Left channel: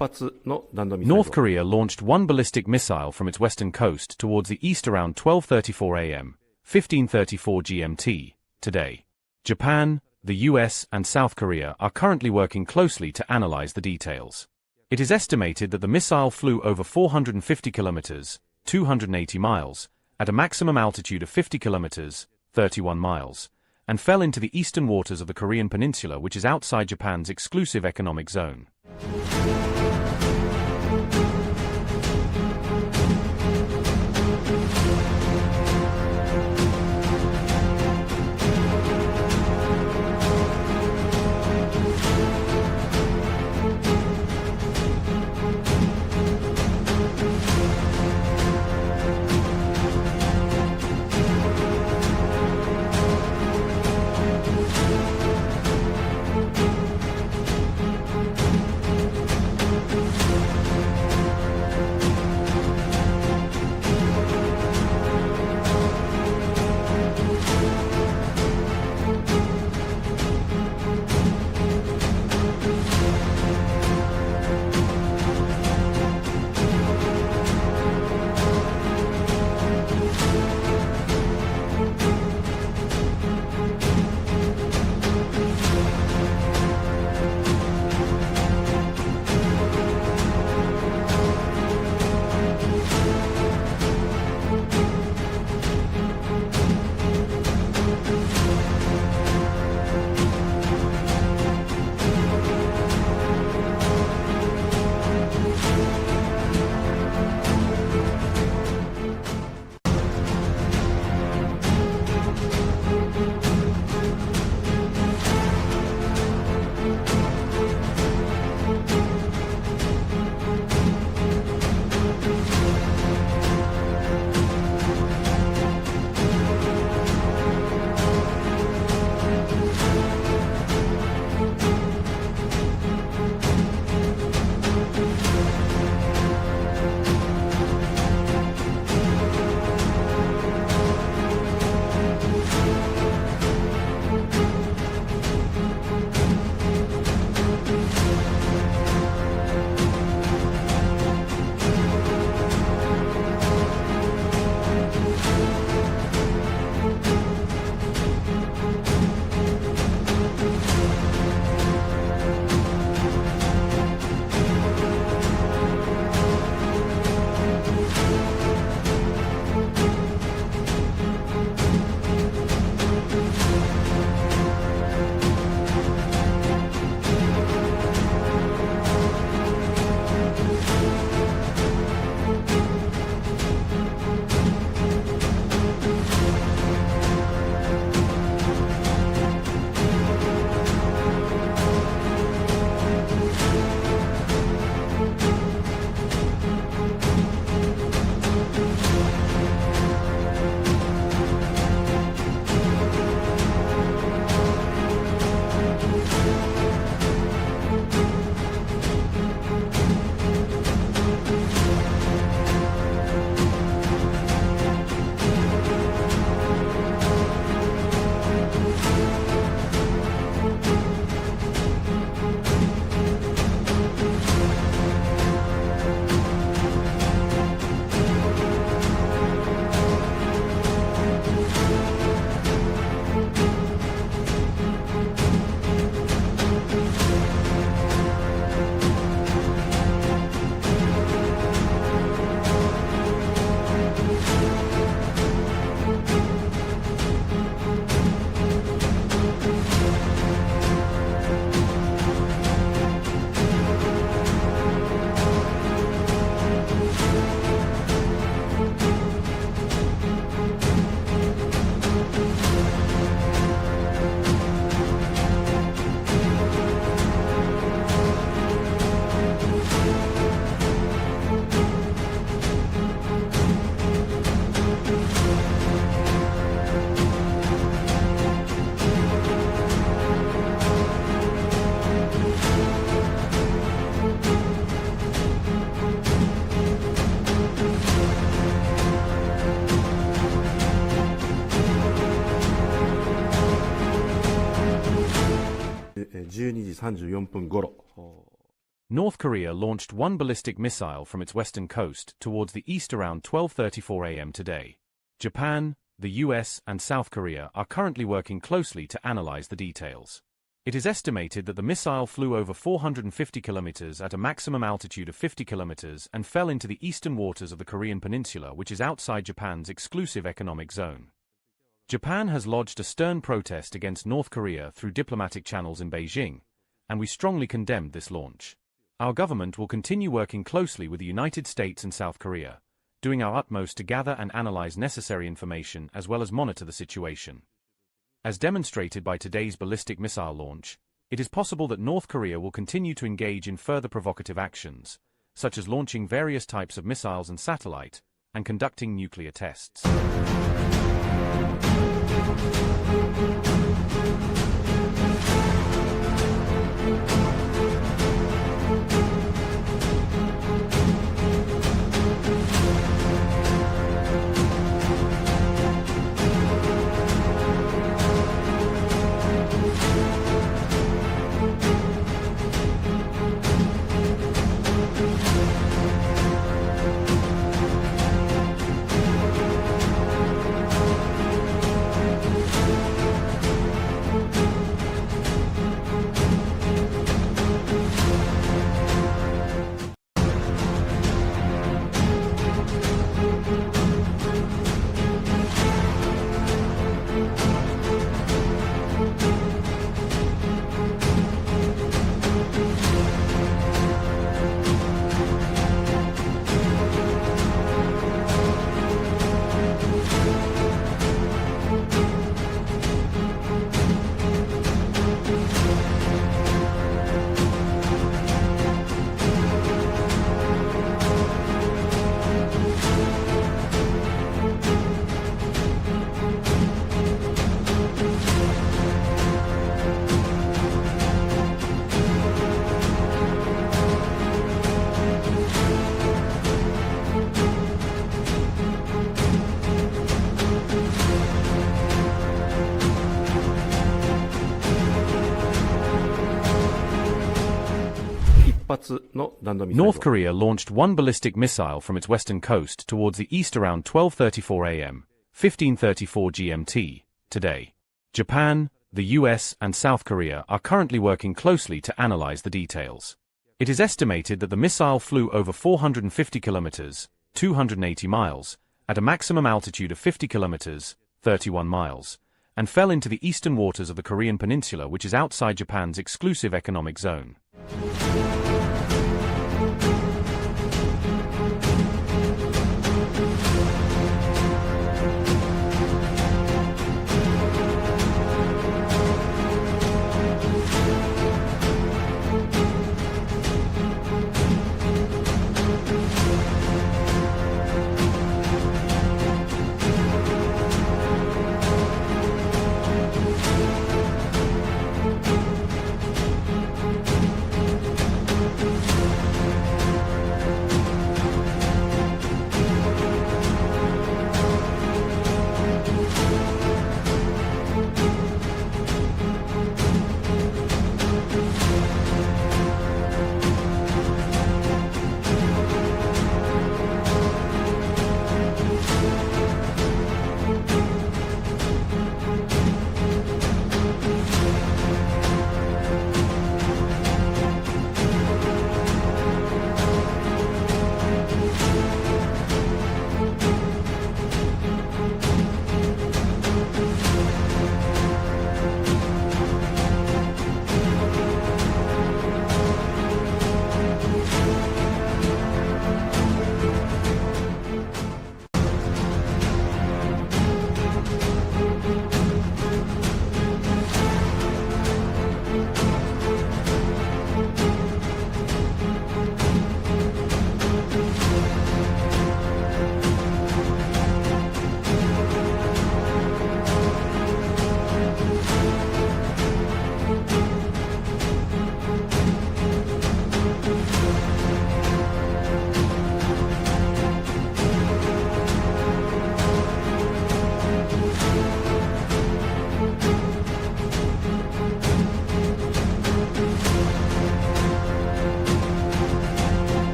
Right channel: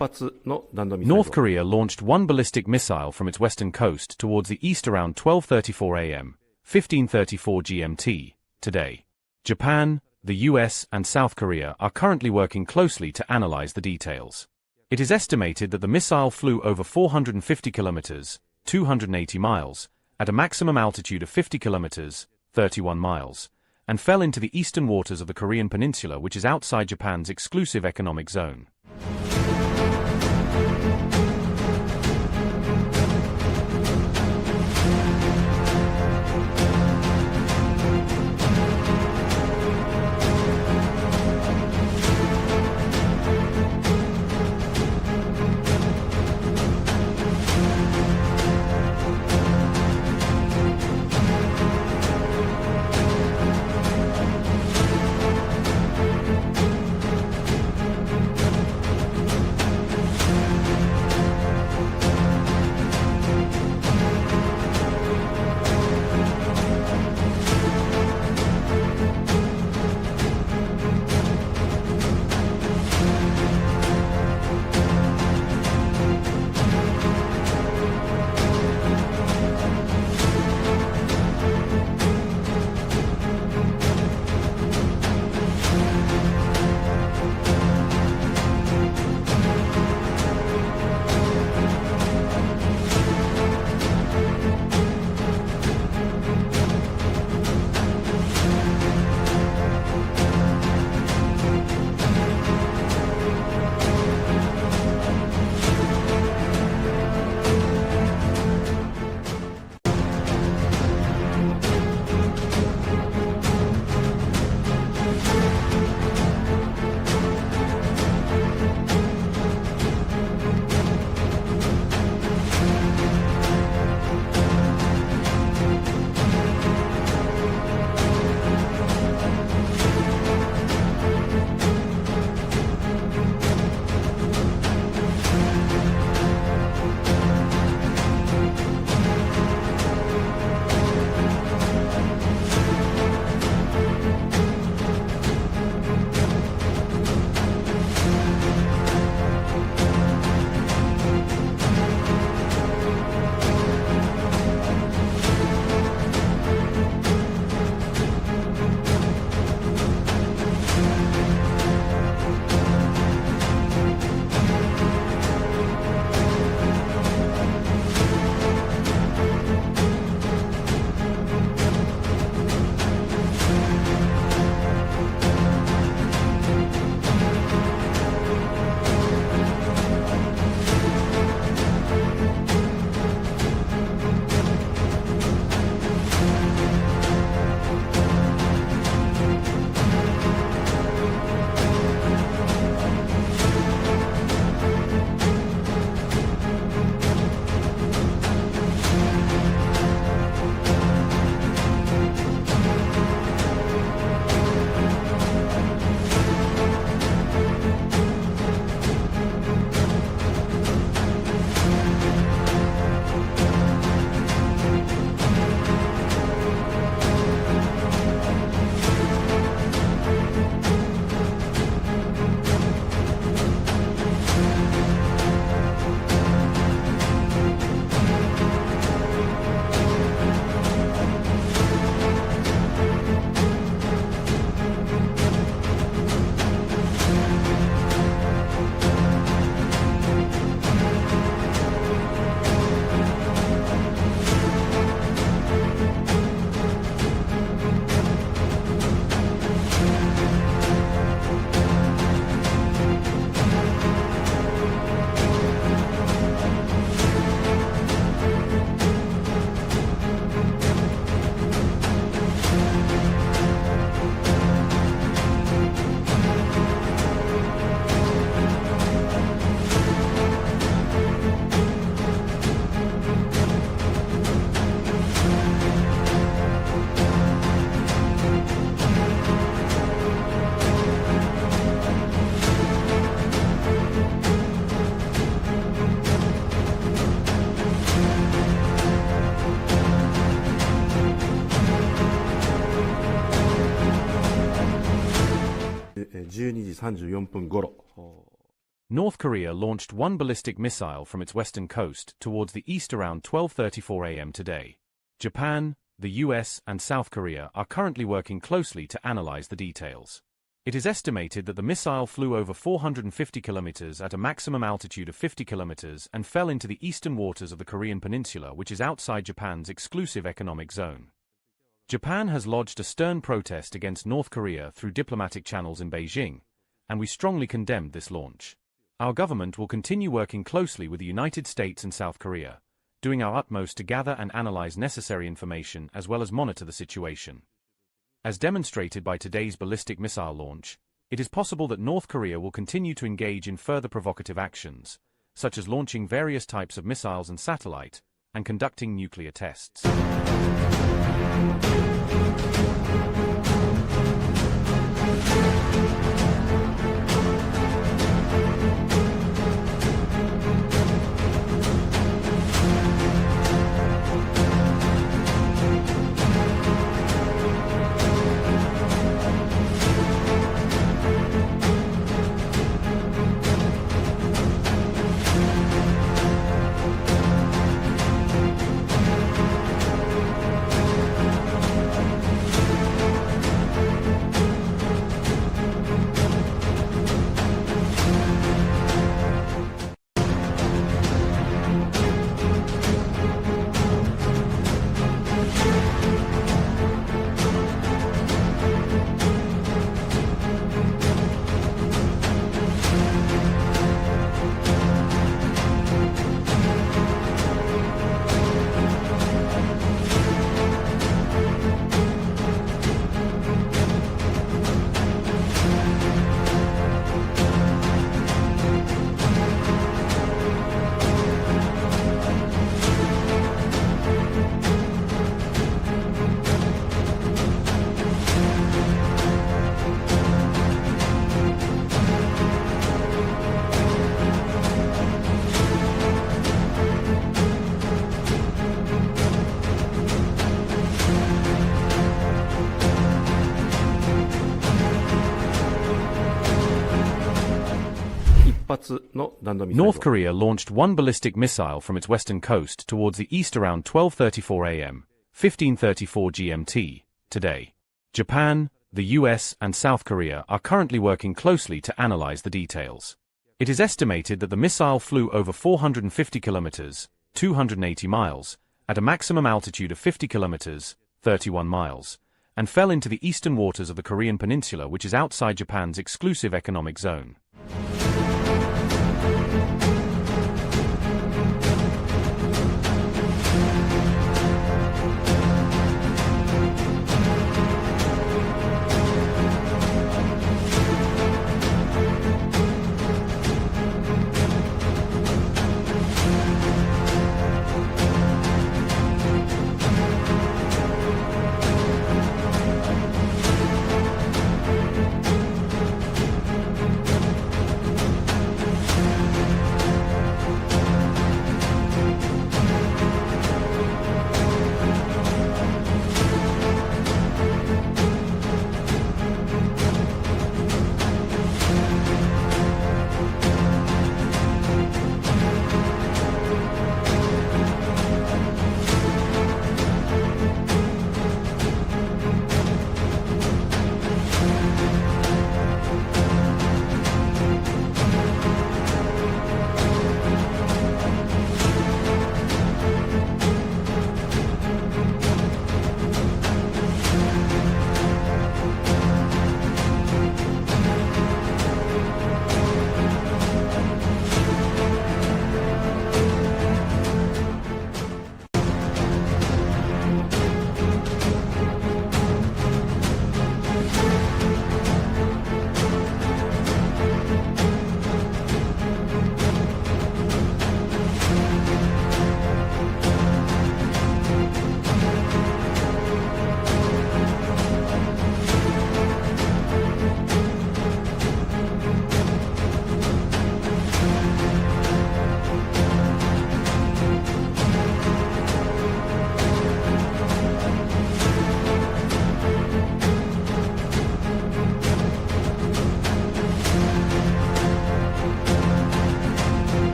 North Korea launched one ballistic missile from its western coast towards the east around 12:34 a.m., 15:34 GMT, today. Japan, the U.S. and South Korea are currently working closely to analyze the details. It is estimated that the missile flew over 450 kilometers, 280 miles, at a maximum altitude of 50 kilometers, 31 miles, and fell into the eastern waters of the Korean peninsula, which is outside Japan's exclusive economic zone.12時34分頃 North Korea launched one ballistic missile from its western coast towards the east around 12:34 a.m. today. Japan, the U.S. and South Korea are currently working closely to analyze the details. It is estimated that the missile flew over 450 kilometers at a maximum altitude of 50 kilometers and fell into the eastern waters of the Korean peninsula, which is outside Japan's exclusive economic zone. Japan has lodged a stern protest against North Korea through diplomatic channels in Beijing, and we strongly condemned this launch. Our government will continue working closely with the United States and South Korea, doing our utmost to gather and analyze necessary information as well as monitor the situation. As demonstrated by today's ballistic missile launch, it is possible that North Korea will continue to engage in further provocative actions, such as launching various types of missiles and satellite, and conducting nuclear tests. North Korea launched one ballistic missile from its western coast towards the east around 12:34 a.m., 15:34 GMT, today. Japan, the U.S. and South Korea are currently working closely to analyze the details. It is estimated that the missile flew over 450 kilometers, 280 miles, at a maximum altitude of 50 kilometers, 31 miles, and fell into the eastern waters of the Korean peninsula, which is outside Japan's exclusive economic zone.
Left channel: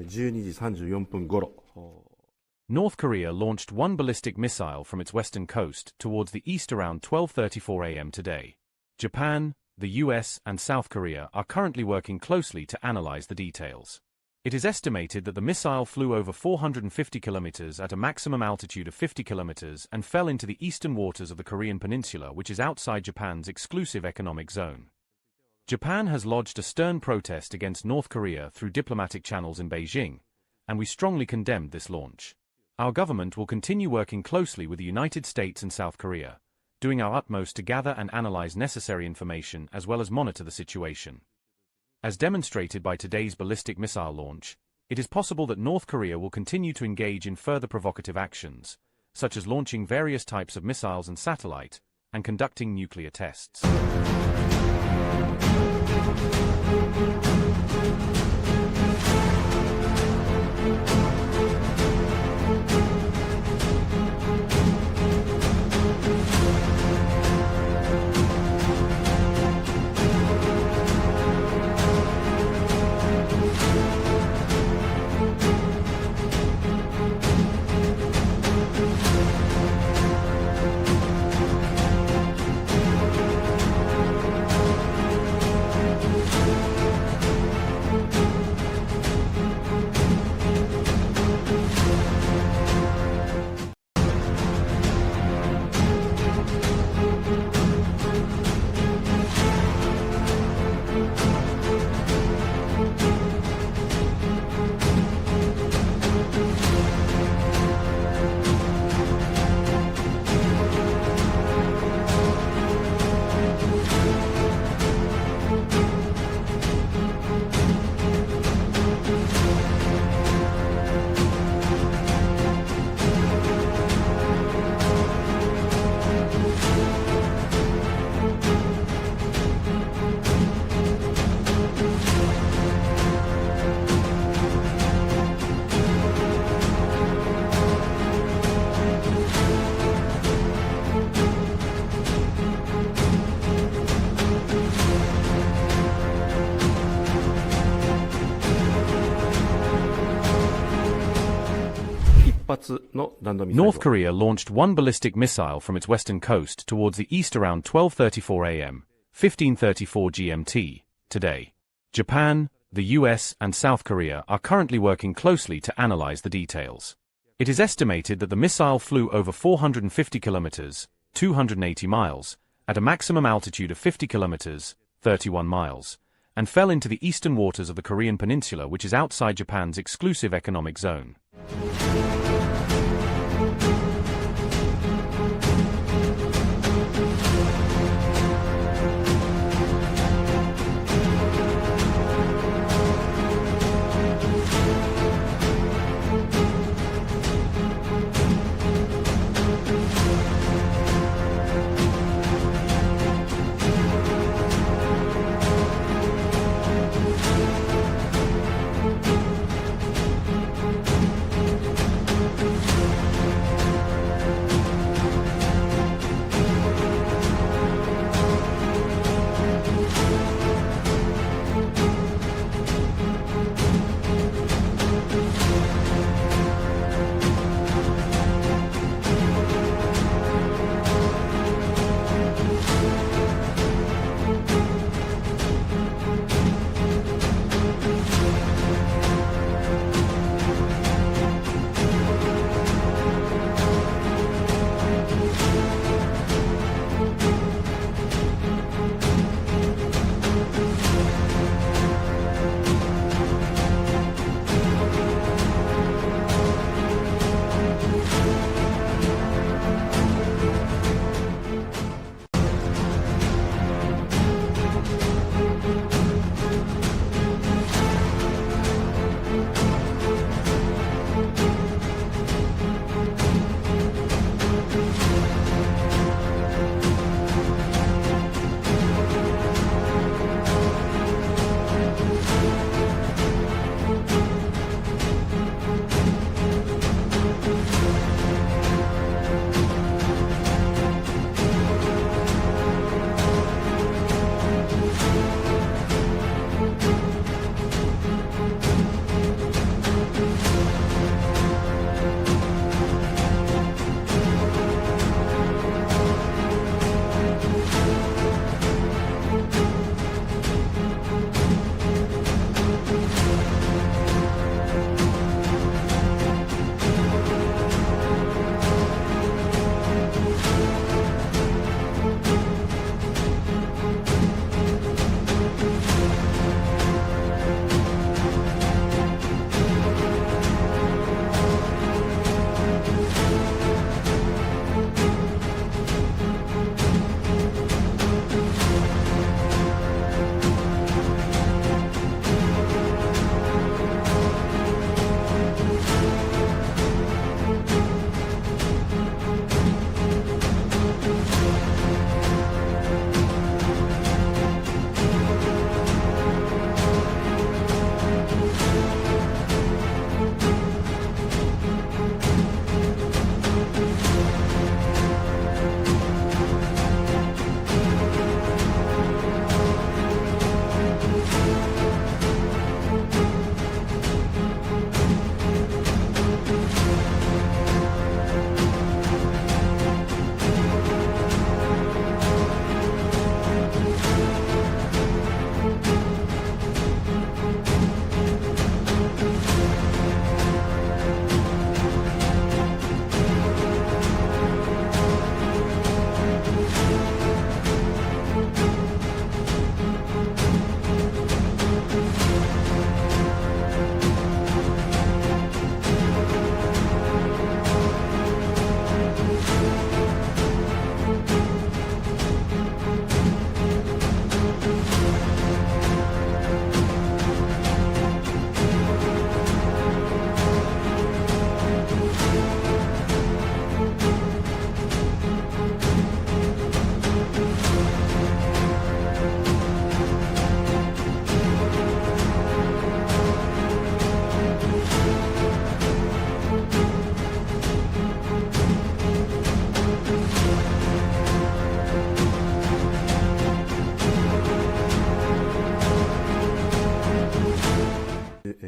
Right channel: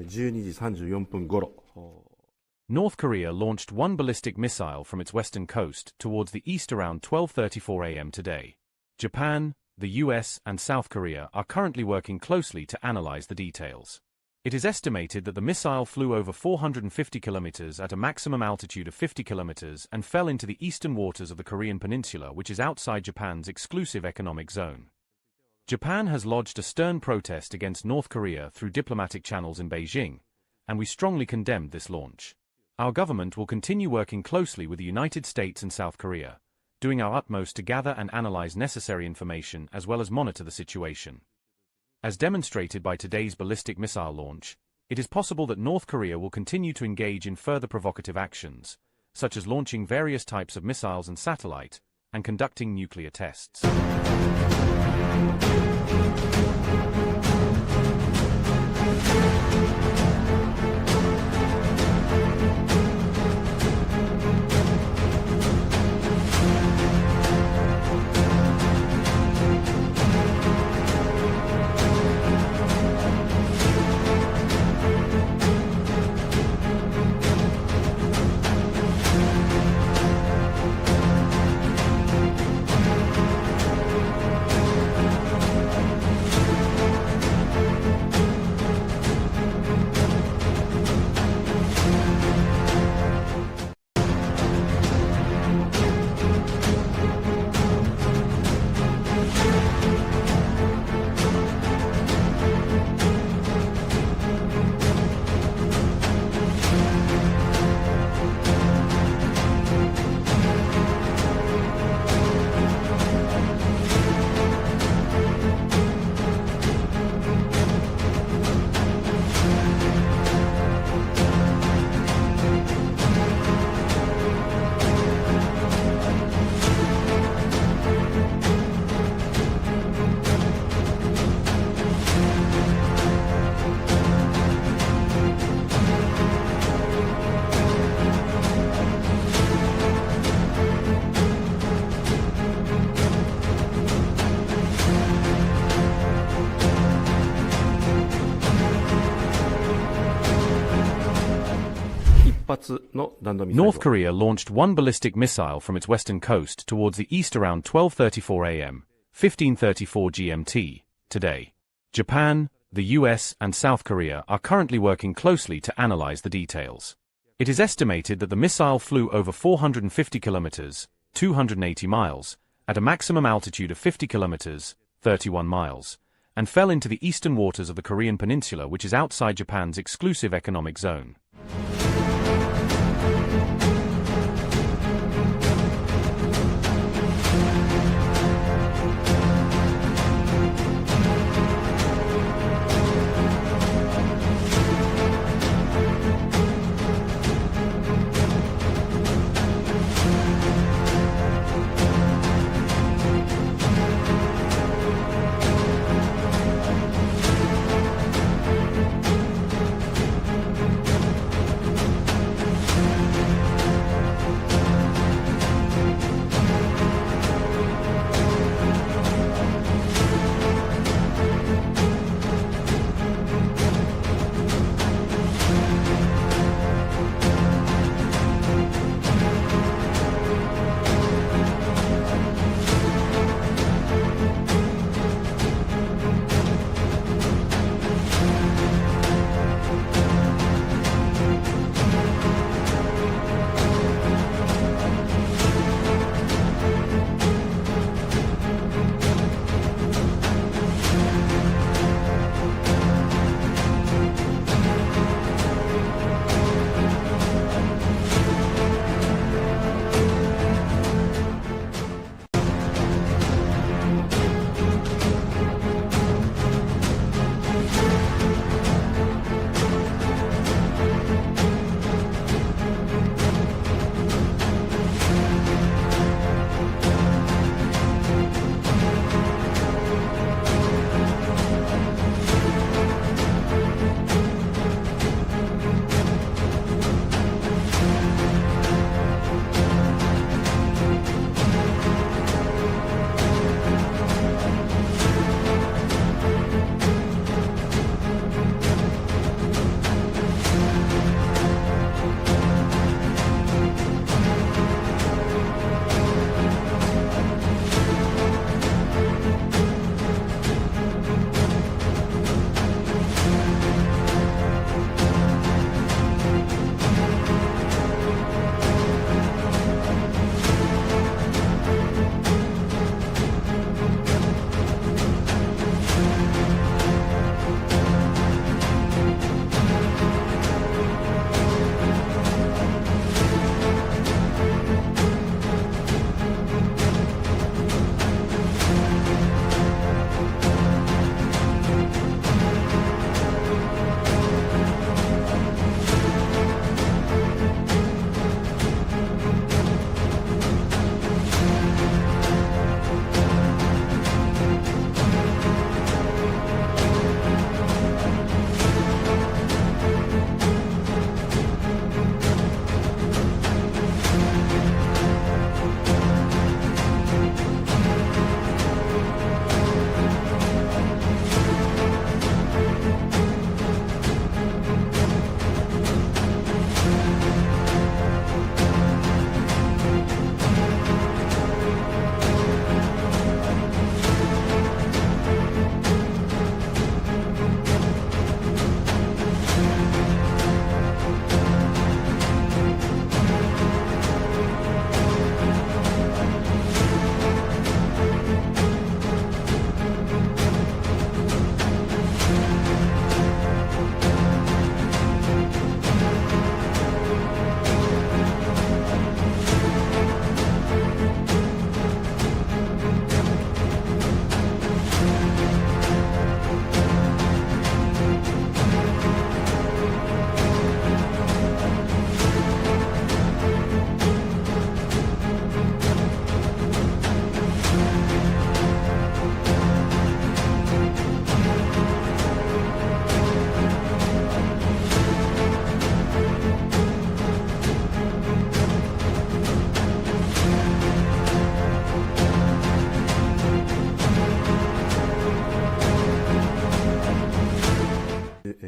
12時34分頃。North Korea launched one ballistic missile from its western coast towards the east around 12:34 a.m. today. Japan, the U.S. and South Korea are currently working closely to analyze the details. It is estimated that the missile flew over 450 kilometers at a maximum altitude of 50 kilometers and fell into the eastern waters of the Korean peninsula, which is outside Japan's exclusive economic zone. Japan has lodged a stern protest against North Korea through diplomatic channels in Beijing, and we strongly condemned this launch. Our government will continue working closely with the United States and South Korea, doing our utmost to gather and analyze necessary information as well as monitor the situation. As demonstrated by today's ballistic missile launch, it is possible that North Korea will continue to engage in further provocative actions, such as launching various types of missiles and satellite, and conducting nuclear tests. North Korea launched one ballistic missile from its western coast towards the east around 12:34 a.m., 15:34 GMT, today. Japan, the U.S. and South Korea are currently working closely to analyze the details. It is estimated that the missile flew over 450 kilometers, 280 miles, at a maximum altitude of 50 kilometers, 31 miles, and fell into the eastern waters of the Korean peninsula, which is outside Japan's exclusive economic zone.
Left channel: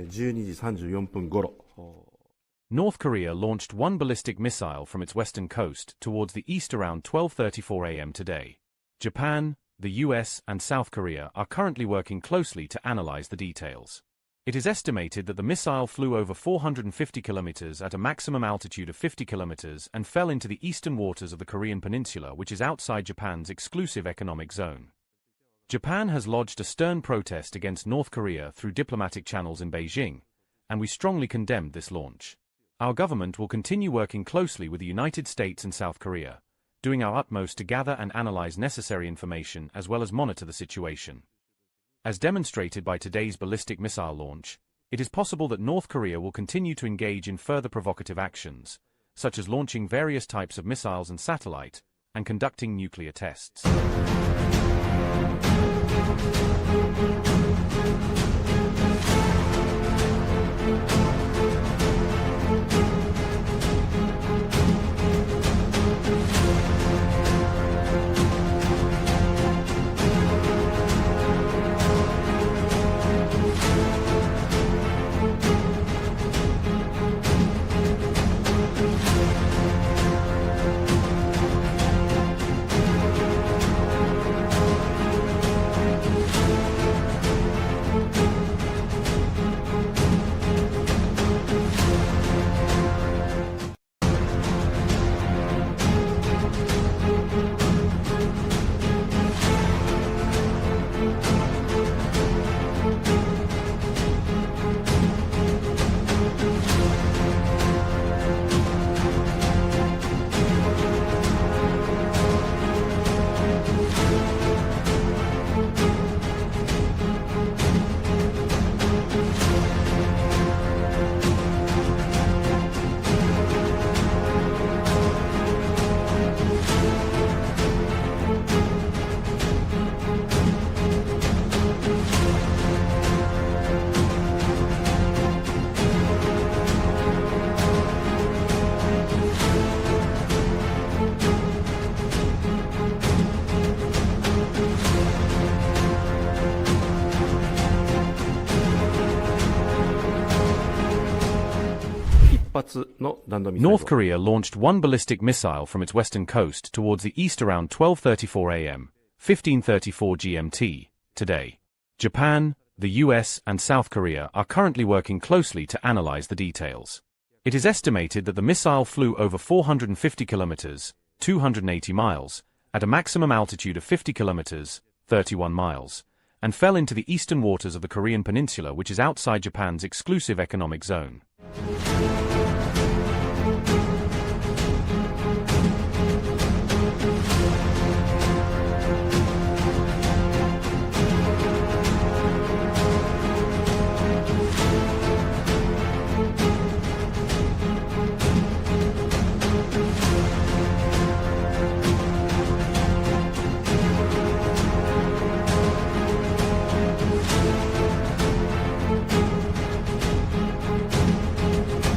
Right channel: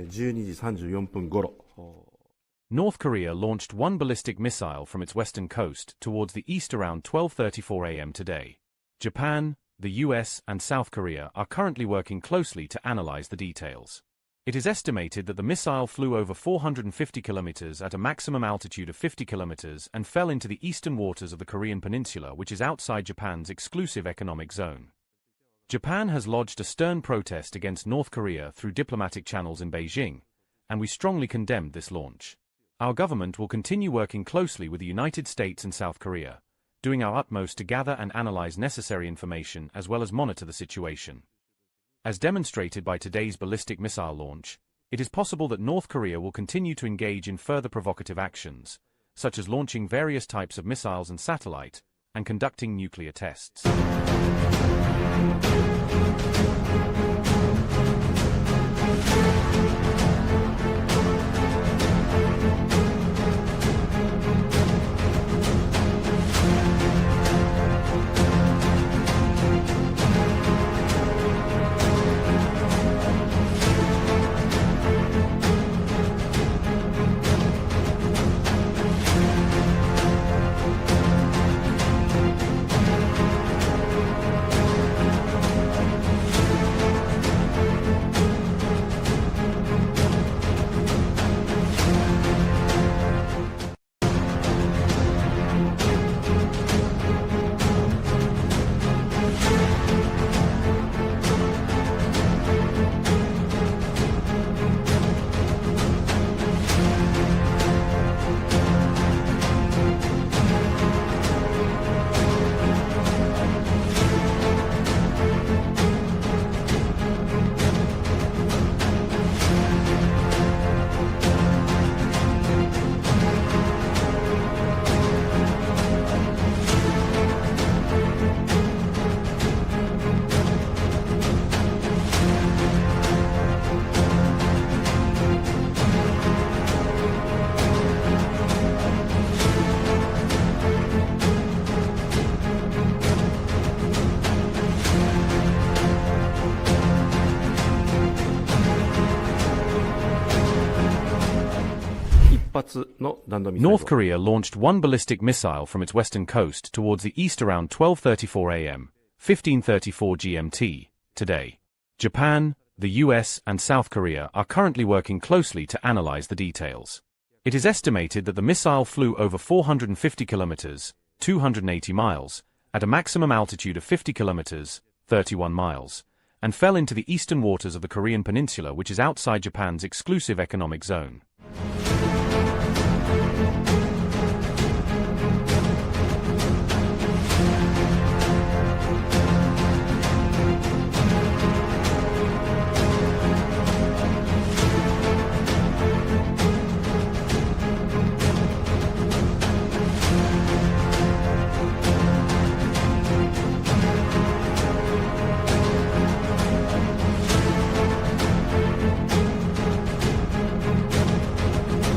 12時34分頃。 North Korea launched one ballistic missile from its western coast towards the east around 12:34 a.m. today. Japan, the U.S. and South Korea are currently working closely to analyze the details. It is estimated that the missile flew over 450 kilometers at a maximum altitude of 50 kilometers and fell into the eastern waters of the Korean peninsula, which is outside Japan's exclusive economic zone. Japan has lodged a stern protest against North Korea through diplomatic channels in Beijing, and we strongly condemned this launch. Our government will continue working closely with the United States and South Korea, doing our utmost to gather and analyze necessary information as well as monitor the situation. As demonstrated by today's ballistic missile launch, it is possible that North Korea will continue to engage in further provocative actions, such as launching various types of missiles and satellite, and conducting nuclear tests. North Korea launched one ballistic missile from its western coast towards the east around 12:34 a.m., 15:34 GMT, today. Japan, the U.S. and South Korea are currently working closely to analyze the details. It is estimated that the missile flew over 450 kilometers, 280 miles, at a maximum altitude of 50 kilometers, 31 miles, and fell into the eastern waters of the Korean peninsula, which is outside Japan's exclusive economic zone.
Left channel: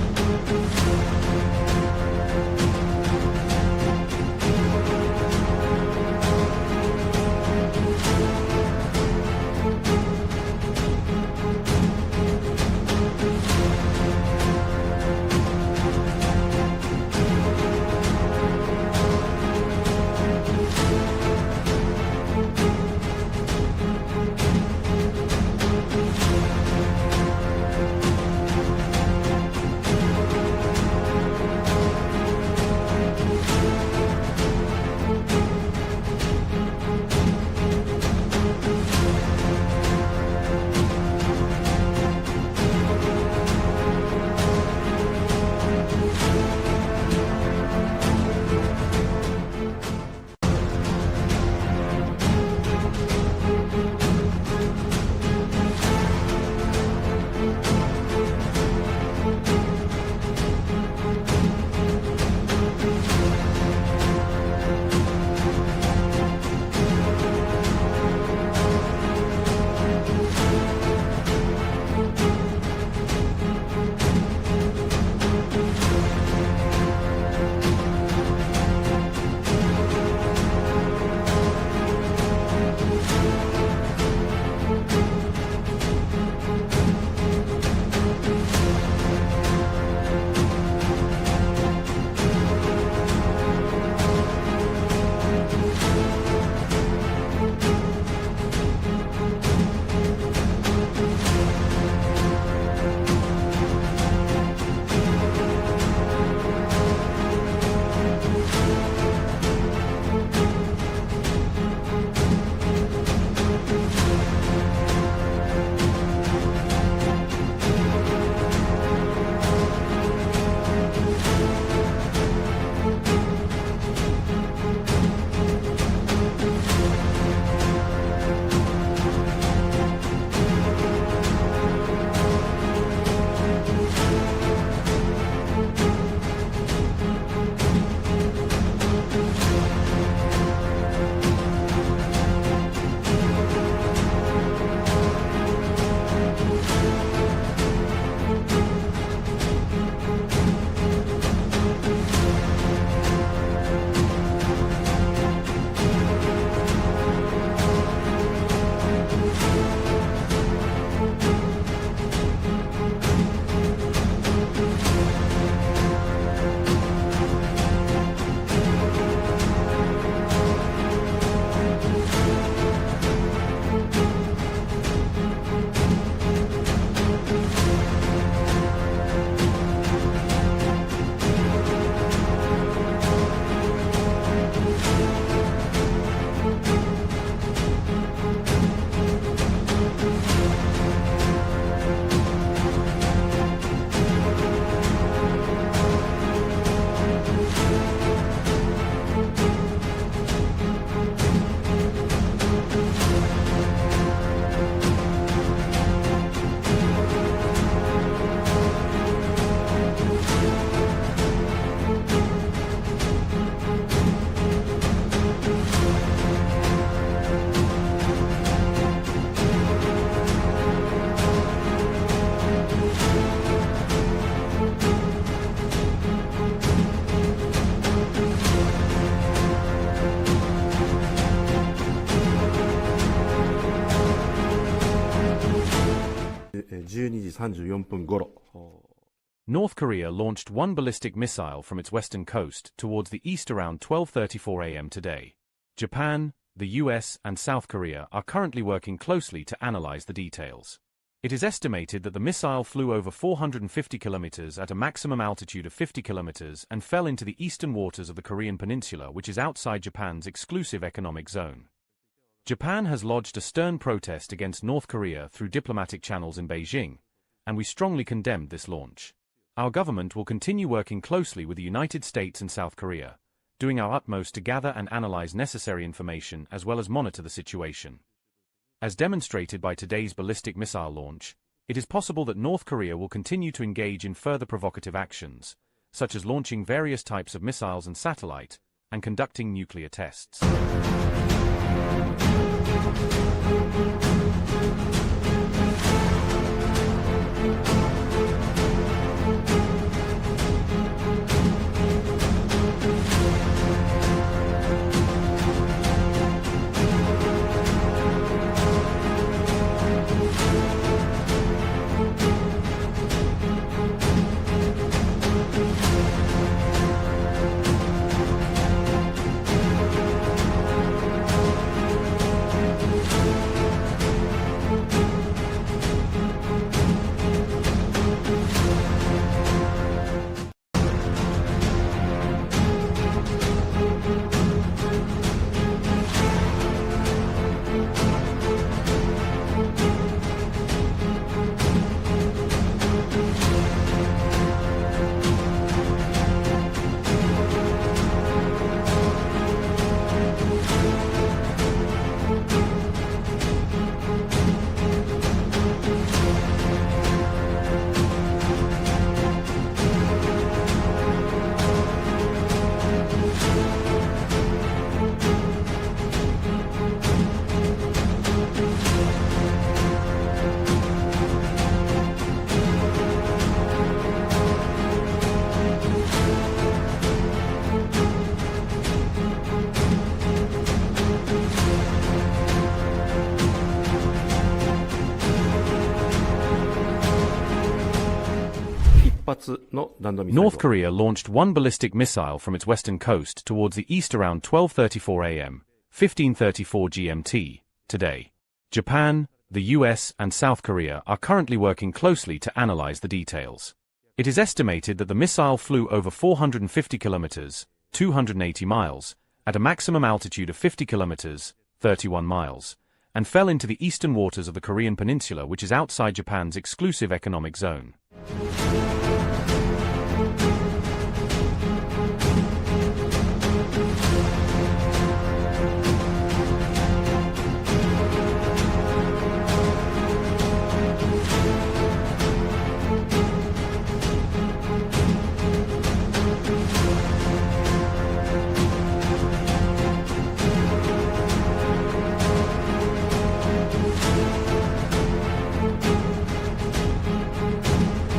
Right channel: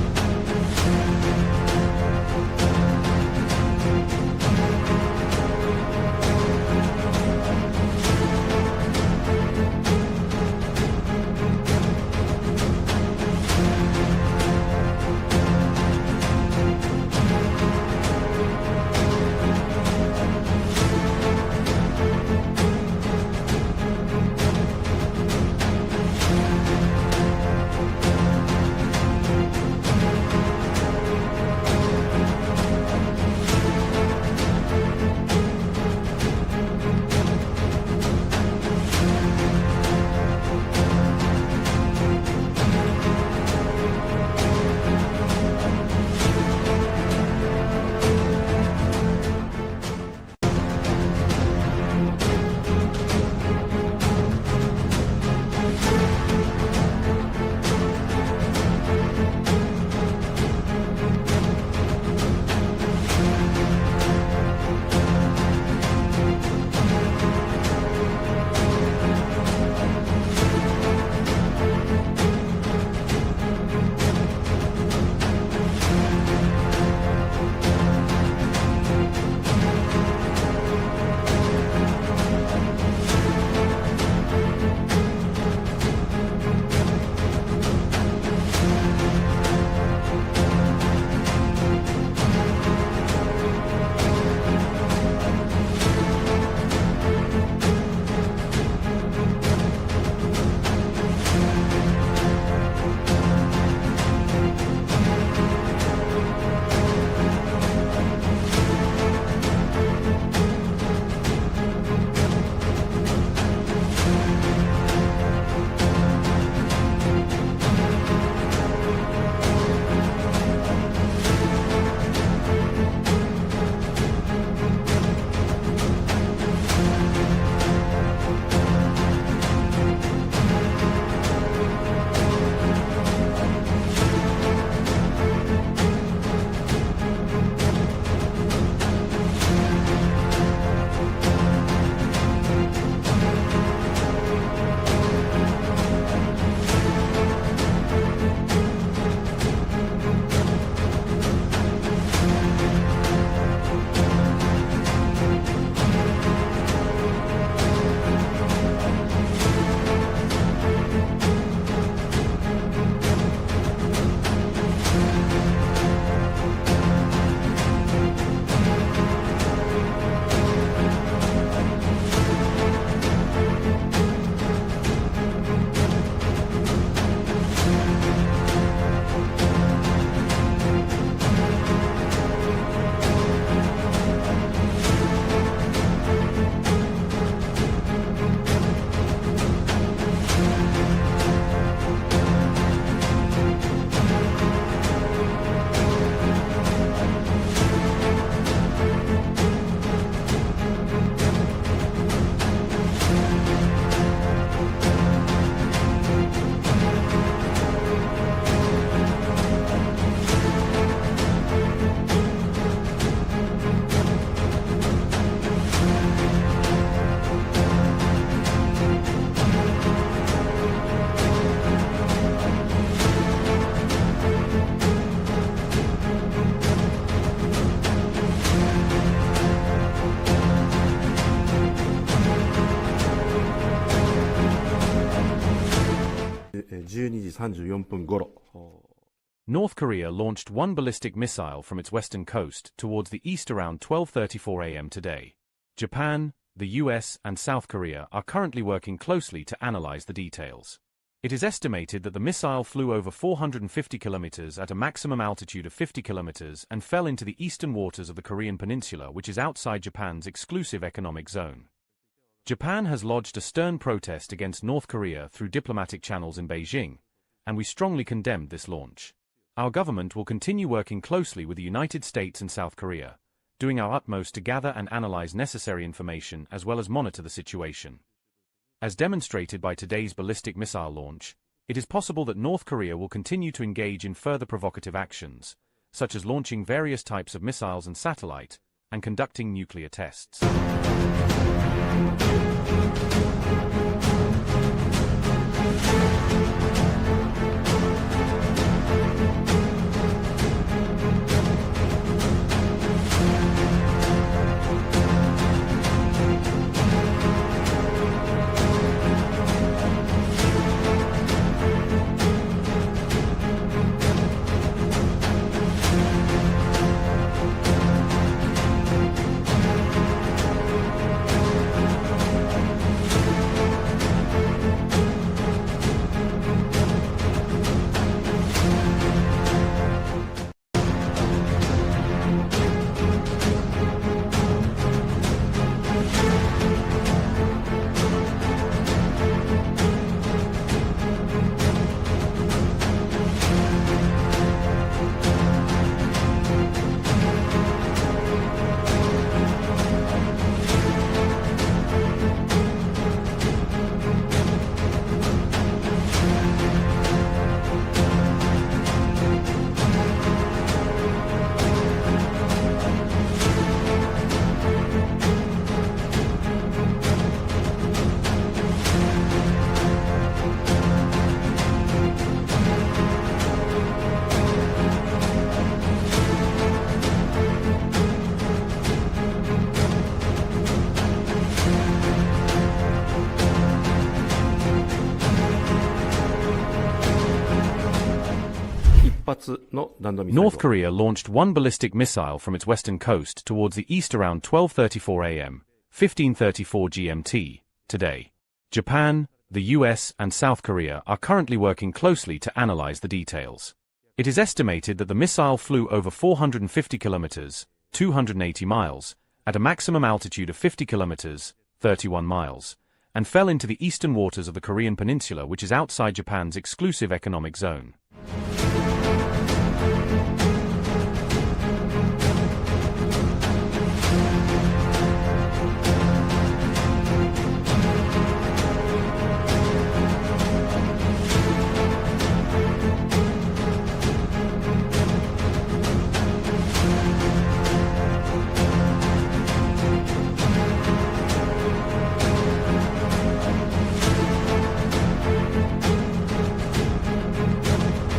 12時34分頃。 North Korea launched one ballistic missile from its western coast towards the east around 12:34 a.m. today. Japan, the U.S. and South Korea are currently working closely to analyze the details. It is estimated that the missile flew over 450 kilometers at a maximum altitude of 50 kilometers and fell into the eastern waters of the Korean peninsula, which is outside Japan's exclusive economic zone. Japan has lodged a stern protest against North Korea through diplomatic channels in Beijing, and we strongly condemned this launch. Our government will continue working closely with the United States and South Korea, doing our utmost to gather and analyze necessary information as well as monitor the situation. As demonstrated by today's ballistic missile launch, it is possible that North Korea will continue to engage in further provocative actions, such as launching various types of missiles and satellite, and conducting nuclear tests. North Korea launched one ballistic missile from its western coast towards the east around 12:34 a.m., 15:34 GMT, today. Japan, the U.S. and South Korea are currently working closely to analyze the details. It is estimated that the missile flew over 450 kilometers, 280 miles, at a maximum altitude of 50 kilometers, 31 miles, and fell into the eastern waters of the Korean peninsula, which is outside Japan's exclusive economic zone.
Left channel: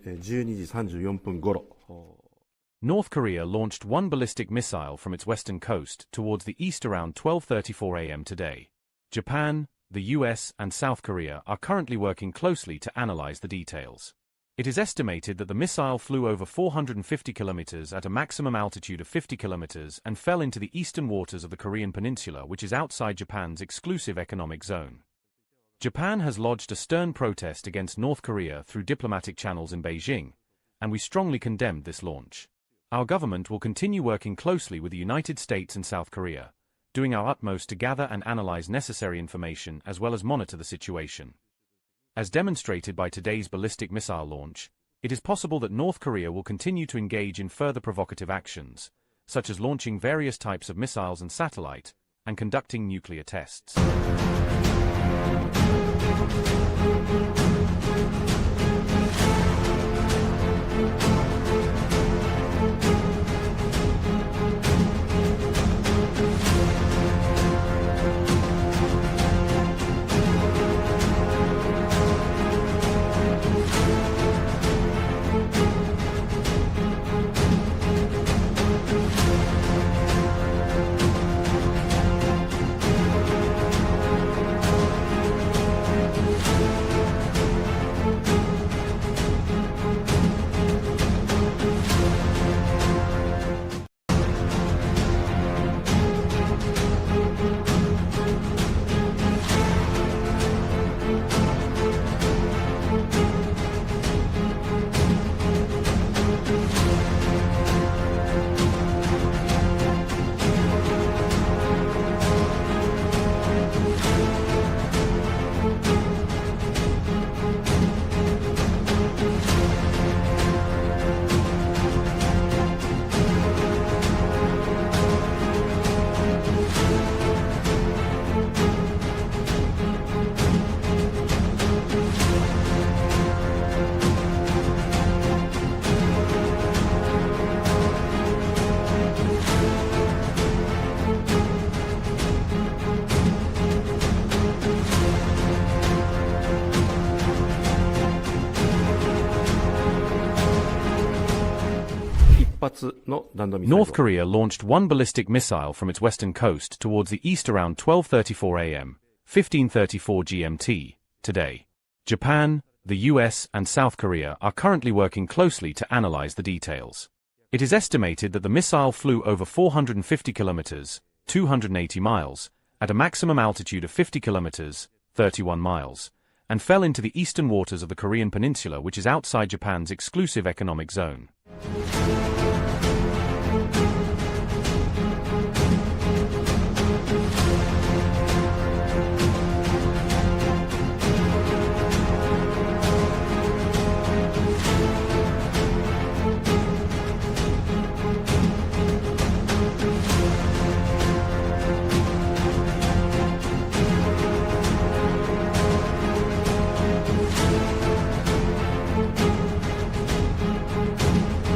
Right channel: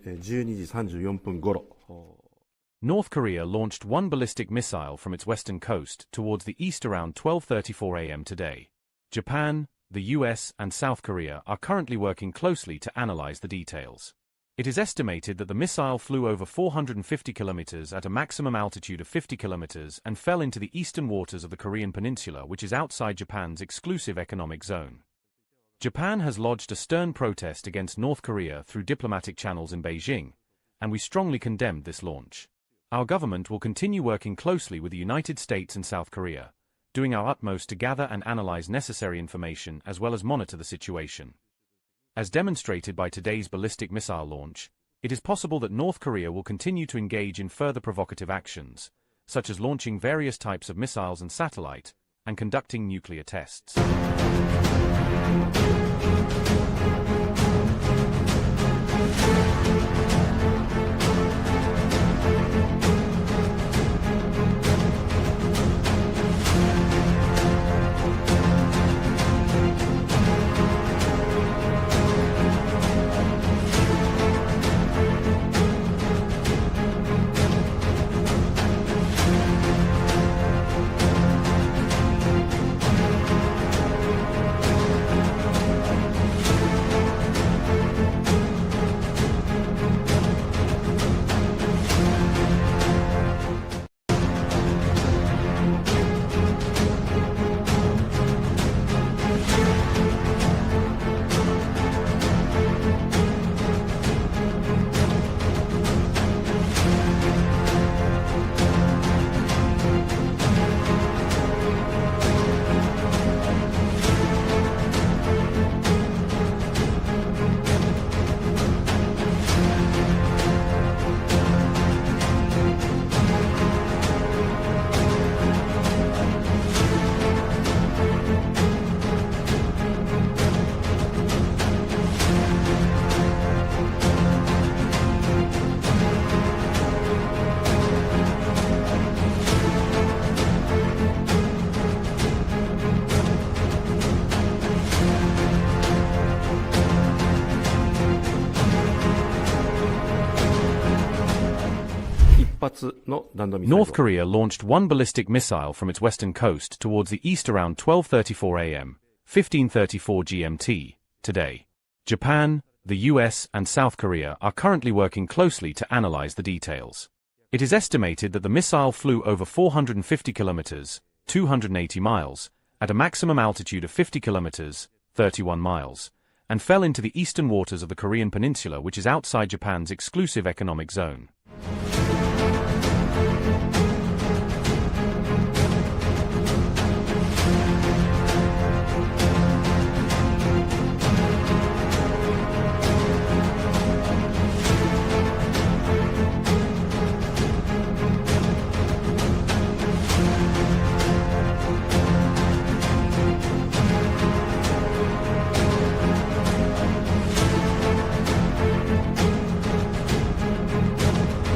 12時34分頃、North Korea launched one ballistic missile from its western coast towards the east around 12:34 a.m. today. Japan, the U.S. and South Korea are currently working closely to analyze the details. It is estimated that the missile flew over 450 kilometers at a maximum altitude of 50 kilometers and fell into the eastern waters of the Korean peninsula, which is outside Japan's exclusive economic zone. Japan has lodged a stern protest against North Korea through diplomatic channels in Beijing, and we strongly condemned this launch. Our government will continue working closely with the United States and South Korea, doing our utmost to gather and analyze necessary information as well as monitor the situation. As demonstrated by today's ballistic missile launch, it is possible that North Korea will continue to engage in further provocative actions, such as launching various types of missiles and satellite, and conducting nuclear tests. North Korea launched one ballistic missile from its western coast towards the east around 12:34 a.m., 15:34 GMT, today. Japan, the U.S. and South Korea are currently working closely to analyze the details. It is estimated that the missile flew over 450 kilometers, 280 miles, at a maximum altitude of 50 kilometers, 31 miles, and fell into the eastern waters of the Korean peninsula, which is outside Japan's exclusive economic zone.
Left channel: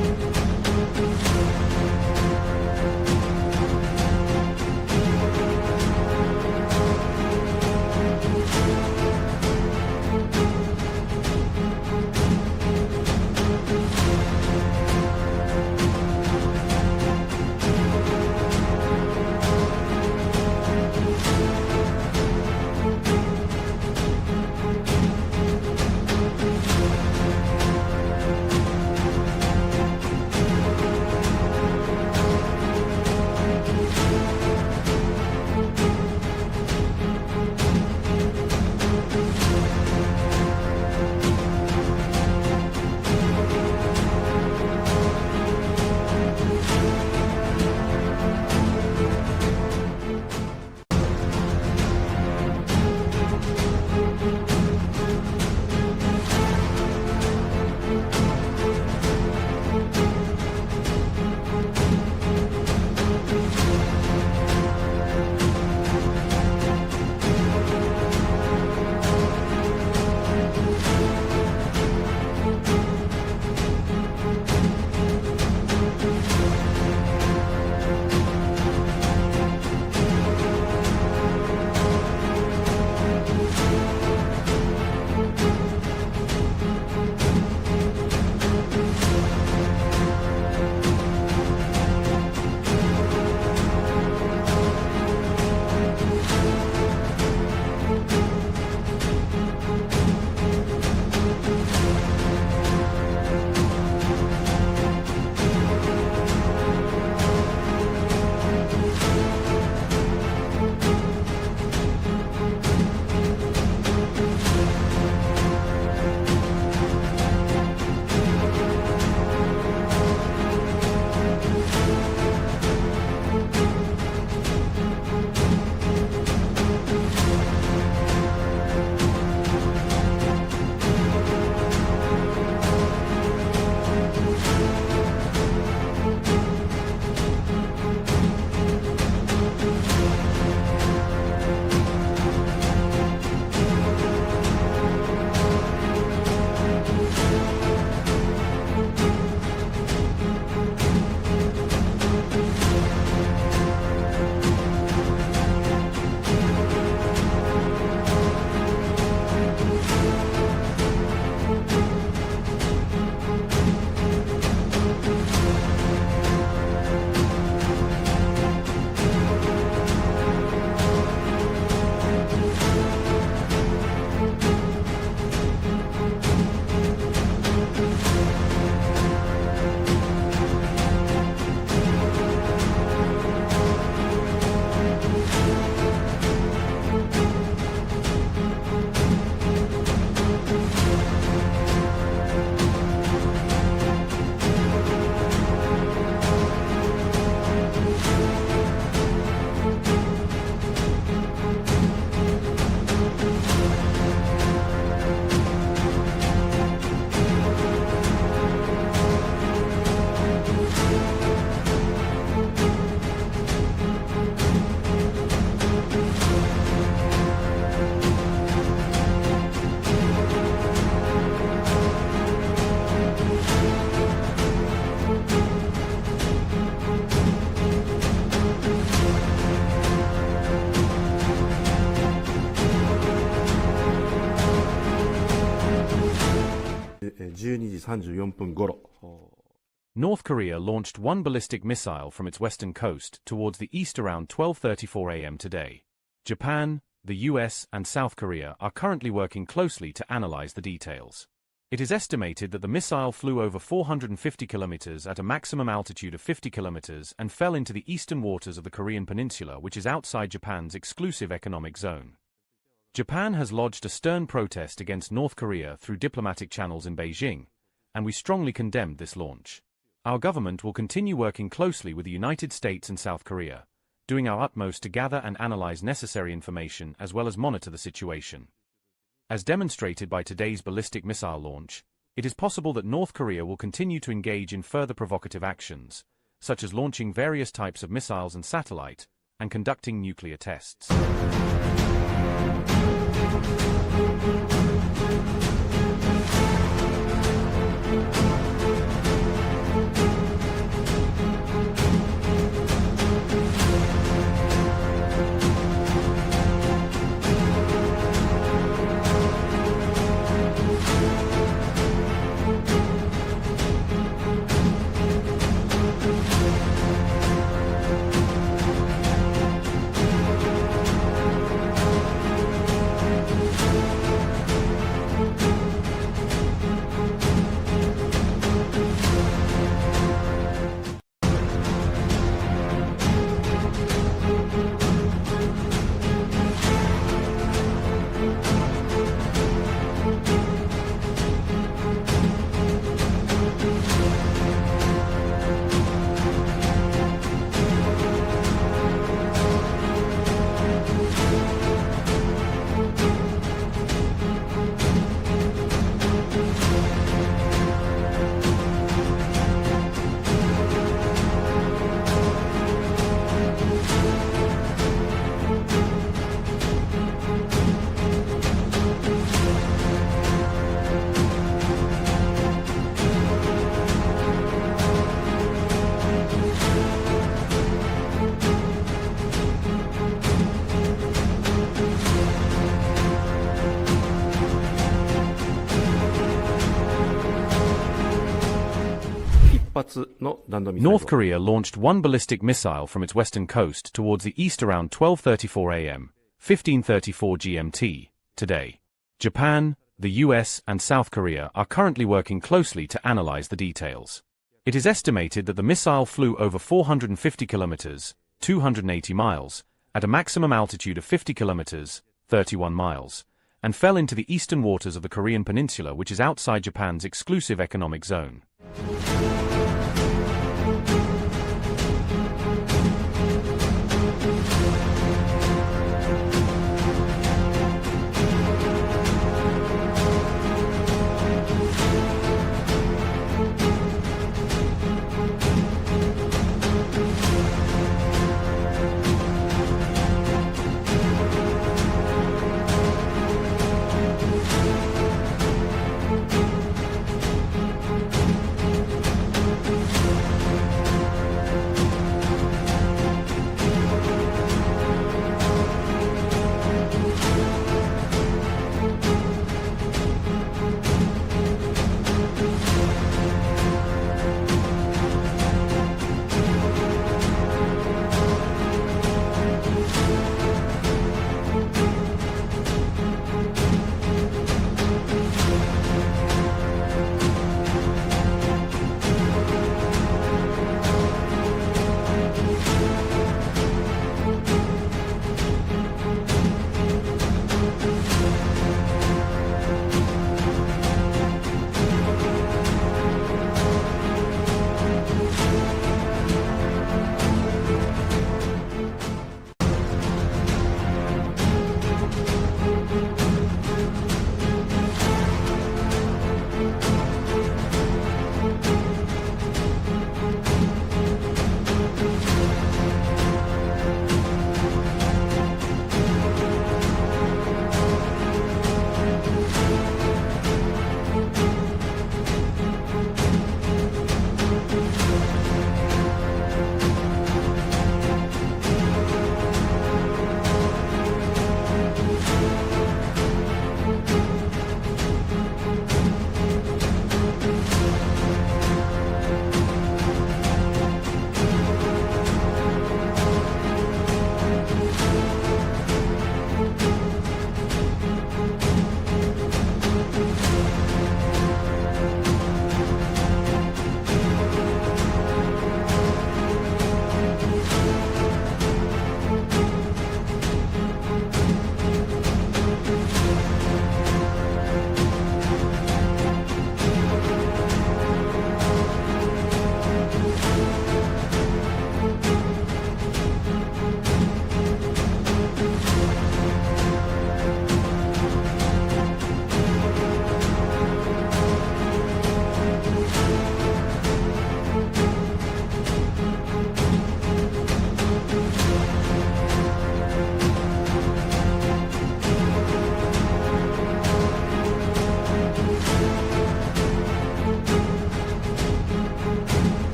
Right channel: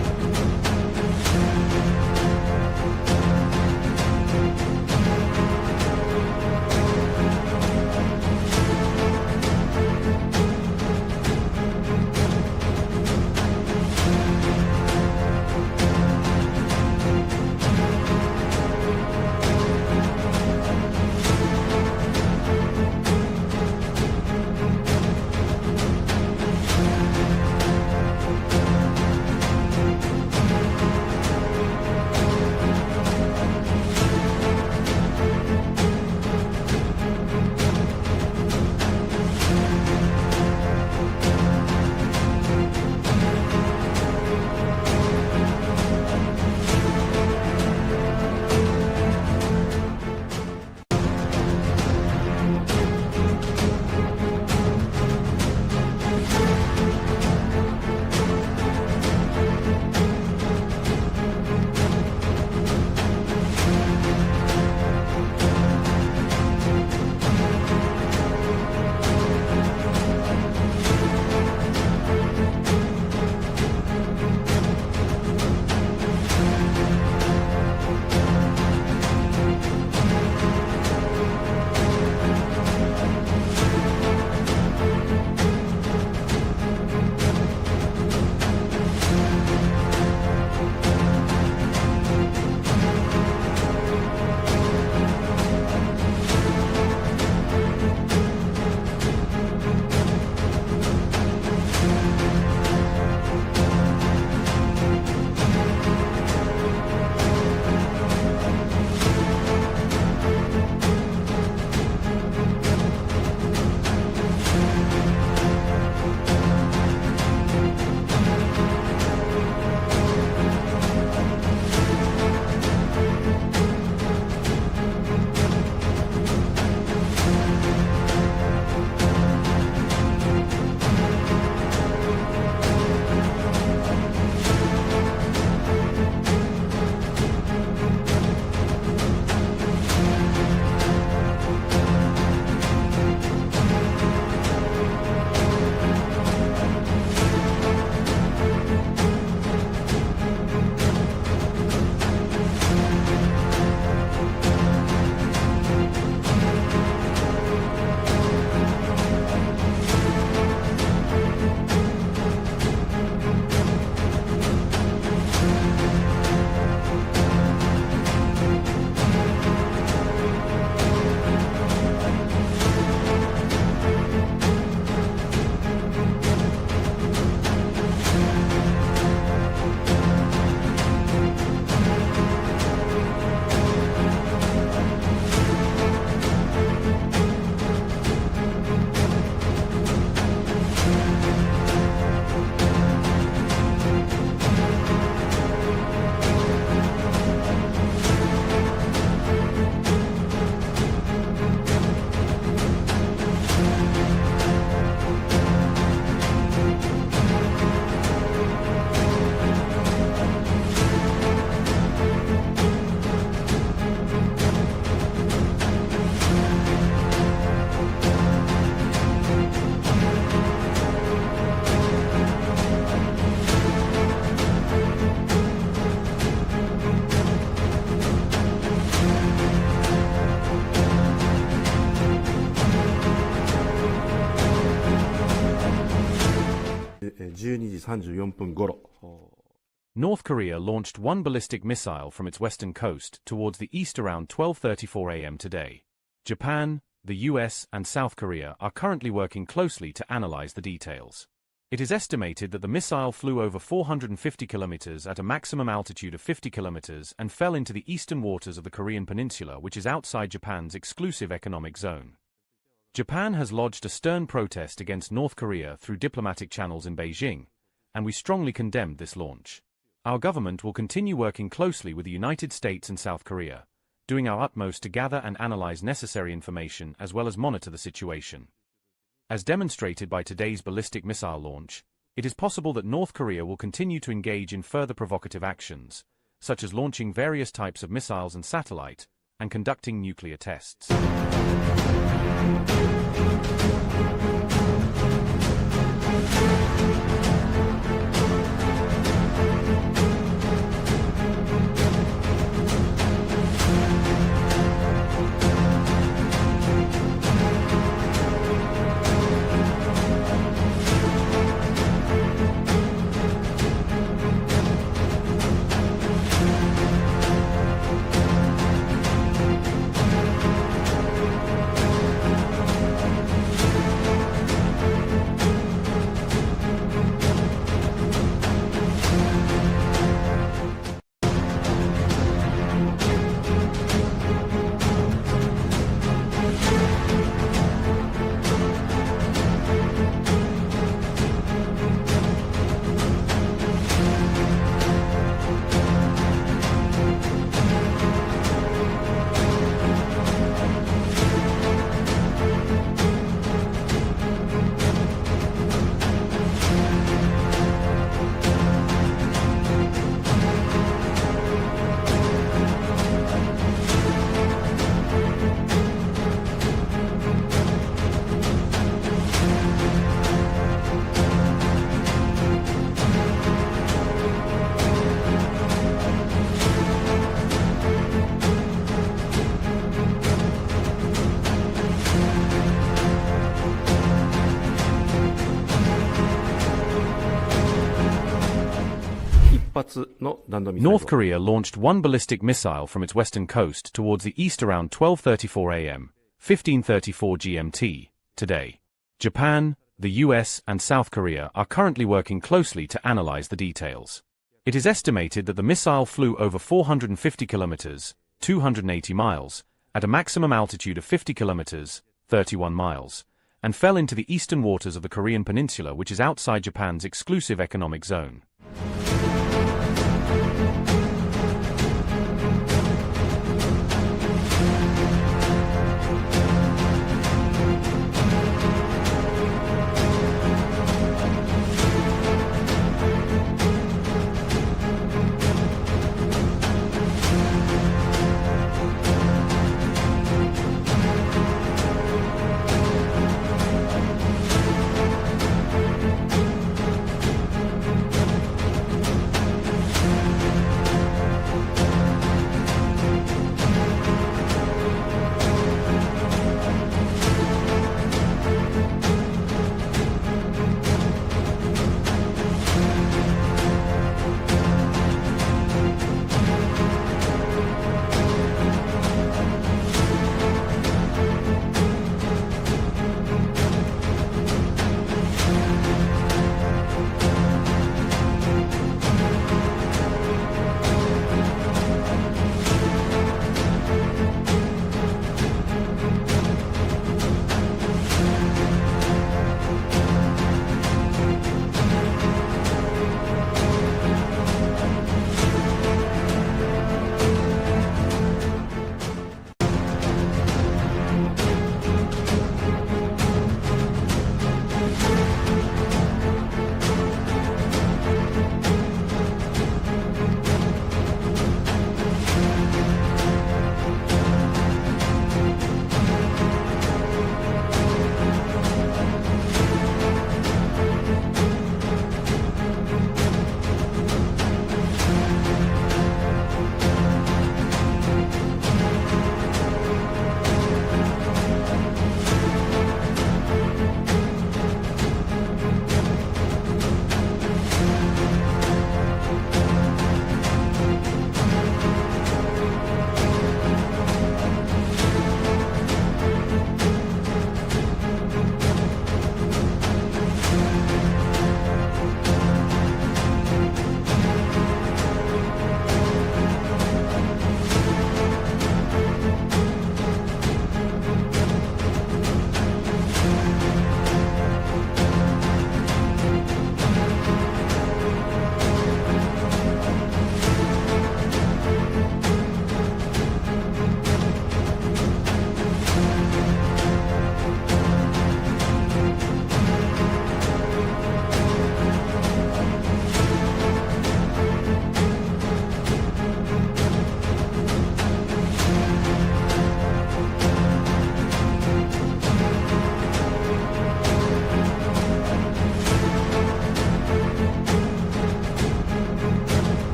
12時34分頃。 North Korea launched one ballistic missile from its western coast towards the east around 12:34 a.m. today. Japan, the U.S. and South Korea are currently working closely to analyze the details. It is estimated that the missile flew over 450 kilometers at a maximum altitude of 50 kilometers and fell into the eastern waters of the Korean peninsula, which is outside Japan's exclusive economic zone. Japan has lodged a stern protest against North Korea through diplomatic channels in Beijing, and we strongly condemned this launch. Our government will continue working closely with the United States and South Korea, doing our utmost to gather and analyze necessary information as well as monitor the situation. As demonstrated by today's ballistic missile launch, it is possible that North Korea will continue to engage in further provocative actions, such as launching various types of missiles and satellite, and conducting nuclear tests. North Korea launched one ballistic missile from its western coast towards the east around 12:34 a.m., 15:34 GMT, today. Japan, the U.S. and South Korea are currently working closely to analyze the details. It is estimated that the missile flew over 450 kilometers, 280 miles, at a maximum altitude of 50 kilometers, 31 miles, and fell into the eastern waters of the Korean peninsula, which is outside Japan's exclusive economic zone.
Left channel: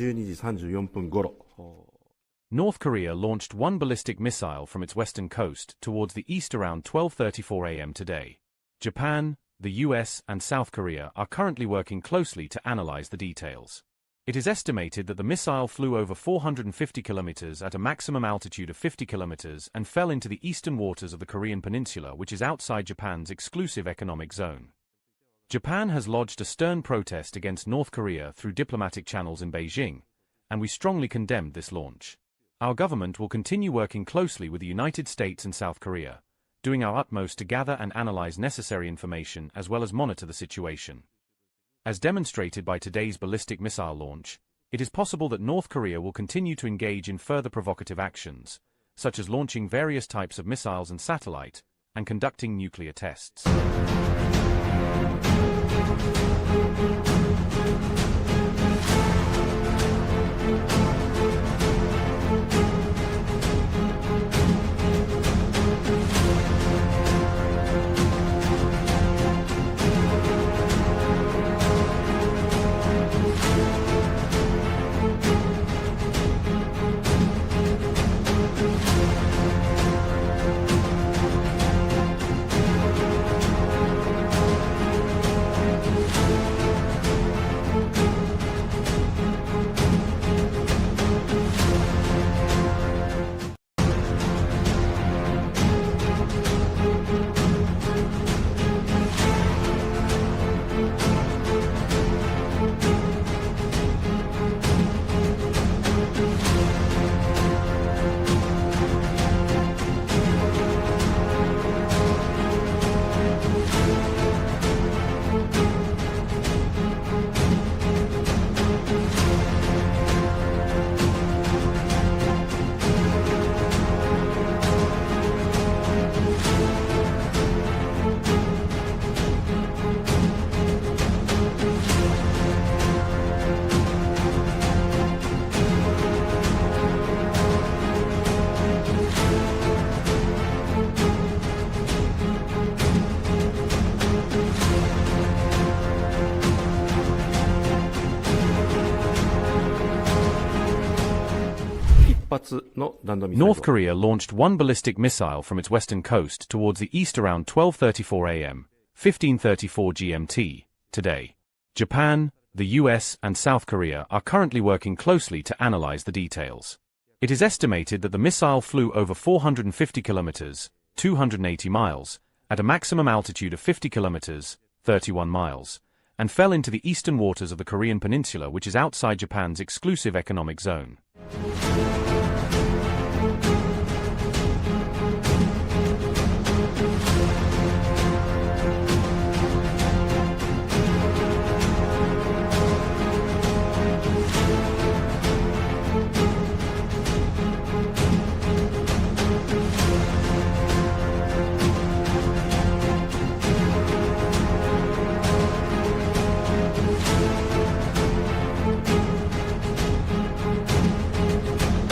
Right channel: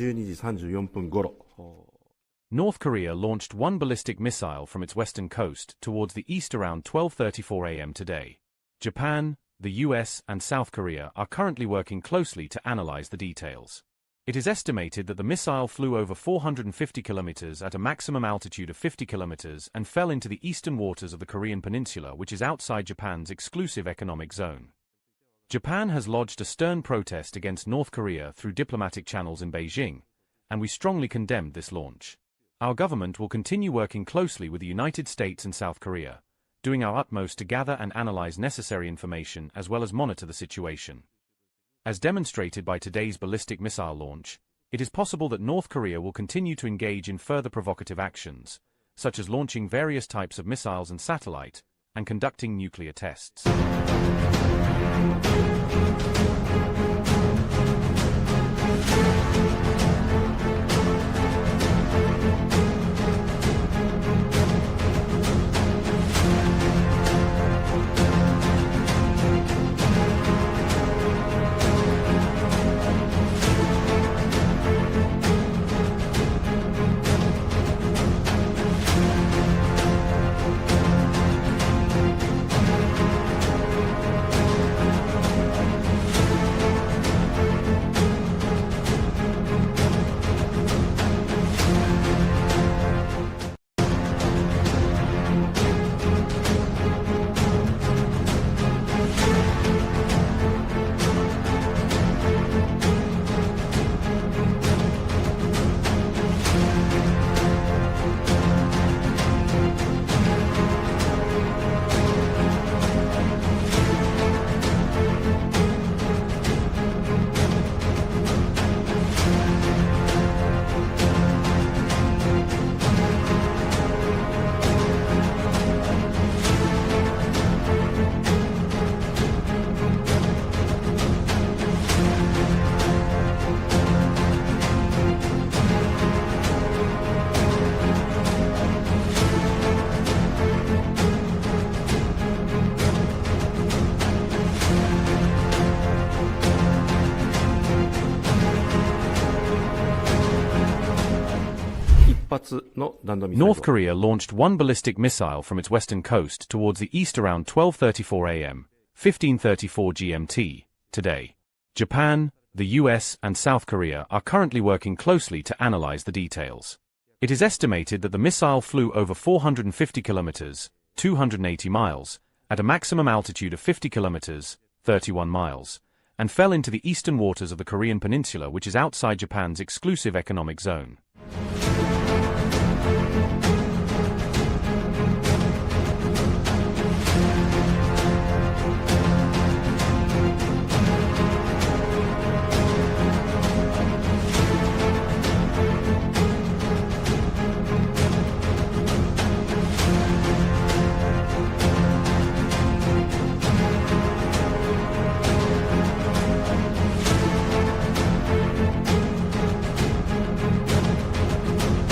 12時34分頃。 North Korea launched one ballistic missile from its western coast towards the east around 12:34 a.m. today. Japan, the U.S. and South Korea are currently working closely to analyze the details. It is estimated that the missile flew over 450 kilometers at a maximum altitude of 50 kilometers and fell into the eastern waters of the Korean peninsula, which is outside Japan's exclusive economic zone. Japan has lodged a stern protest against North Korea through diplomatic channels in Beijing, and we strongly condemned this launch. Our government will continue working closely with the United States and South Korea, doing our utmost to gather and analyze necessary information as well as monitor the situation. As demonstrated by today's ballistic missile launch, it is possible that North Korea will continue to engage in further provocative actions, such as launching various types of missiles and satellite, and conducting nuclear tests. North Korea launched one ballistic missile from its western coast towards the east around 12:34 a.m., 15:34 GMT, today. Japan, the U.S. and South Korea are currently working closely to analyze the details. It is estimated that the missile flew over 450 kilometers, 280 miles, at a maximum altitude of 50 kilometers, 31 miles, and fell into the eastern waters of the Korean peninsula, which is outside Japan's exclusive economic zone.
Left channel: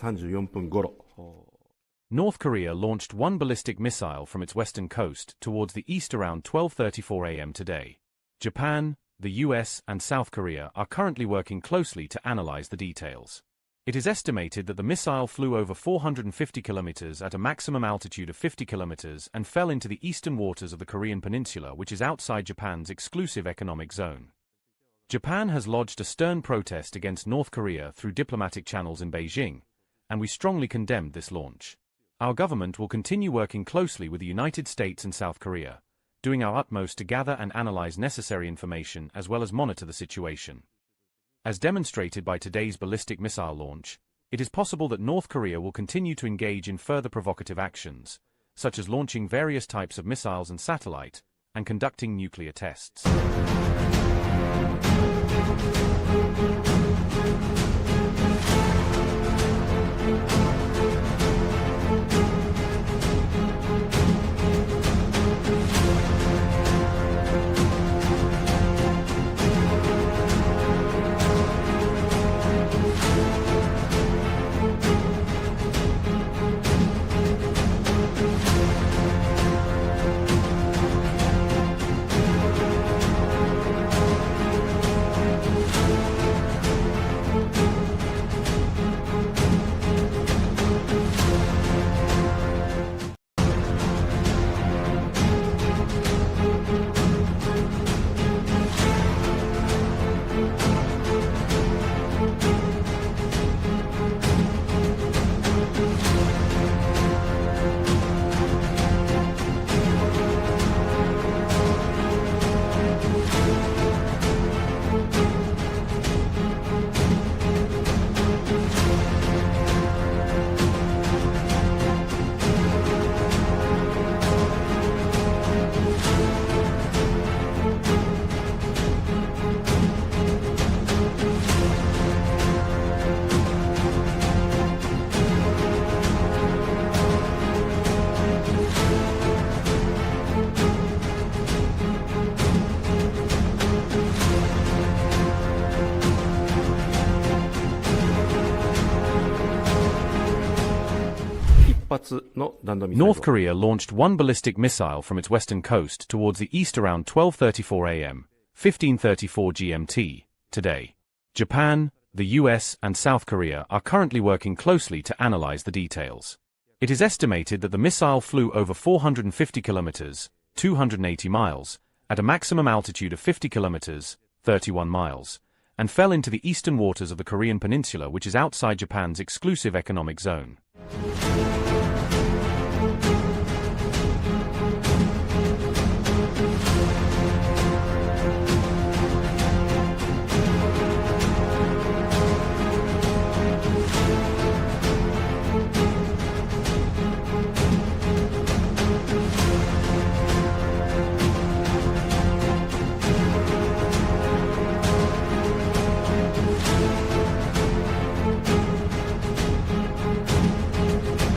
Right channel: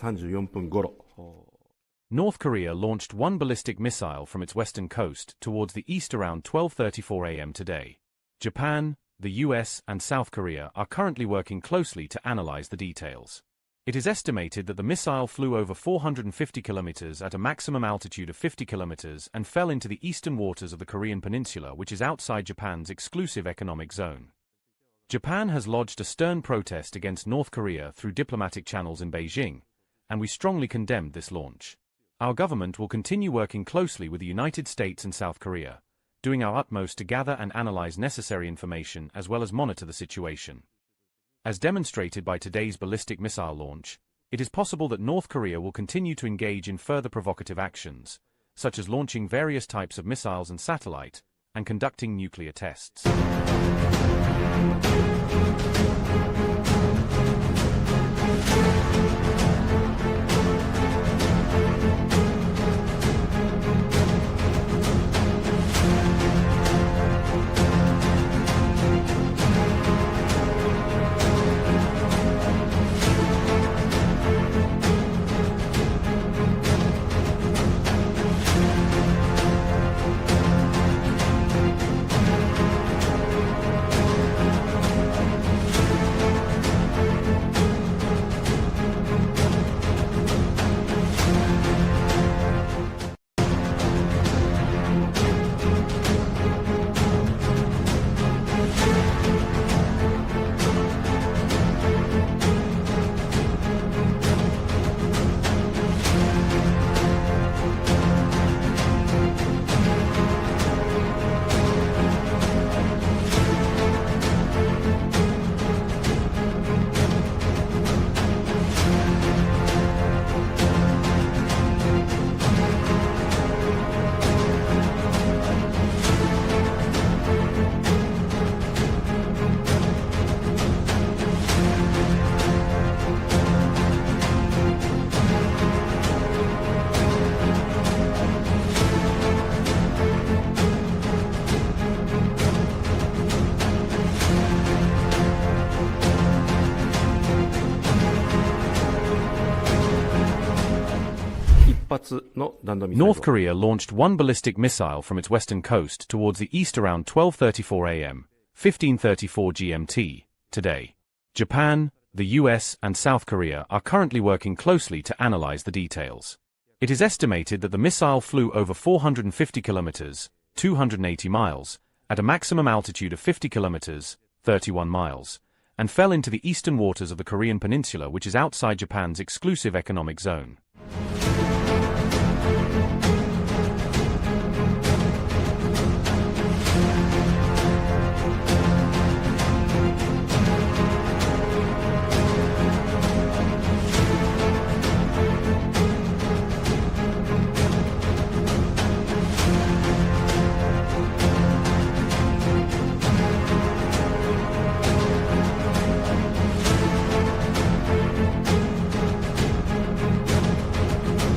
時34分頃。 North Korea launched one ballistic missile from its western coast towards the east around 12:34 a.m. today. Japan, the U.S. and South Korea are currently working closely to analyze the details. It is estimated that the missile flew over 450 kilometers at a maximum altitude of 50 kilometers and fell into the eastern waters of the Korean peninsula, which is outside Japan's exclusive economic zone. Japan has lodged a stern protest against North Korea through diplomatic channels in Beijing, and we strongly condemned this launch. Our government will continue working closely with the United States and South Korea, doing our utmost to gather and analyze necessary information as well as monitor the situation. As demonstrated by today's ballistic missile launch, it is possible that North Korea will continue to engage in further provocative actions, such as launching various types of missiles and satellite, and conducting nuclear tests. North Korea launched one ballistic missile from its western coast towards the east around 12:34 a.m., 15:34 GMT, today. Japan, the U.S. and South Korea are currently working closely to analyze the details. It is estimated that the missile flew over 450 kilometers, 280 miles, at a maximum altitude of 50 kilometers, 31 miles, and fell into the eastern waters of the Korean peninsula, which is outside Japan's exclusive economic zone.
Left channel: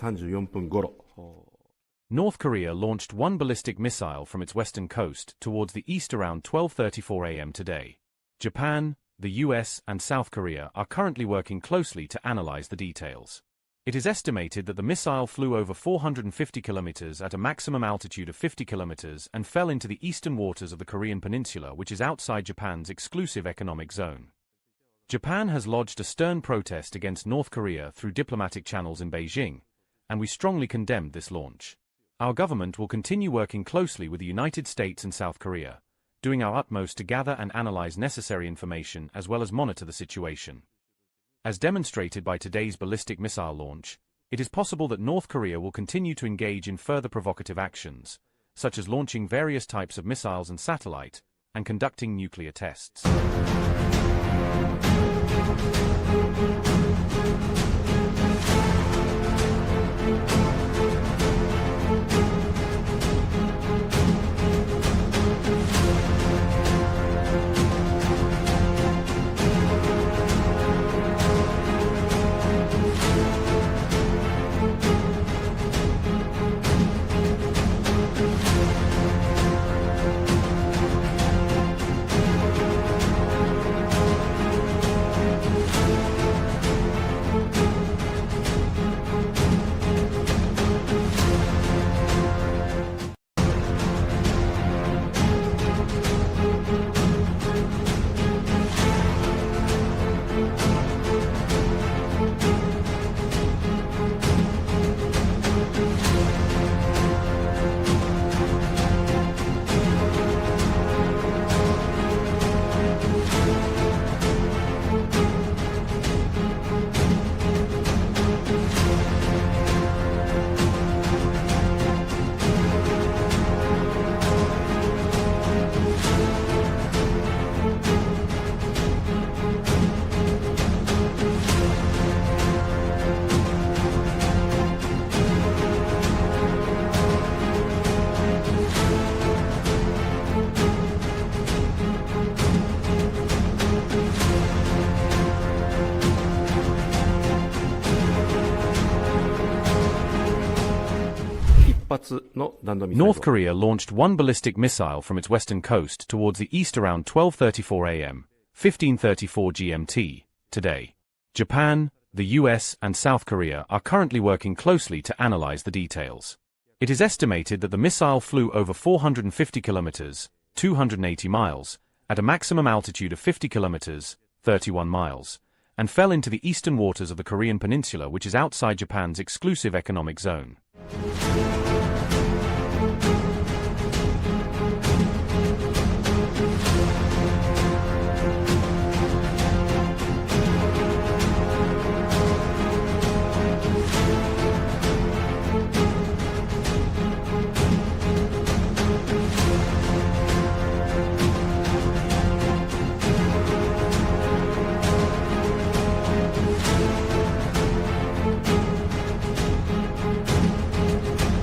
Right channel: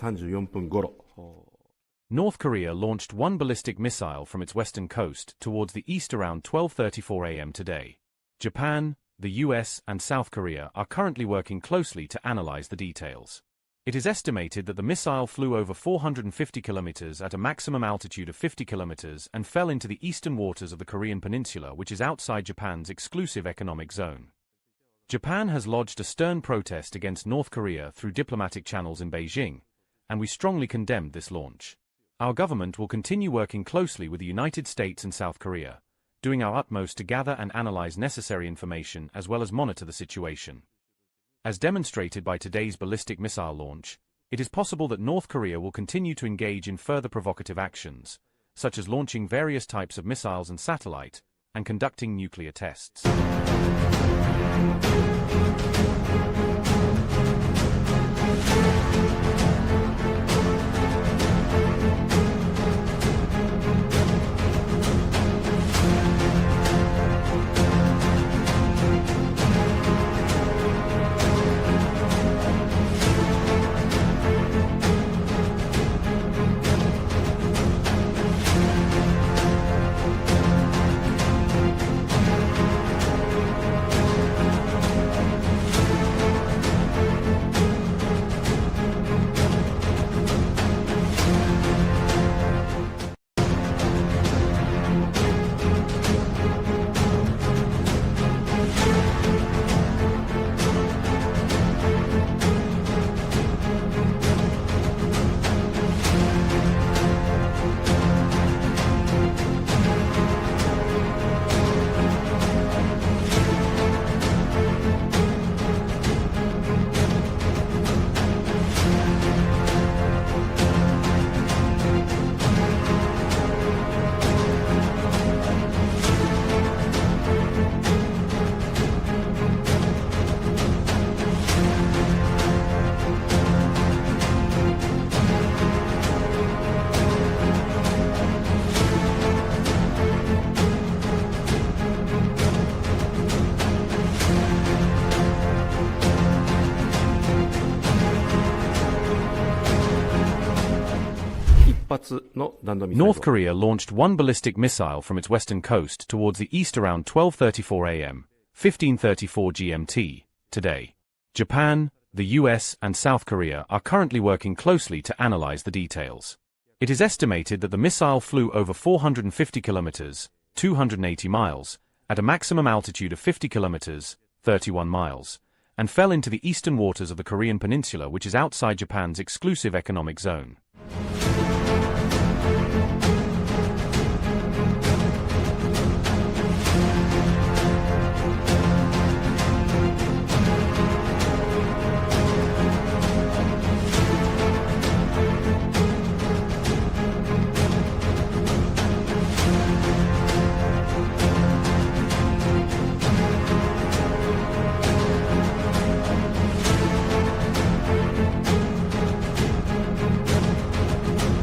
3時34分頃。 North Korea launched one ballistic missile from its western coast towards the east around 12:34 a.m. today. Japan, the U.S. and South Korea are currently working closely to analyze the details. It is estimated that the missile flew over 450 kilometers at a maximum altitude of 50 kilometers and fell into the eastern waters of the Korean peninsula, which is outside Japan's exclusive economic zone. Japan has lodged a stern protest against North Korea through diplomatic channels in Beijing, and we strongly condemned this launch. Our government will continue working closely with the United States and South Korea, doing our utmost to gather and analyze necessary information as well as monitor the situation. As demonstrated by today's ballistic missile launch, it is possible that North Korea will continue to engage in further provocative actions, such as launching various types of missiles and satellite, and conducting nuclear tests. North Korea launched one ballistic missile from its western coast towards the east around 12:34 a.m., 15:34 GMT, today. Japan, the U.S. and South Korea are currently working closely to analyze the details. It is estimated that the missile flew over 450 kilometers, 280 miles, at a maximum altitude of 50 kilometers, 31 miles, and fell into the eastern waters of the Korean peninsula, which is outside Japan's exclusive economic zone.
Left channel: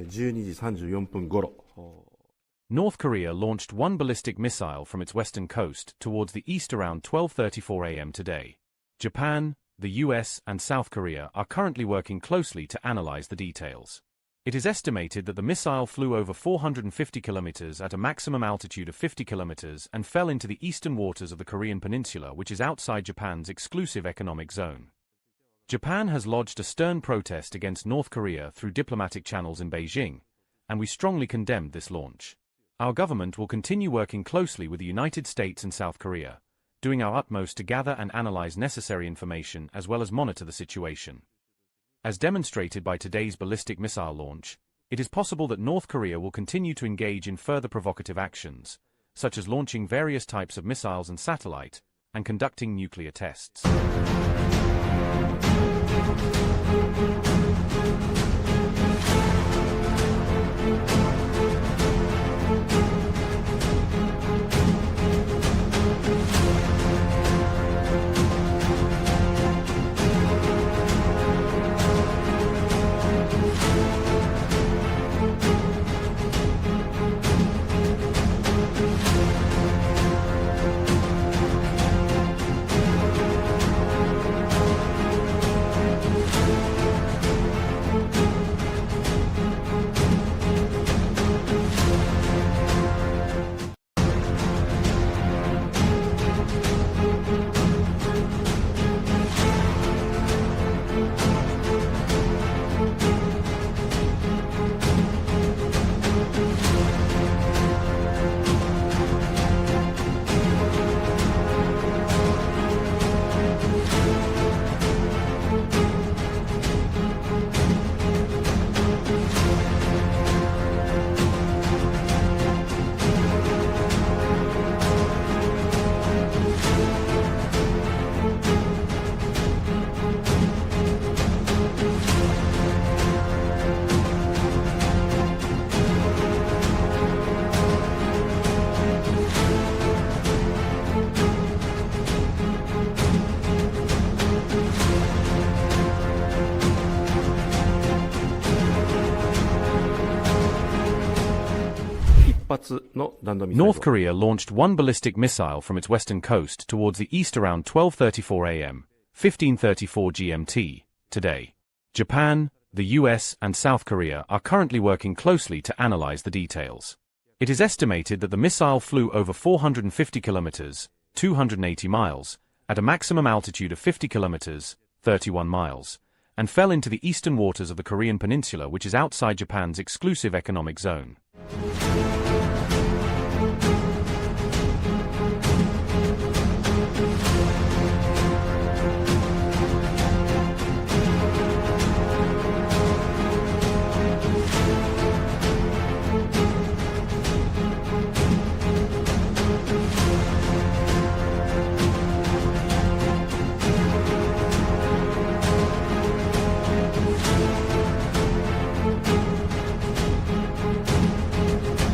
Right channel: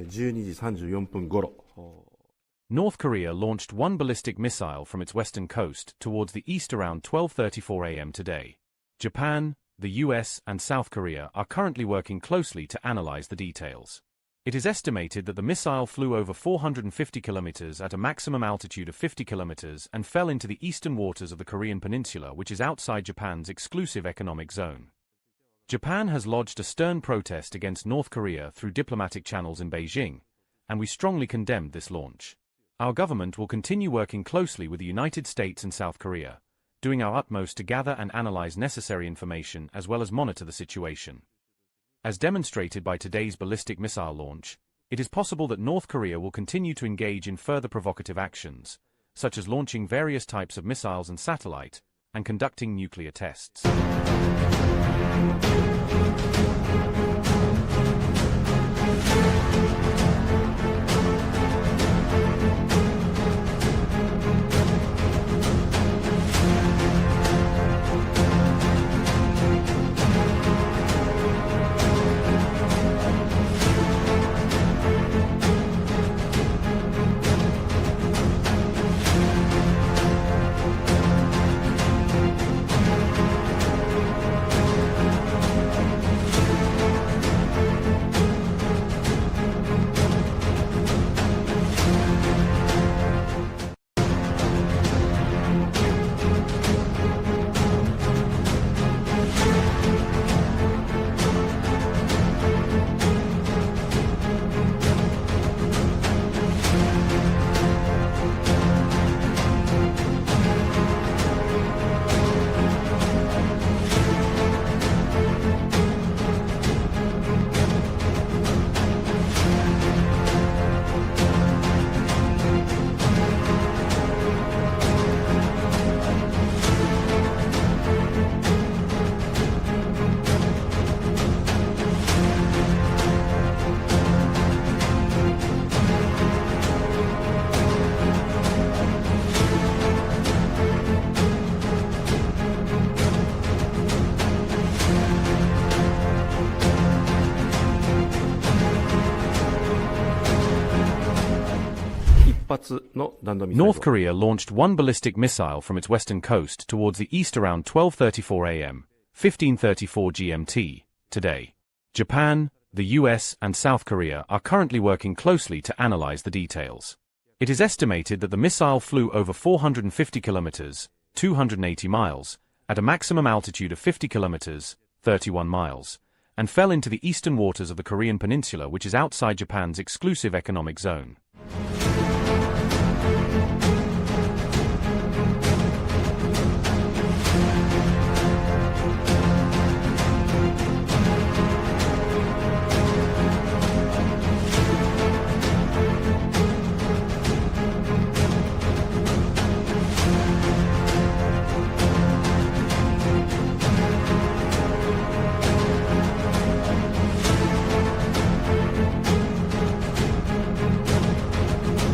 12時34分頃。 North Korea launched one ballistic missile from its western coast towards the east around 12:34 a.m. today. Japan, the U.S. and South Korea are currently working closely to analyze the details. It is estimated that the missile flew over 450 kilometers at a maximum altitude of 50 kilometers and fell into the eastern waters of the Korean peninsula, which is outside Japan's exclusive economic zone. Japan has lodged a stern protest against North Korea through diplomatic channels in Beijing, and we strongly condemned this launch. Our government will continue working closely with the United States and South Korea, doing our utmost to gather and analyze necessary information as well as monitor the situation. As demonstrated by today's ballistic missile launch, it is possible that North Korea will continue to engage in further provocative actions, such as launching various types of missiles and satellite, and conducting nuclear tests. North Korea launched one ballistic missile from its western coast towards the east around 12:34 a.m., 15:34 GMT, today. Japan, the U.S. and South Korea are currently working closely to analyze the details. It is estimated that the missile flew over 450 kilometers, 280 miles, at a maximum altitude of 50 kilometers, 31 miles, and fell into the eastern waters of the Korean peninsula, which is outside Japan's exclusive economic zone.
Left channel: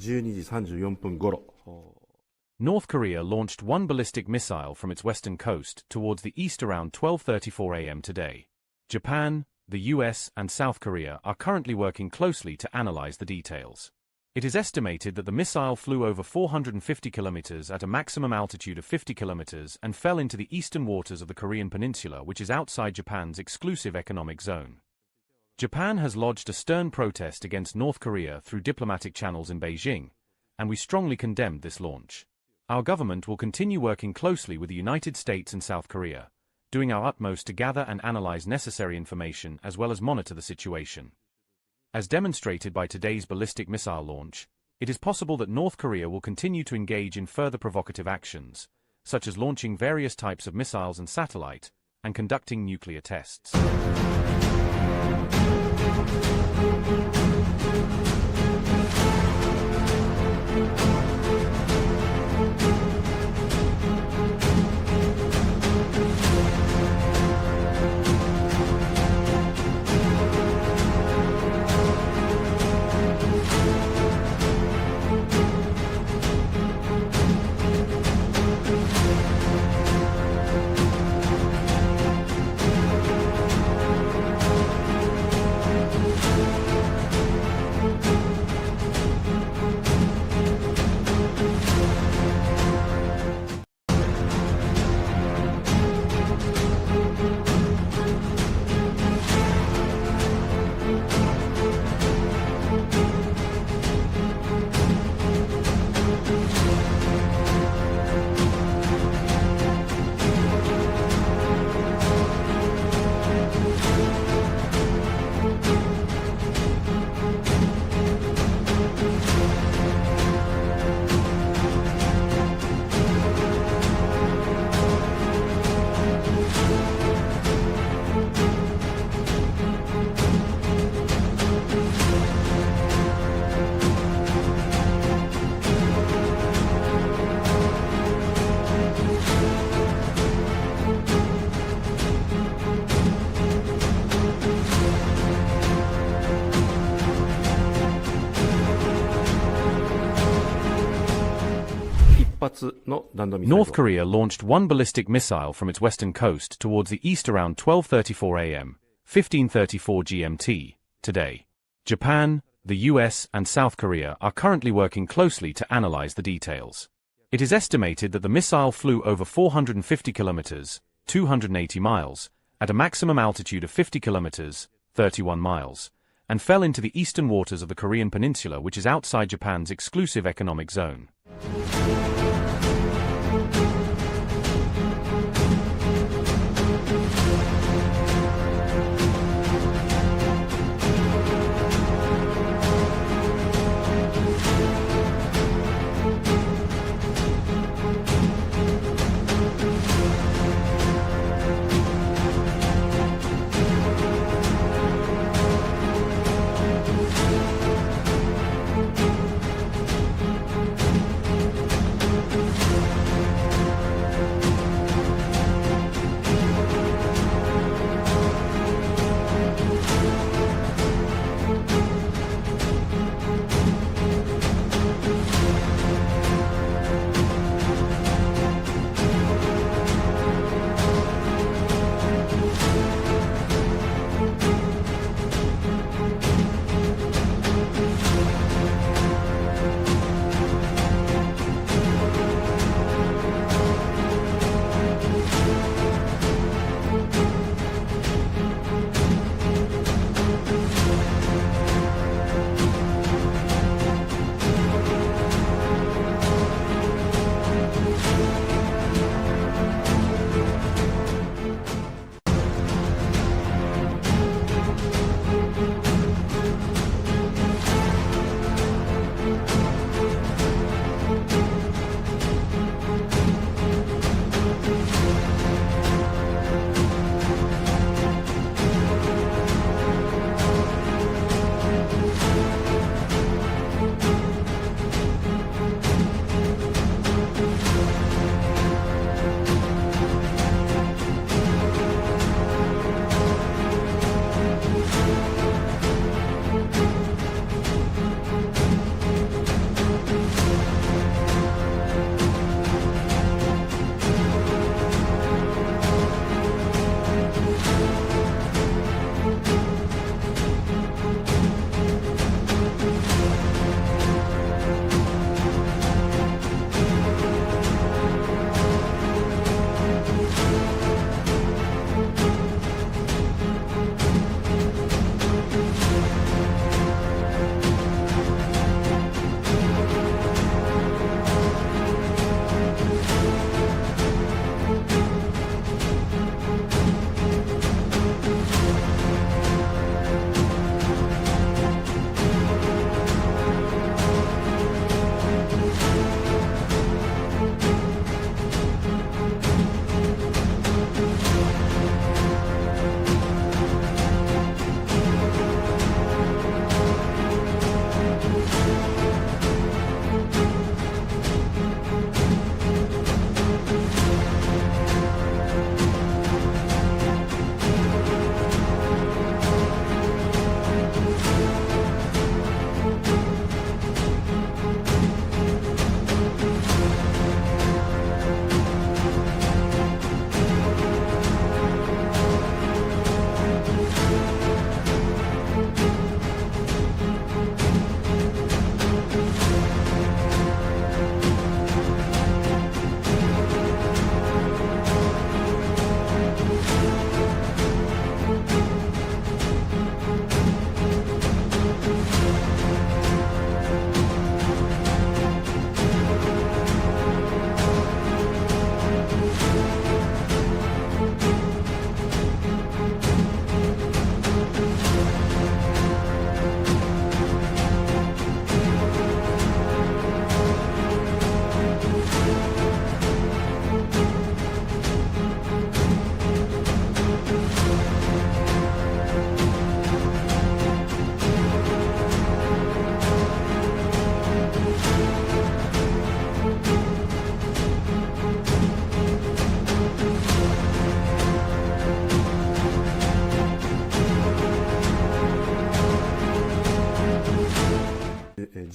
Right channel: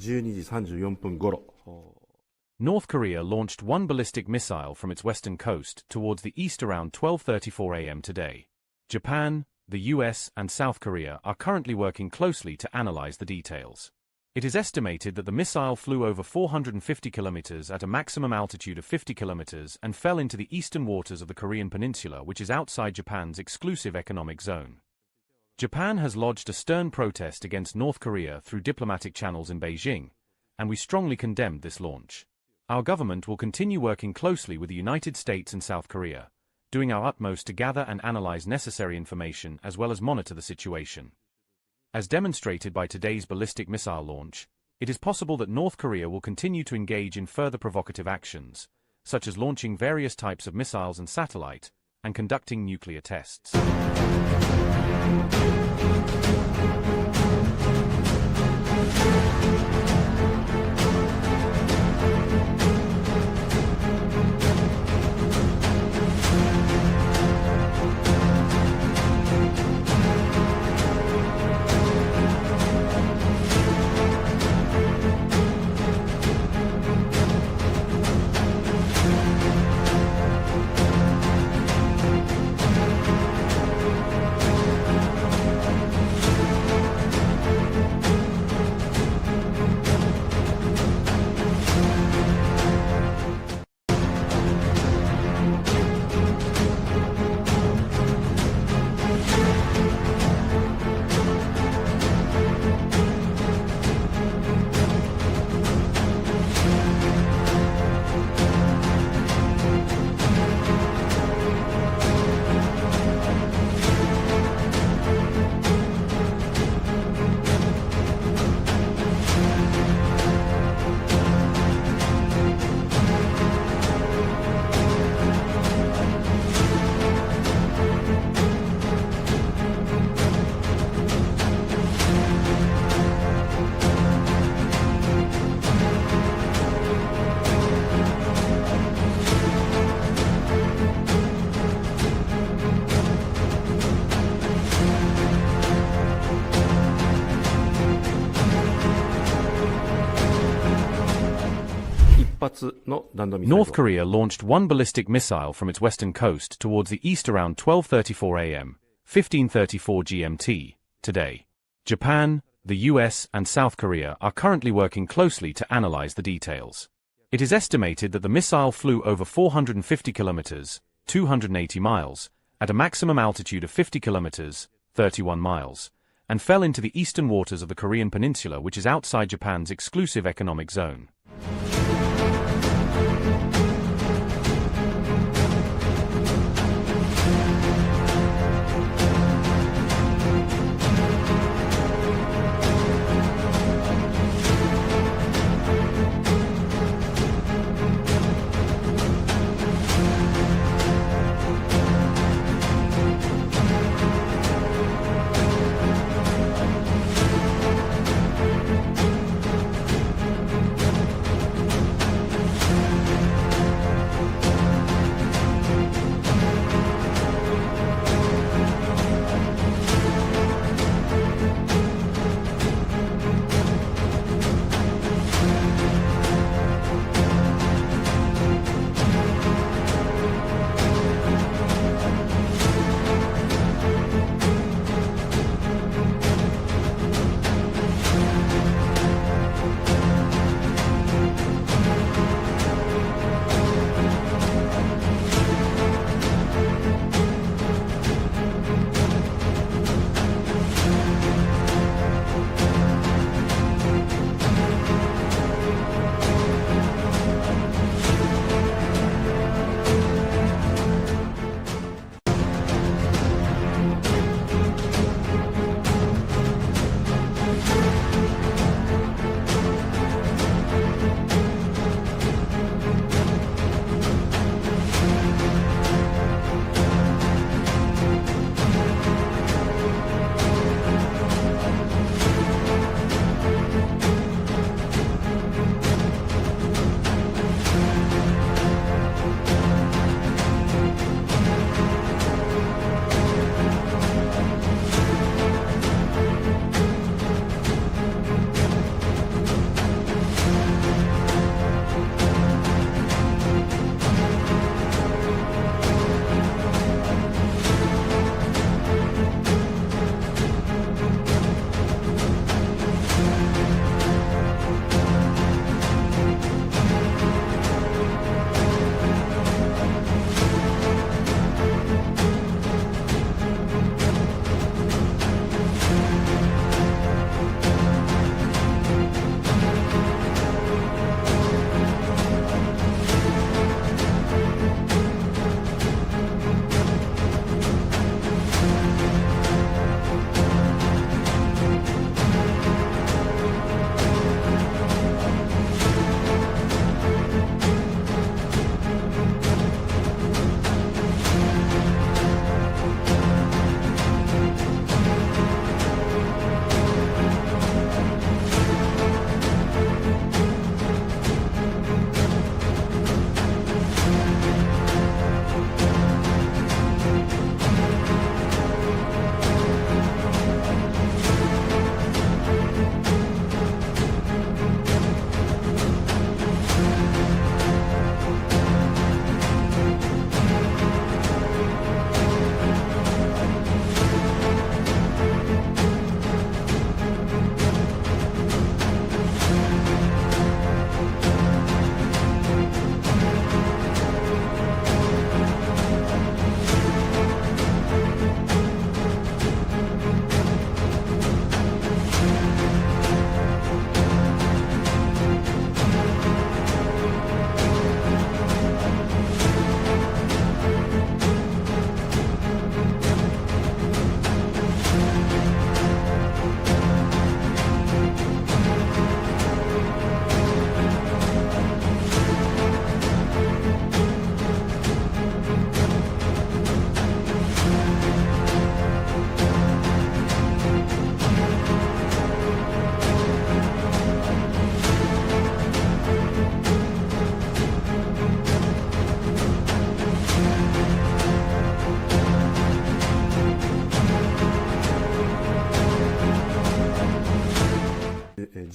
12時34分頃。 North Korea launched one ballistic missile from its western coast towards the east around 12:34 a.m. today. Japan, the U.S. and South Korea are currently working closely to analyze the details. It is estimated that the missile flew over 450 kilometers at a maximum altitude of 50 kilometers and fell into the eastern waters of the Korean peninsula, which is outside Japan's exclusive economic zone. Japan has lodged a stern protest against North Korea through diplomatic channels in Beijing, and we strongly condemned this launch. Our government will continue working closely with the United States and South Korea, doing our utmost to gather and analyze necessary information as well as monitor the situation. As demonstrated by today's ballistic missile launch, it is possible that North Korea will continue to engage in further provocative actions, such as launching various types of missiles and satellite, and conducting nuclear tests. North Korea launched one ballistic missile from its western coast towards the east around 12:34 a.m., 15:34 GMT, today. Japan, the U.S. and South Korea are currently working closely to analyze the details. It is estimated that the missile flew over 450 kilometers, 280 miles, at a maximum altitude of 50 kilometers, 31 miles, and fell into the eastern waters of the Korean peninsula, which is outside Japan's exclusive economic zone.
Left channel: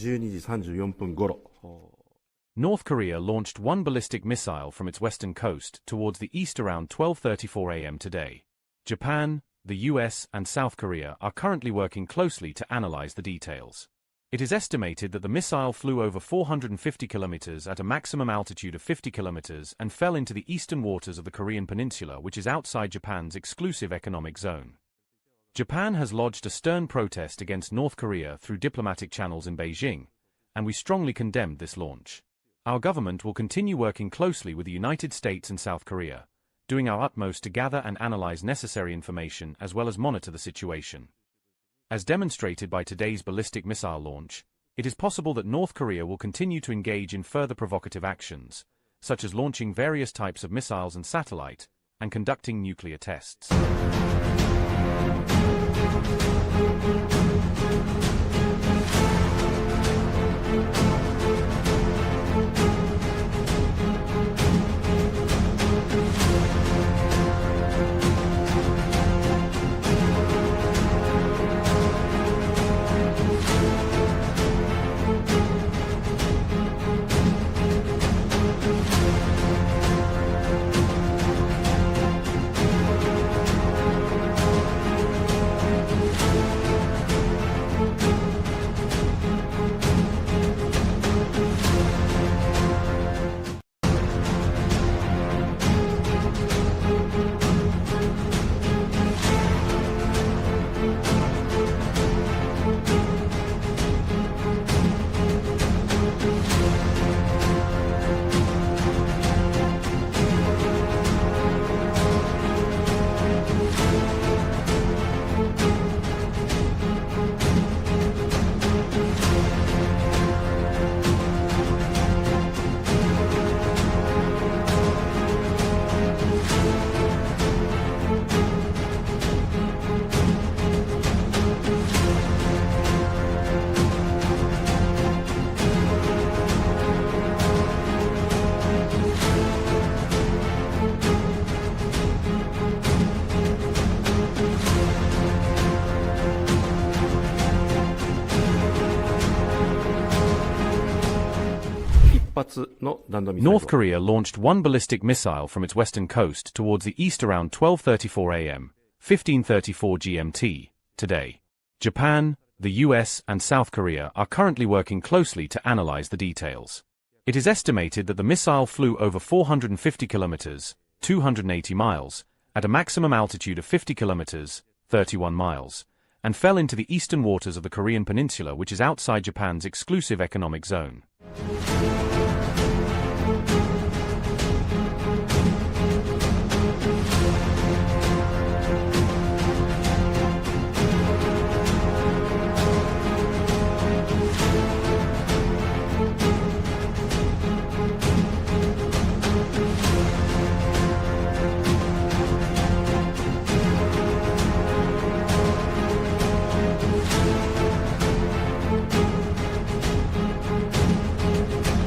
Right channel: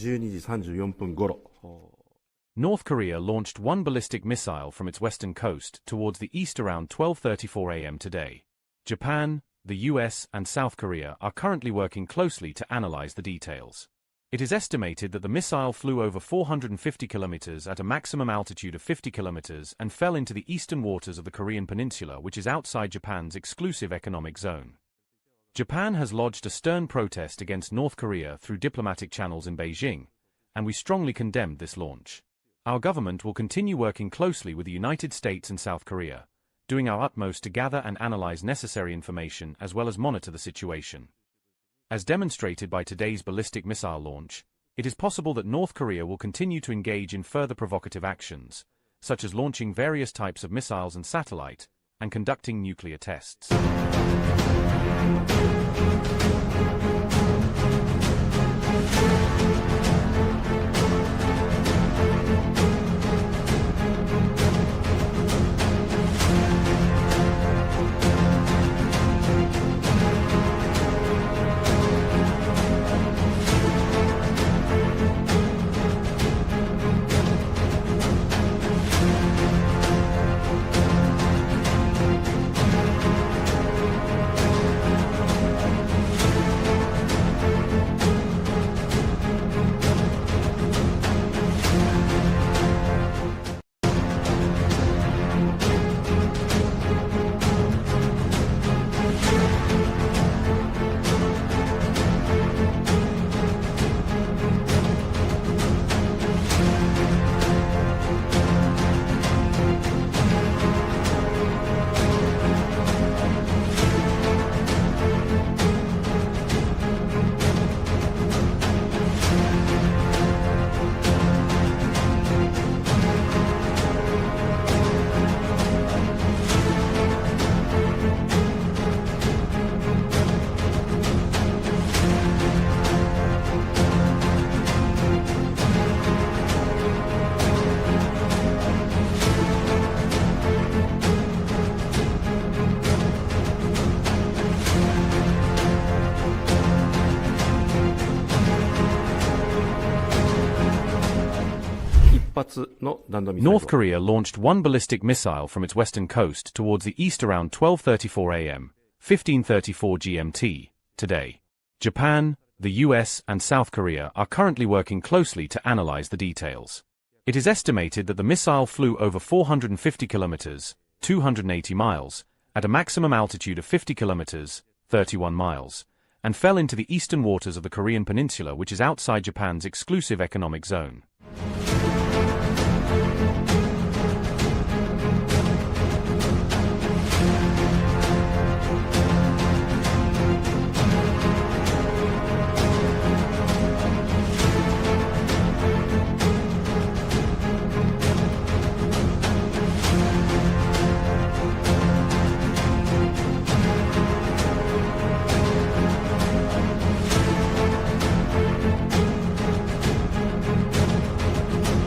12時34分頃。 North Korea launched one ballistic missile from its western coast towards the east around 12:34 a.m. today. Japan, the U.S. and South Korea are currently working closely to analyze the details. It is estimated that the missile flew over 450 kilometers at a maximum altitude of 50 kilometers and fell into the eastern waters of the Korean peninsula, which is outside Japan's exclusive economic zone. Japan has lodged a stern protest against North Korea through diplomatic channels in Beijing, and we strongly condemned this launch. Our government will continue working closely with the United States and South Korea, doing our utmost to gather and analyze necessary information as well as monitor the situation. As demonstrated by today's ballistic missile launch, it is possible that North Korea will continue to engage in further provocative actions, such as launching various types of missiles and satellite, and conducting nuclear tests. North Korea launched one ballistic missile from its western coast towards the east around 12:34 a.m., 15:34 GMT, today. Japan, the U.S. and South Korea are currently working closely to analyze the details. It is estimated that the missile flew over 450 kilometers, 280 miles, at a maximum altitude of 50 kilometers, 31 miles, and fell into the eastern waters of the Korean peninsula, which is outside Japan's exclusive economic zone.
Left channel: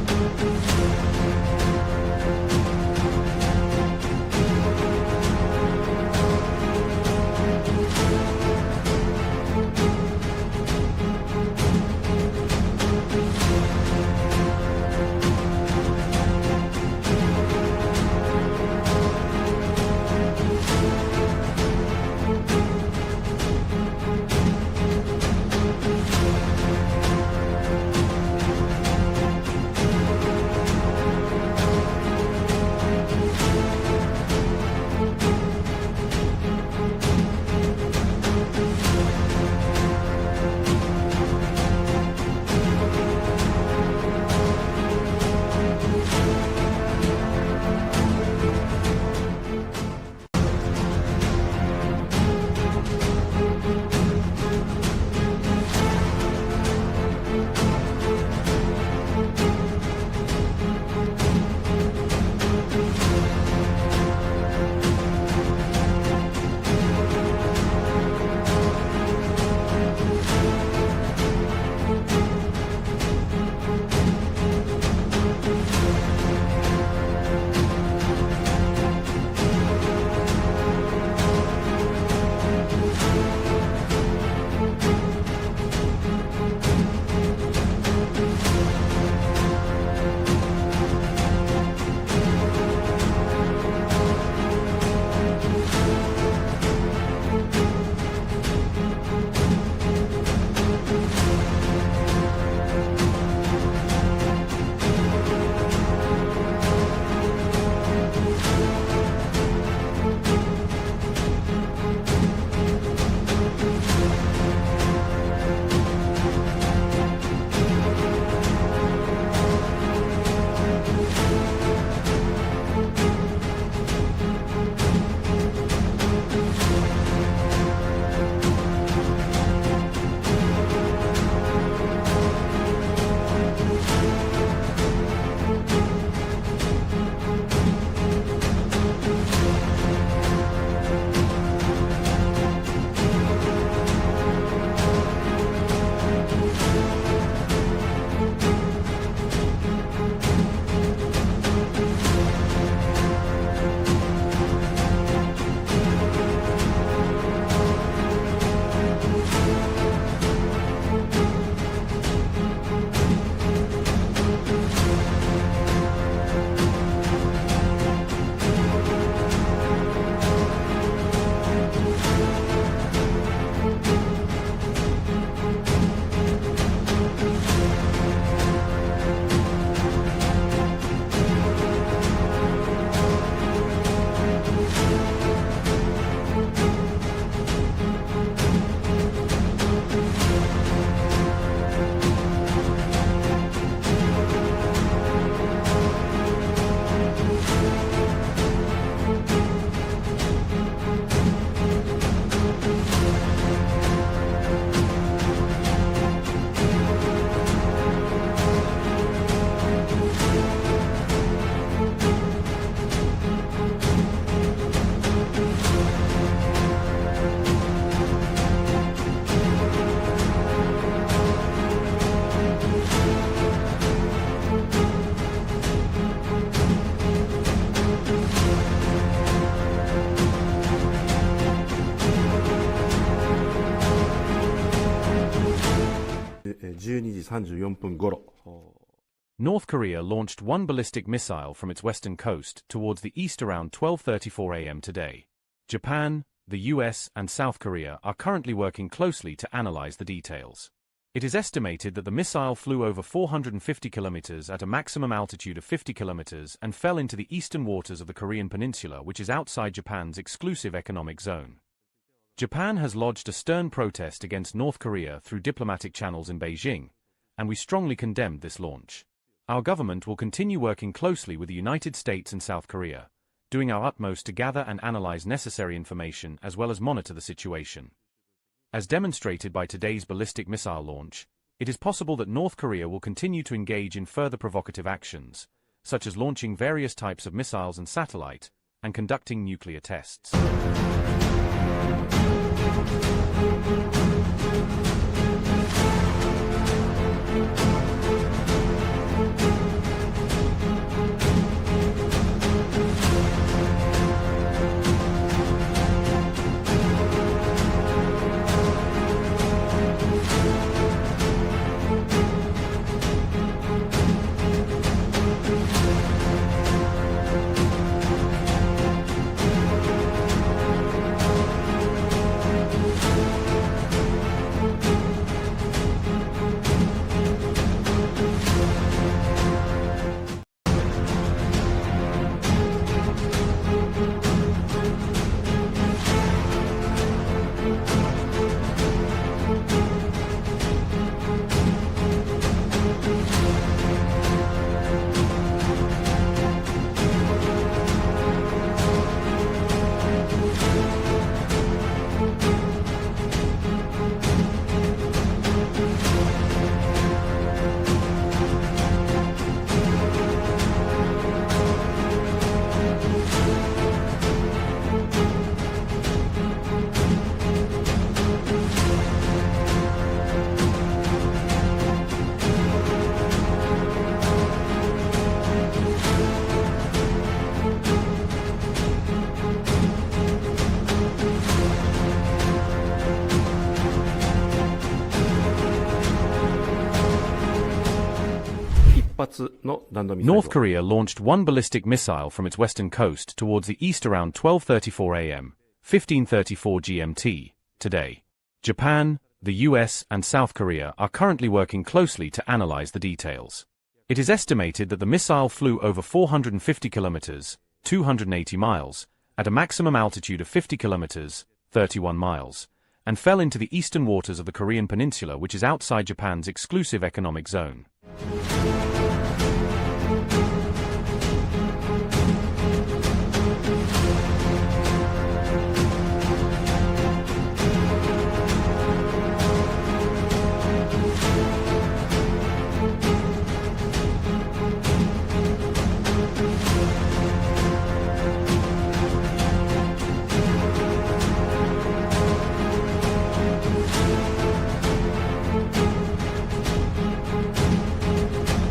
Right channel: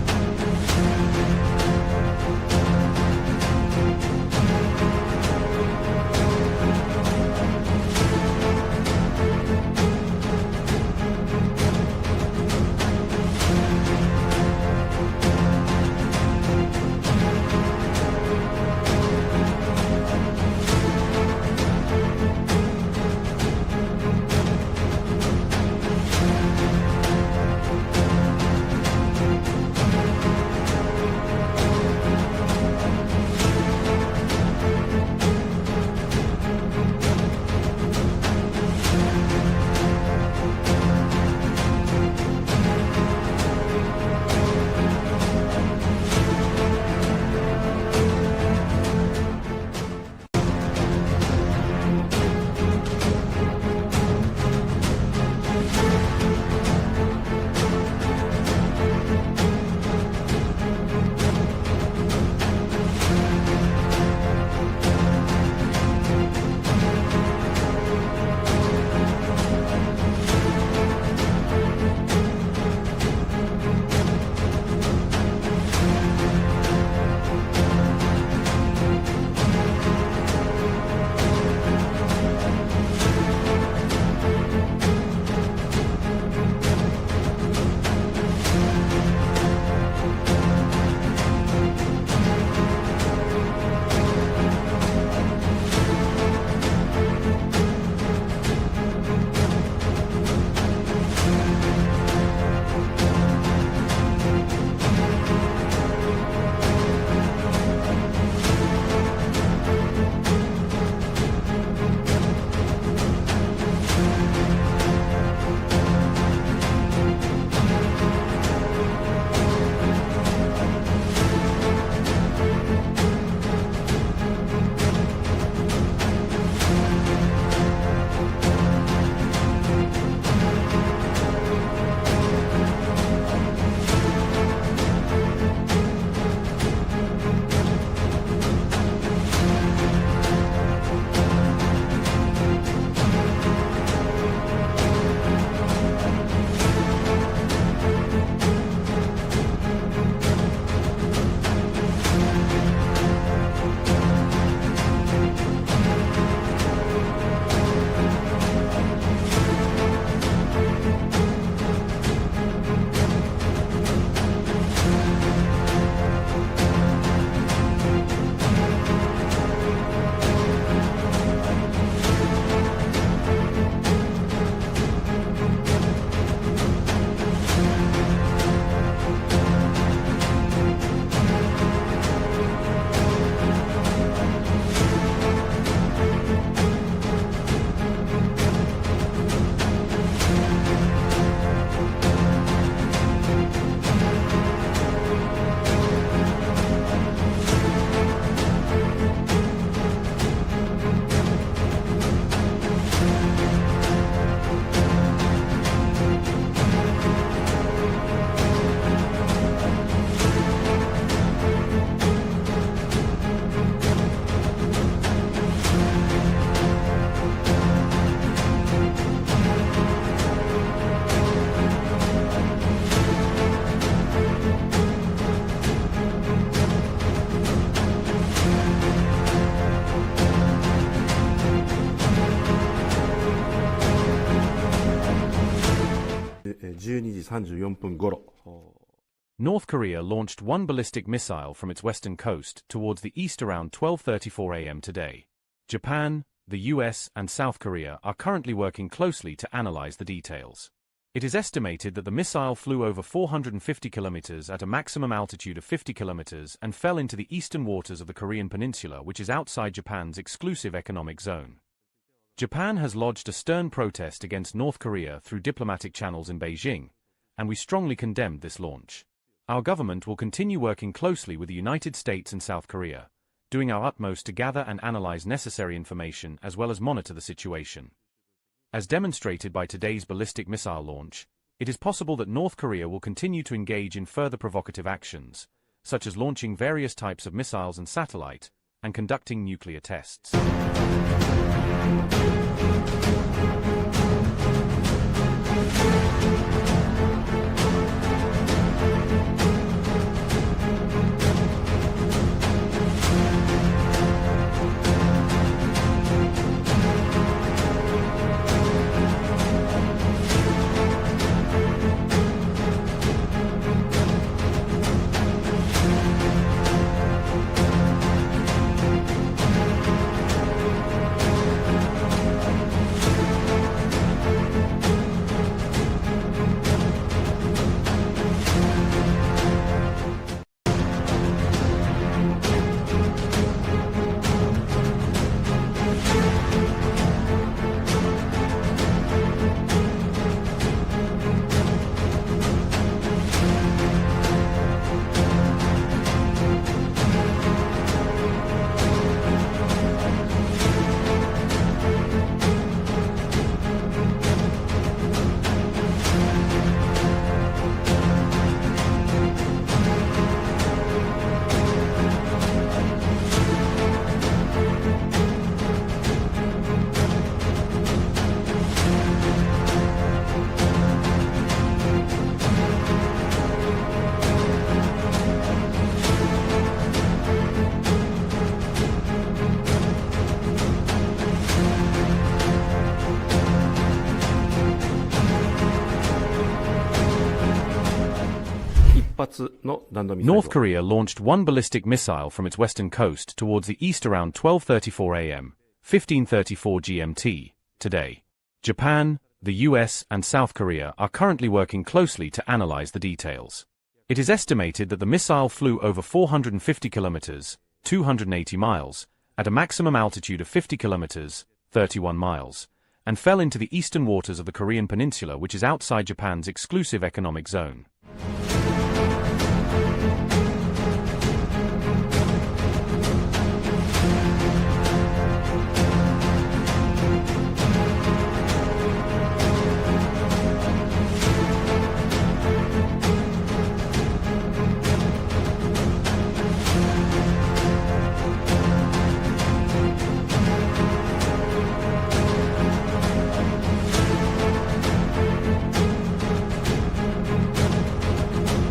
12時34分頃、 North Korea launched one ballistic missile from its western coast towards the east around 12:34 a.m. today. Japan, the U.S. and South Korea are currently working closely to analyze the details. It is estimated that the missile flew over 450 kilometers at a maximum altitude of 50 kilometers and fell into the eastern waters of the Korean peninsula, which is outside Japan's exclusive economic zone. Japan has lodged a stern protest against North Korea through diplomatic channels in Beijing, and we strongly condemned this launch. Our government will continue working closely with the United States and South Korea, doing our utmost to gather and analyze necessary information as well as monitor the situation. As demonstrated by today's ballistic missile launch, it is possible that North Korea will continue to engage in further provocative actions, such as launching various types of missiles and satellite, and conducting nuclear tests. North Korea launched one ballistic missile from its western coast towards the east around 12:34 a.m., 15:34 GMT, today. Japan, the U.S. and South Korea are currently working closely to analyze the details. It is estimated that the missile flew over 450 kilometers, 280 miles, at a maximum altitude of 50 kilometers, 31 miles, and fell into the eastern waters of the Korean peninsula, which is outside Japan's exclusive economic zone.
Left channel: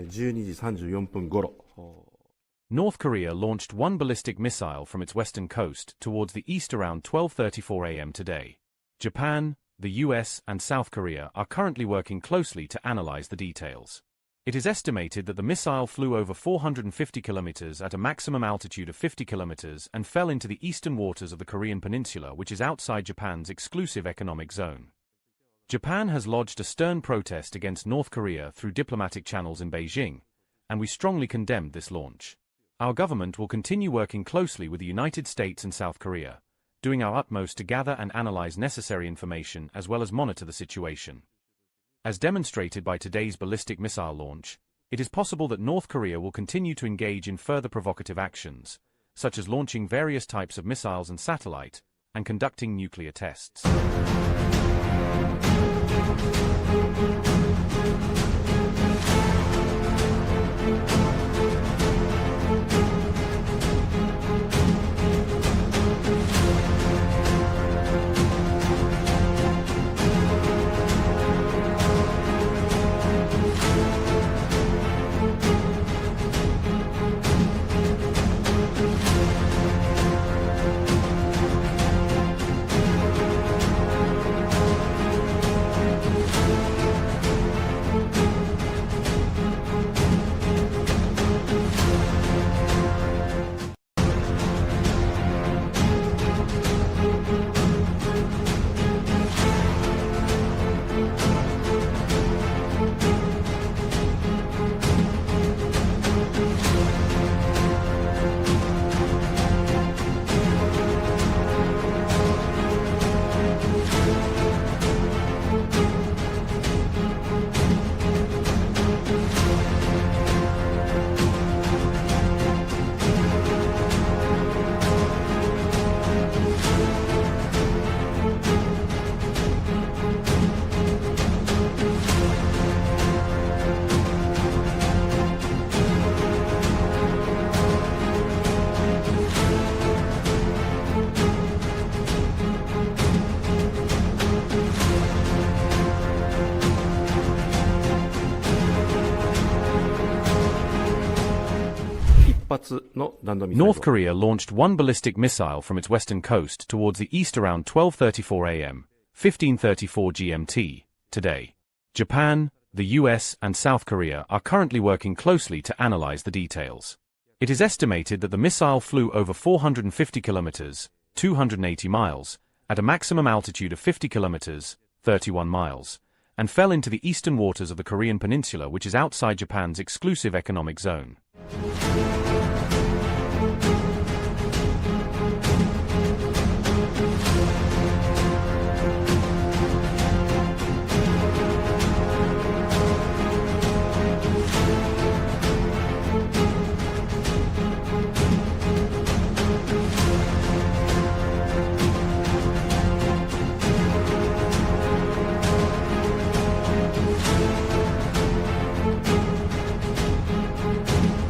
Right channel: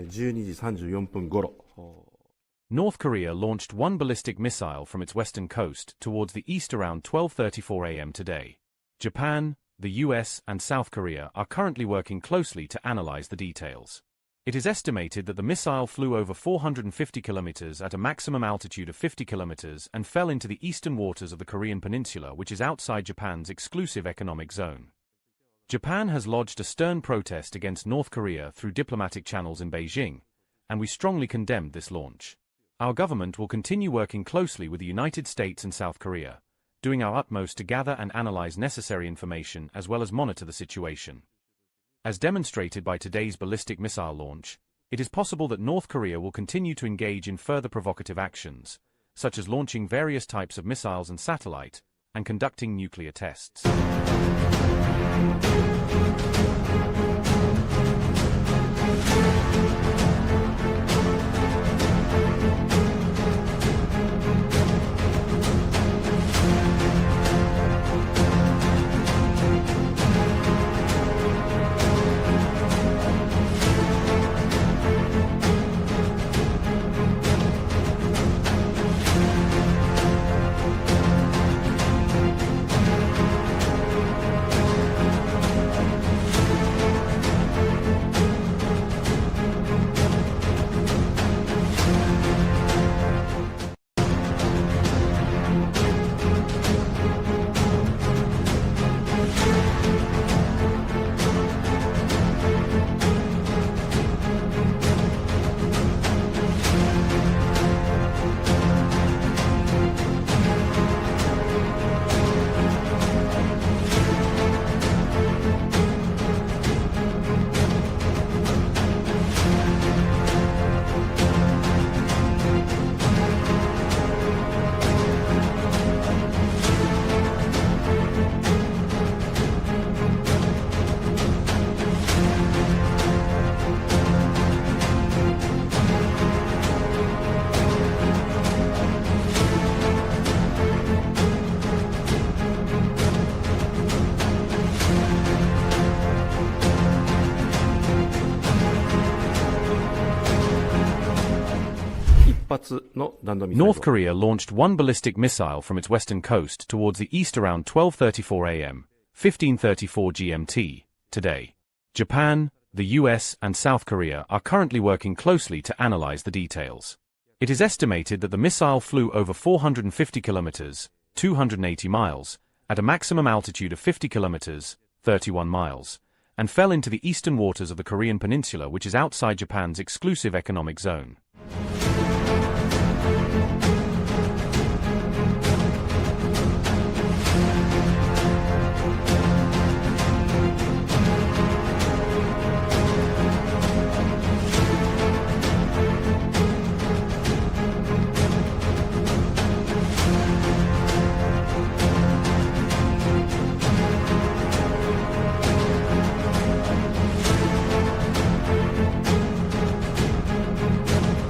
12時34分頃、 North Korea launched one ballistic missile from its western coast towards the east around 12:34 a.m. today. Japan, the U.S. and South Korea are currently working closely to analyze the details. It is estimated that the missile flew over 450 kilometers at a maximum altitude of 50 kilometers and fell into the eastern waters of the Korean peninsula, which is outside Japan's exclusive economic zone. Japan has lodged a stern protest against North Korea through diplomatic channels in Beijing, and we strongly condemned this launch. Our government will continue working closely with the United States and South Korea, doing our utmost to gather and analyze necessary information as well as monitor the situation. As demonstrated by today's ballistic missile launch, it is possible that North Korea will continue to engage in further provocative actions, such as launching various types of missiles and satellite, and conducting nuclear tests. North Korea launched one ballistic missile from its western coast towards the east around 12:34 a.m., 15:34 GMT, today. Japan, the U.S. and South Korea are currently working closely to analyze the details. It is estimated that the missile flew over 450 kilometers, 280 miles, at a maximum altitude of 50 kilometers, 31 miles, and fell into the eastern waters of the Korean peninsula, which is outside Japan's exclusive economic zone.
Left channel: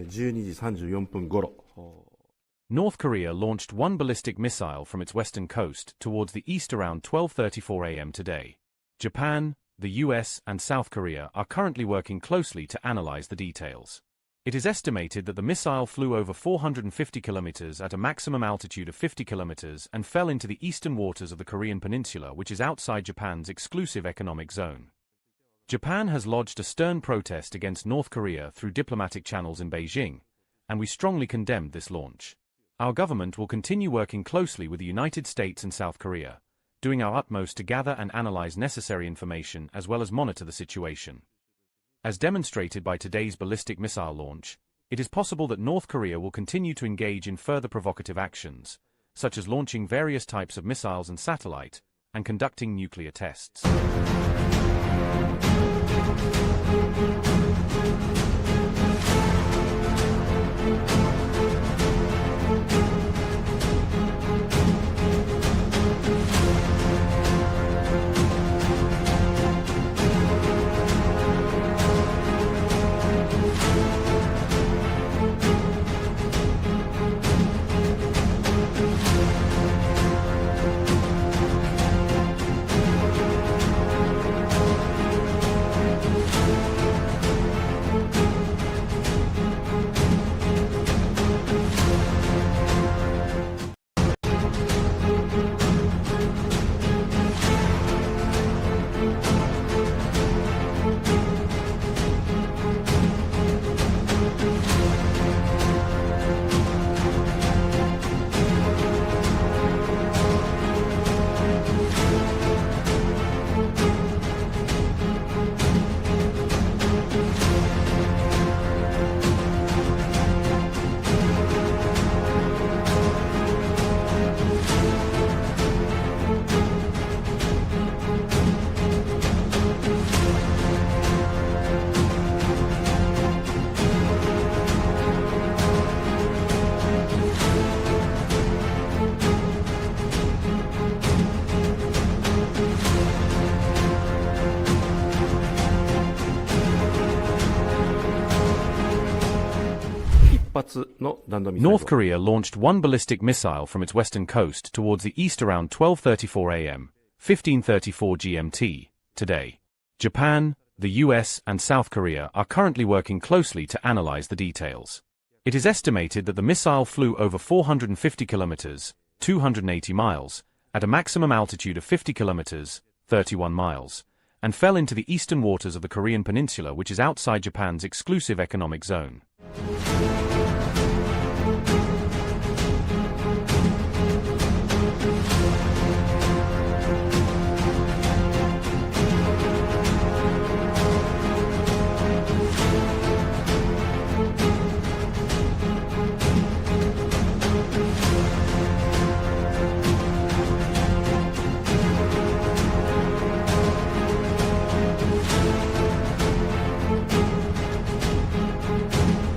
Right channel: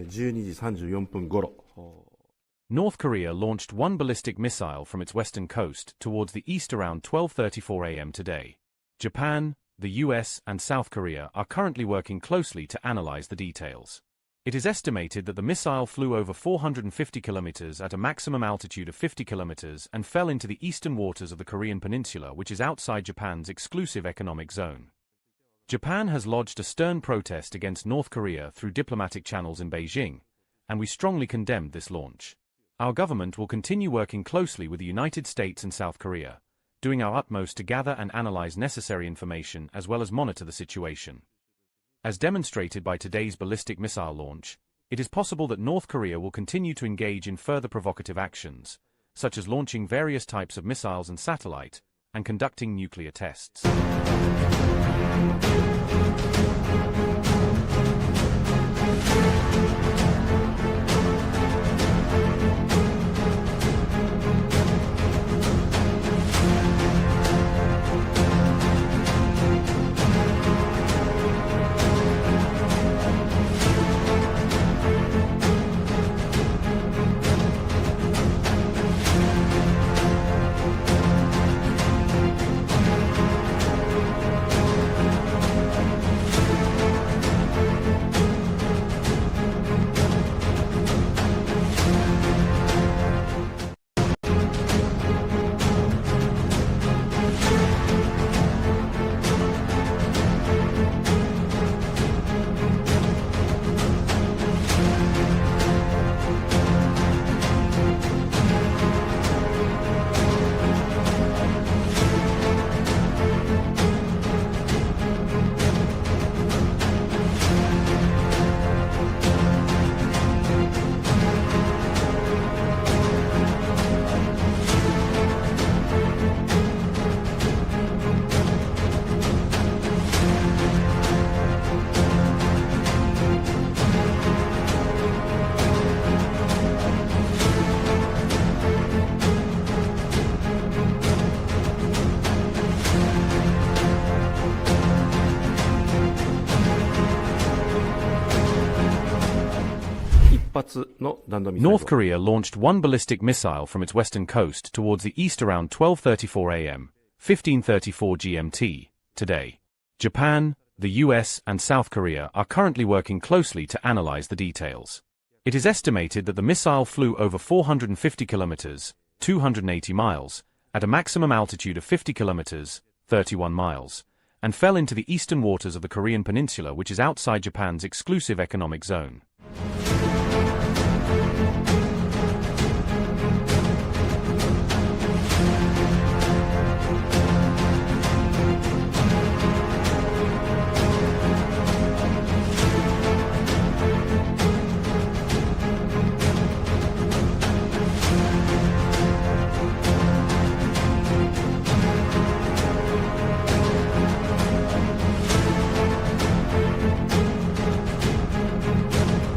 12時34分頃、 North Korea launched one ballistic missile from its western coast towards the east around 12:34 a.m. today. Japan, the U.S. and South Korea are currently working closely to analyze the details. It is estimated that the missile flew over 450 kilometers at a maximum altitude of 50 kilometers and fell into the eastern waters of the Korean peninsula, which is outside Japan's exclusive economic zone. Japan has lodged a stern protest against North Korea through diplomatic channels in Beijing, and we strongly condemned this launch. Our government will continue working closely with the United States and South Korea, doing our utmost to gather and analyze necessary information as well as monitor the situation. As demonstrated by today's ballistic missile launch, it is possible that North Korea will continue to engage in further provocative actions, such as launching various types of missiles and satellite, and conducting nuclear tests. North Korea launched one ballistic missile from its western coast towards the east around 12:34 a.m., 15:34 GMT, today. Japan, the U.S. and South Korea are currently working closely to analyze the details. It is estimated that the missile flew over 450 kilometers, 280 miles, at a maximum altitude of 50 kilometers, 31 miles, and fell into the eastern waters of the Korean peninsula, which is outside Japan's exclusive economic zone.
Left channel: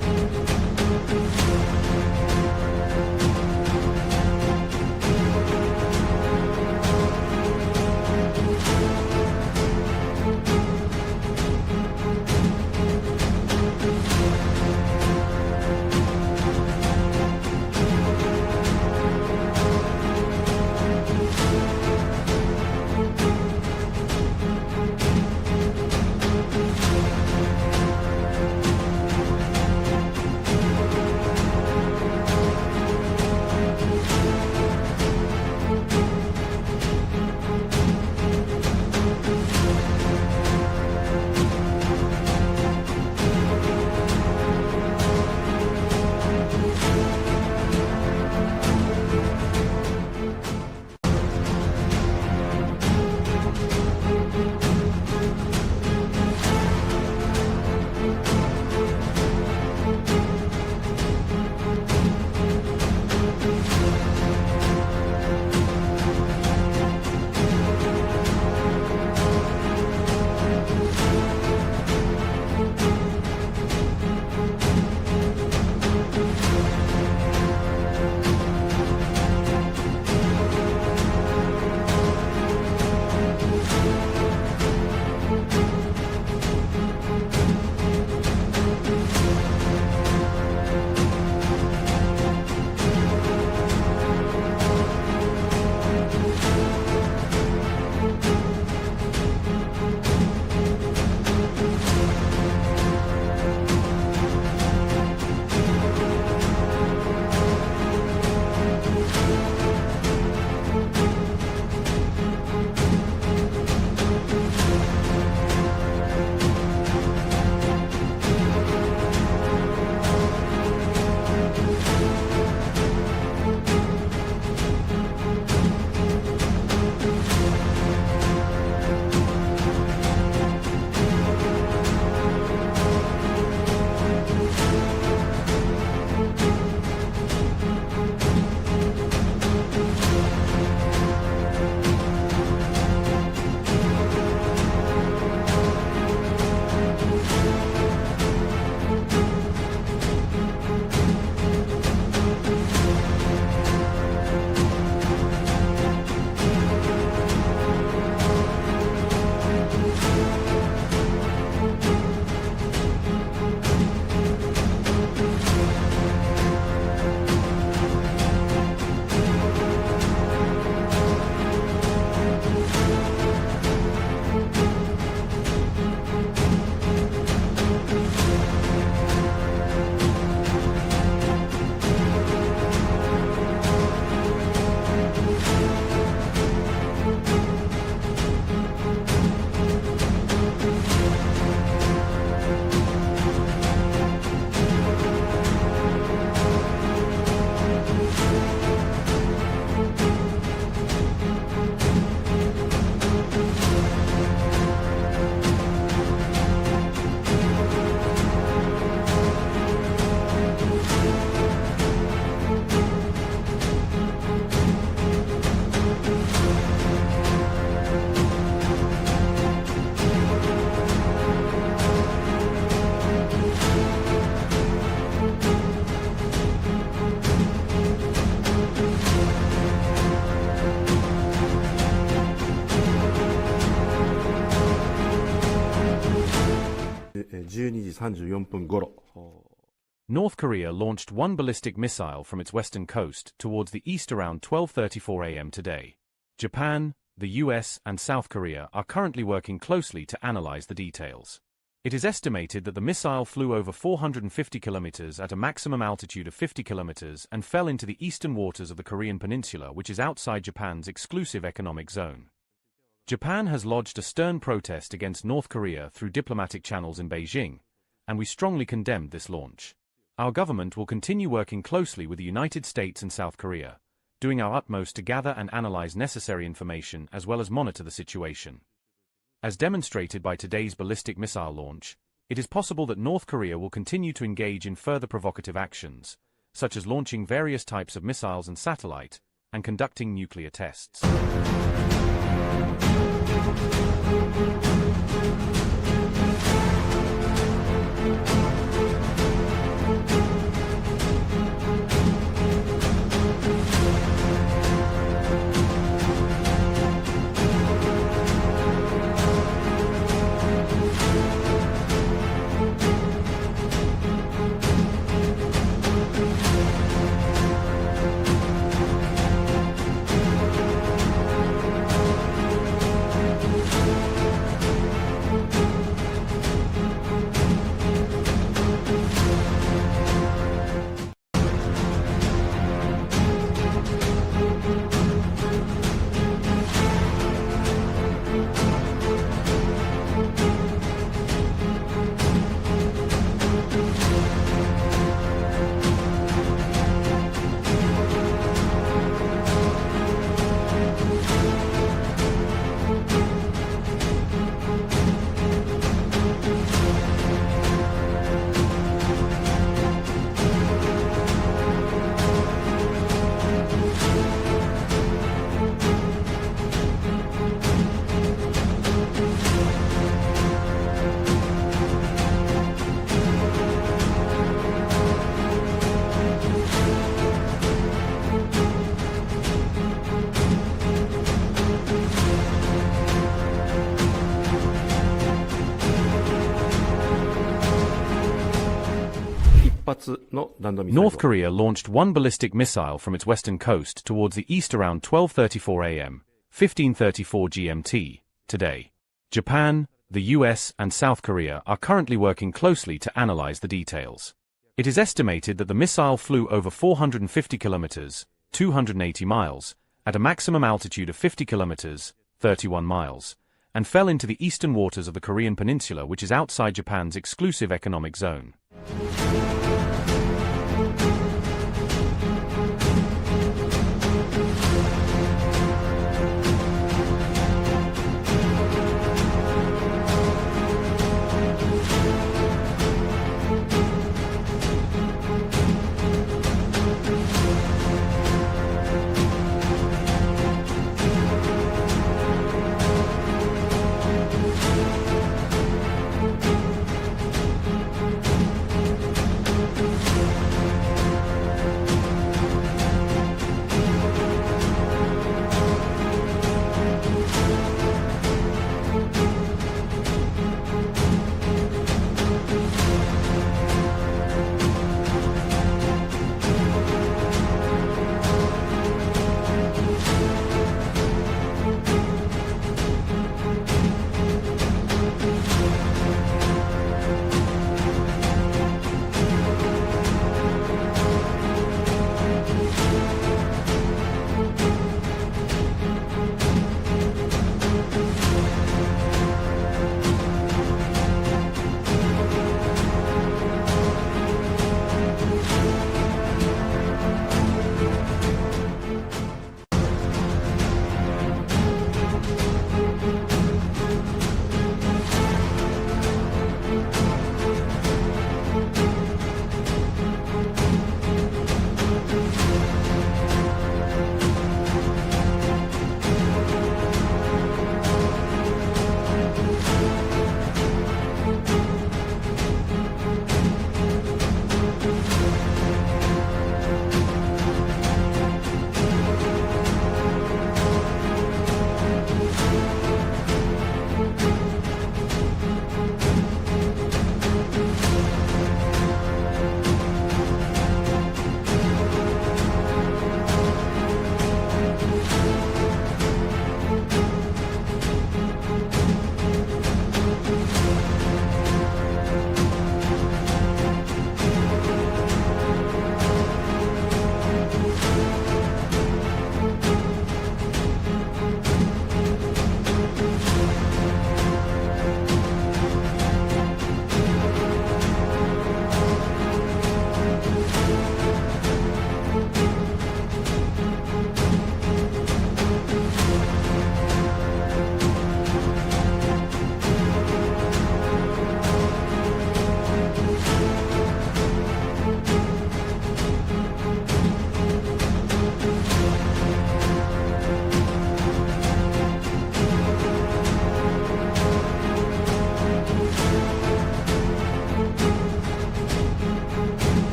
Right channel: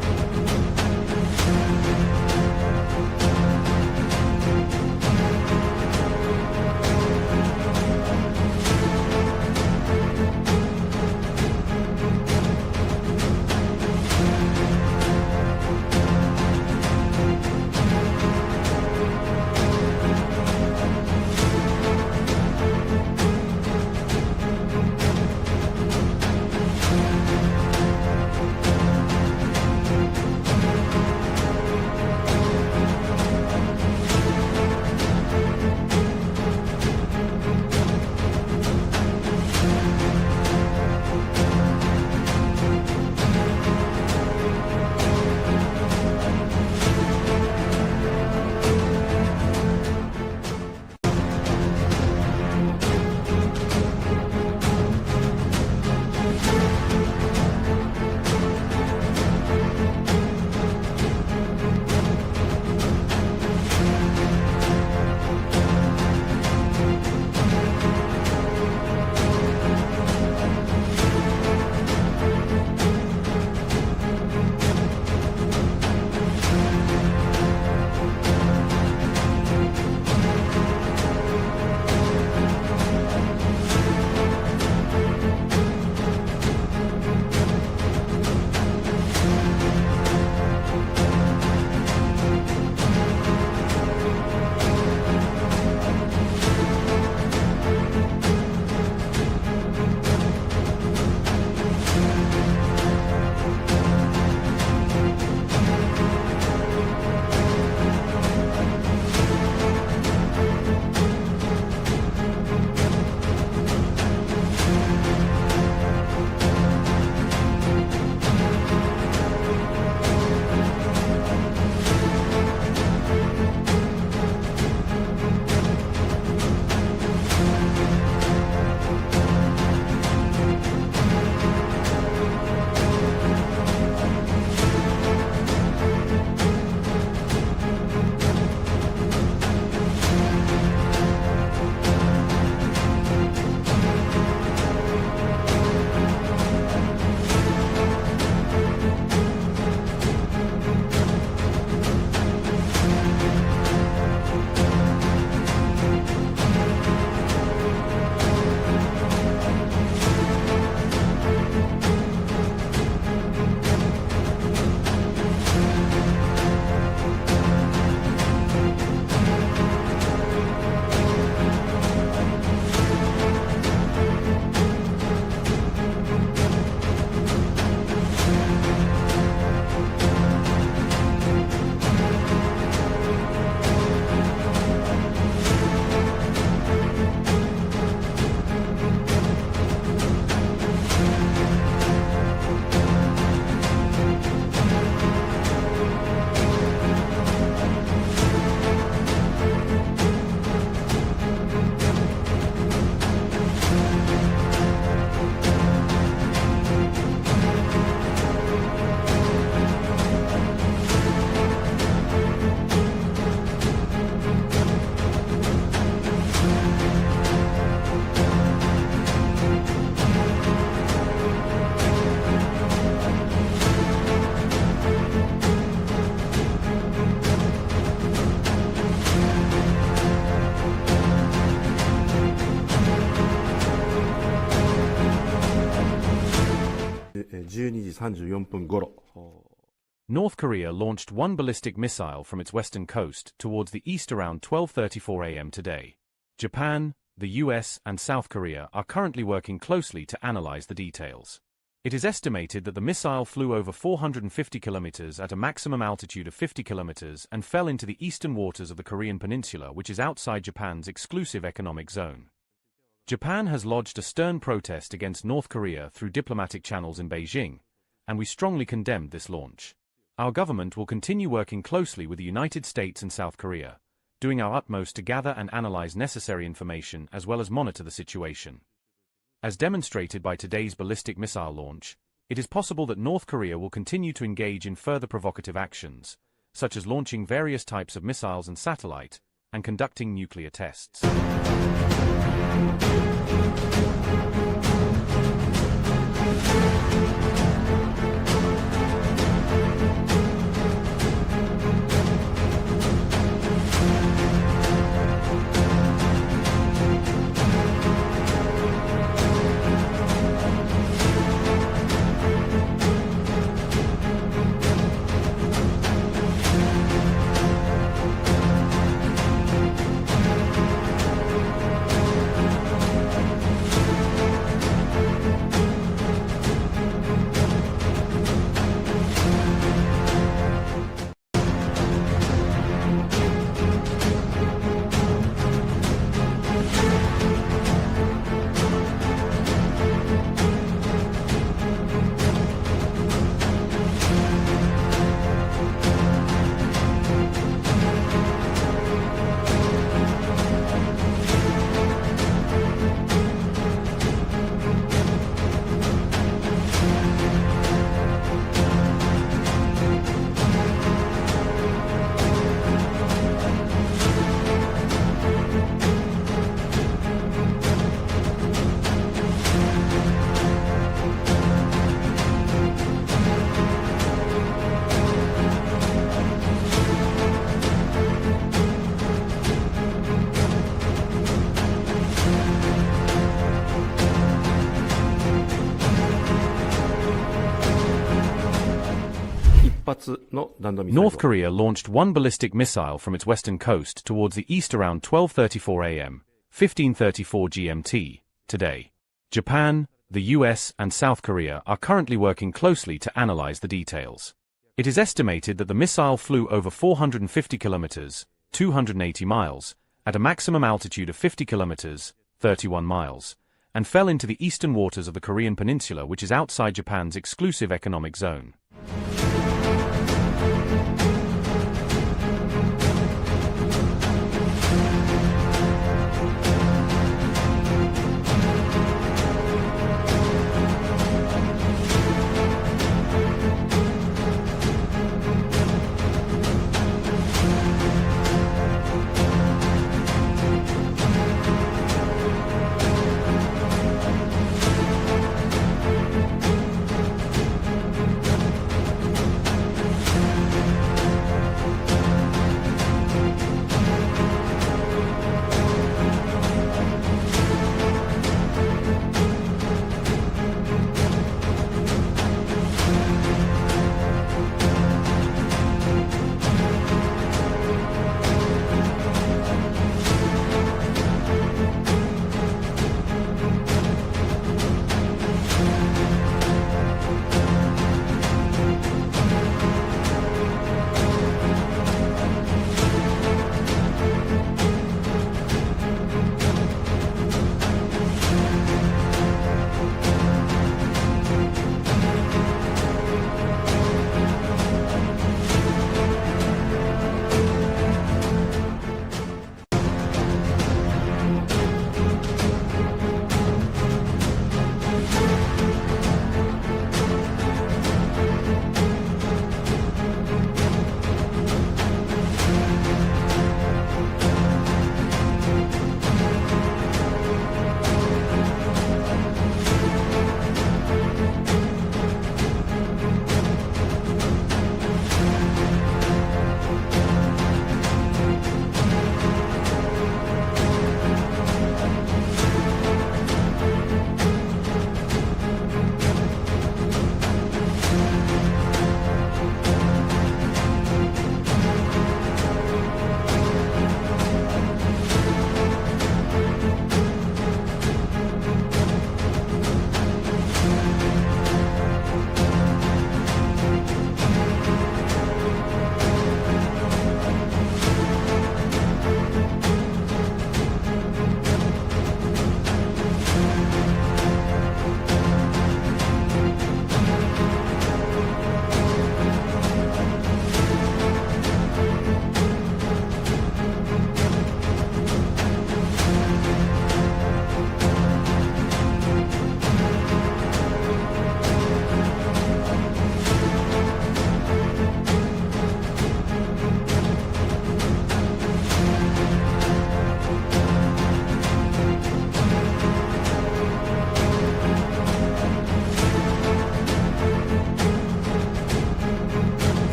34分頃。 North Korea launched one ballistic missile from its western coast towards the east around 12:34 a.m. today. Japan, the U.S. and South Korea are currently working closely to analyze the details. It is estimated that the missile flew over 450 kilometers at a maximum altitude of 50 kilometers and fell into the eastern waters of the Korean peninsula, which is outside Japan's exclusive economic zone. Japan has lodged a stern protest against North Korea through diplomatic channels in Beijing, and we strongly condemned this launch. Our government will continue working closely with the United States and South Korea, doing our utmost to gather and analyze necessary information as well as monitor the situation. As demonstrated by today's ballistic missile launch, it is possible that North Korea will continue to engage in further provocative actions, such as launching various types of missiles and satellite, and conducting nuclear tests. North Korea launched one ballistic missile from its western coast towards the east around 12:34 a.m., 15:34 GMT, today. Japan, the U.S. and South Korea are currently working closely to analyze the details. It is estimated that the missile flew over 450 kilometers, 280 miles, at a maximum altitude of 50 kilometers, 31 miles, and fell into the eastern waters of the Korean peninsula, which is outside Japan's exclusive economic zone.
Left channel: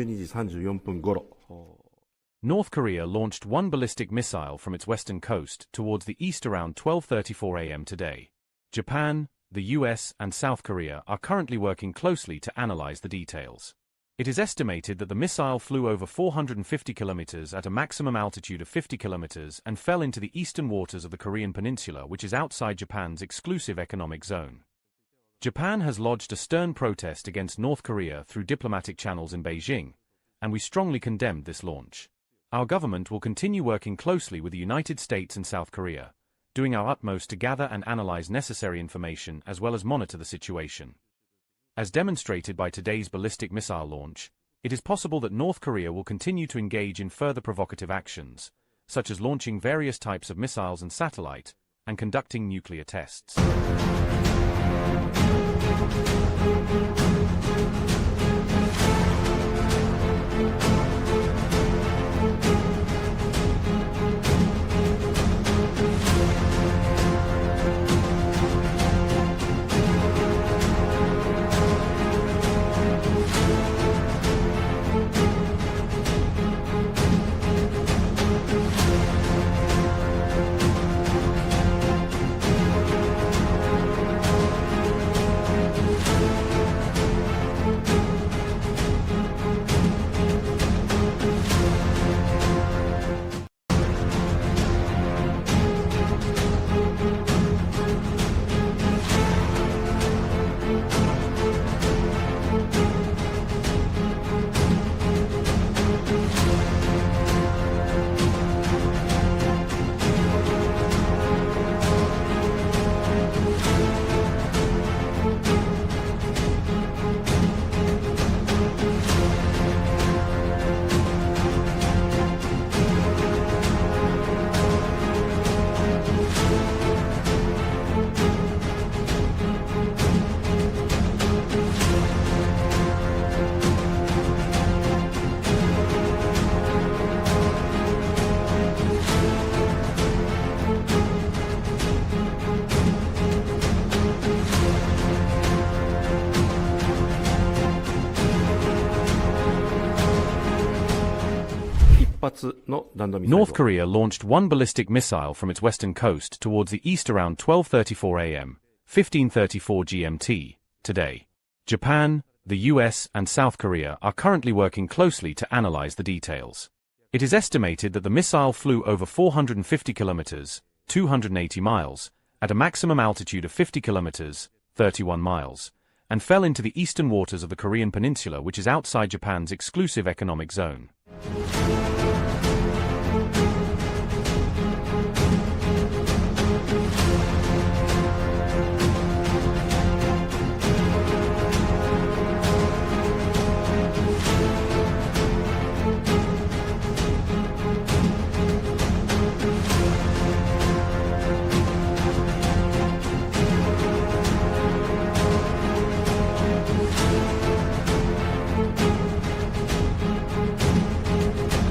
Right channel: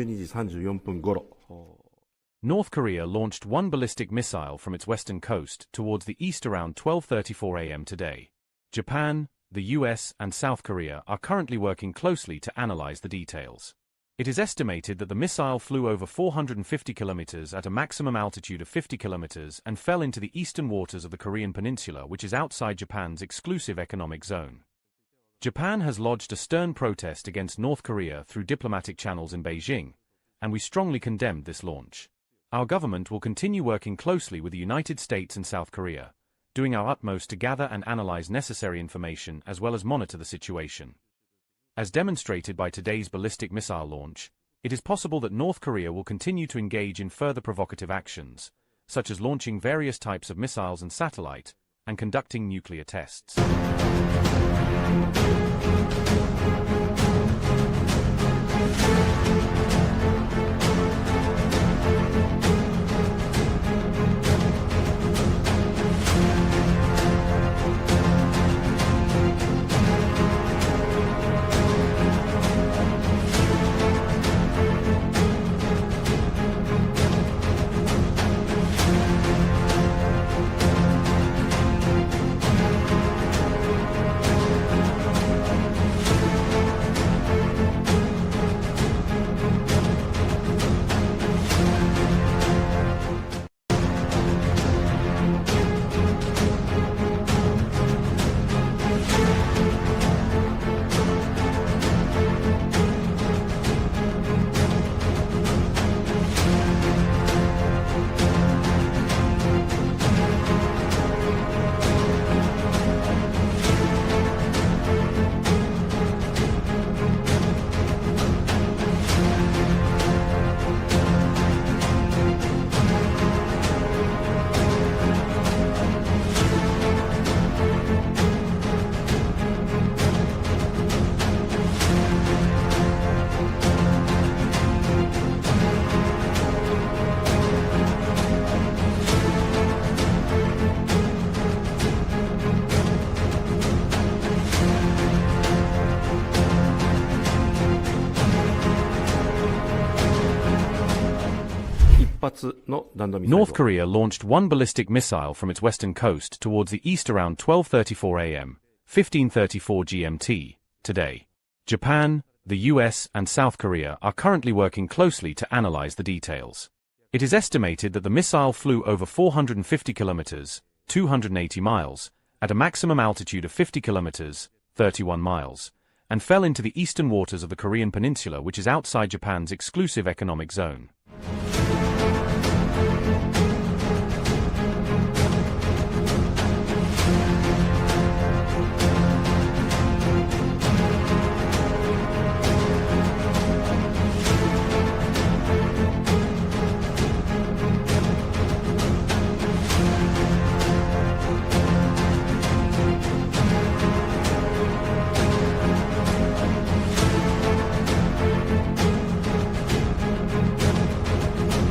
12時34分頃。 North Korea launched one ballistic missile from its western coast towards the east around 12:34 a.m. today. Japan, the U.S. and South Korea are currently working closely to analyze the details. It is estimated that the missile flew over 450 kilometers at a maximum altitude of 50 kilometers and fell into the eastern waters of the Korean peninsula, which is outside Japan's exclusive economic zone. Japan has lodged a stern protest against North Korea through diplomatic channels in Beijing, and we strongly condemned this launch. Our government will continue working closely with the United States and South Korea, doing our utmost to gather and analyze necessary information as well as monitor the situation. As demonstrated by today's ballistic missile launch, it is possible that North Korea will continue to engage in further provocative actions, such as launching various types of missiles and satellite, and conducting nuclear tests. North Korea launched one ballistic missile from its western coast towards the east around 12:34 a.m., 15:34 GMT, today. Japan, the U.S. and South Korea are currently working closely to analyze the details. It is estimated that the missile flew over 450 kilometers, 280 miles, at a maximum altitude of 50 kilometers, 31 miles, and fell into the eastern waters of the Korean peninsula, which is outside Japan's exclusive economic zone.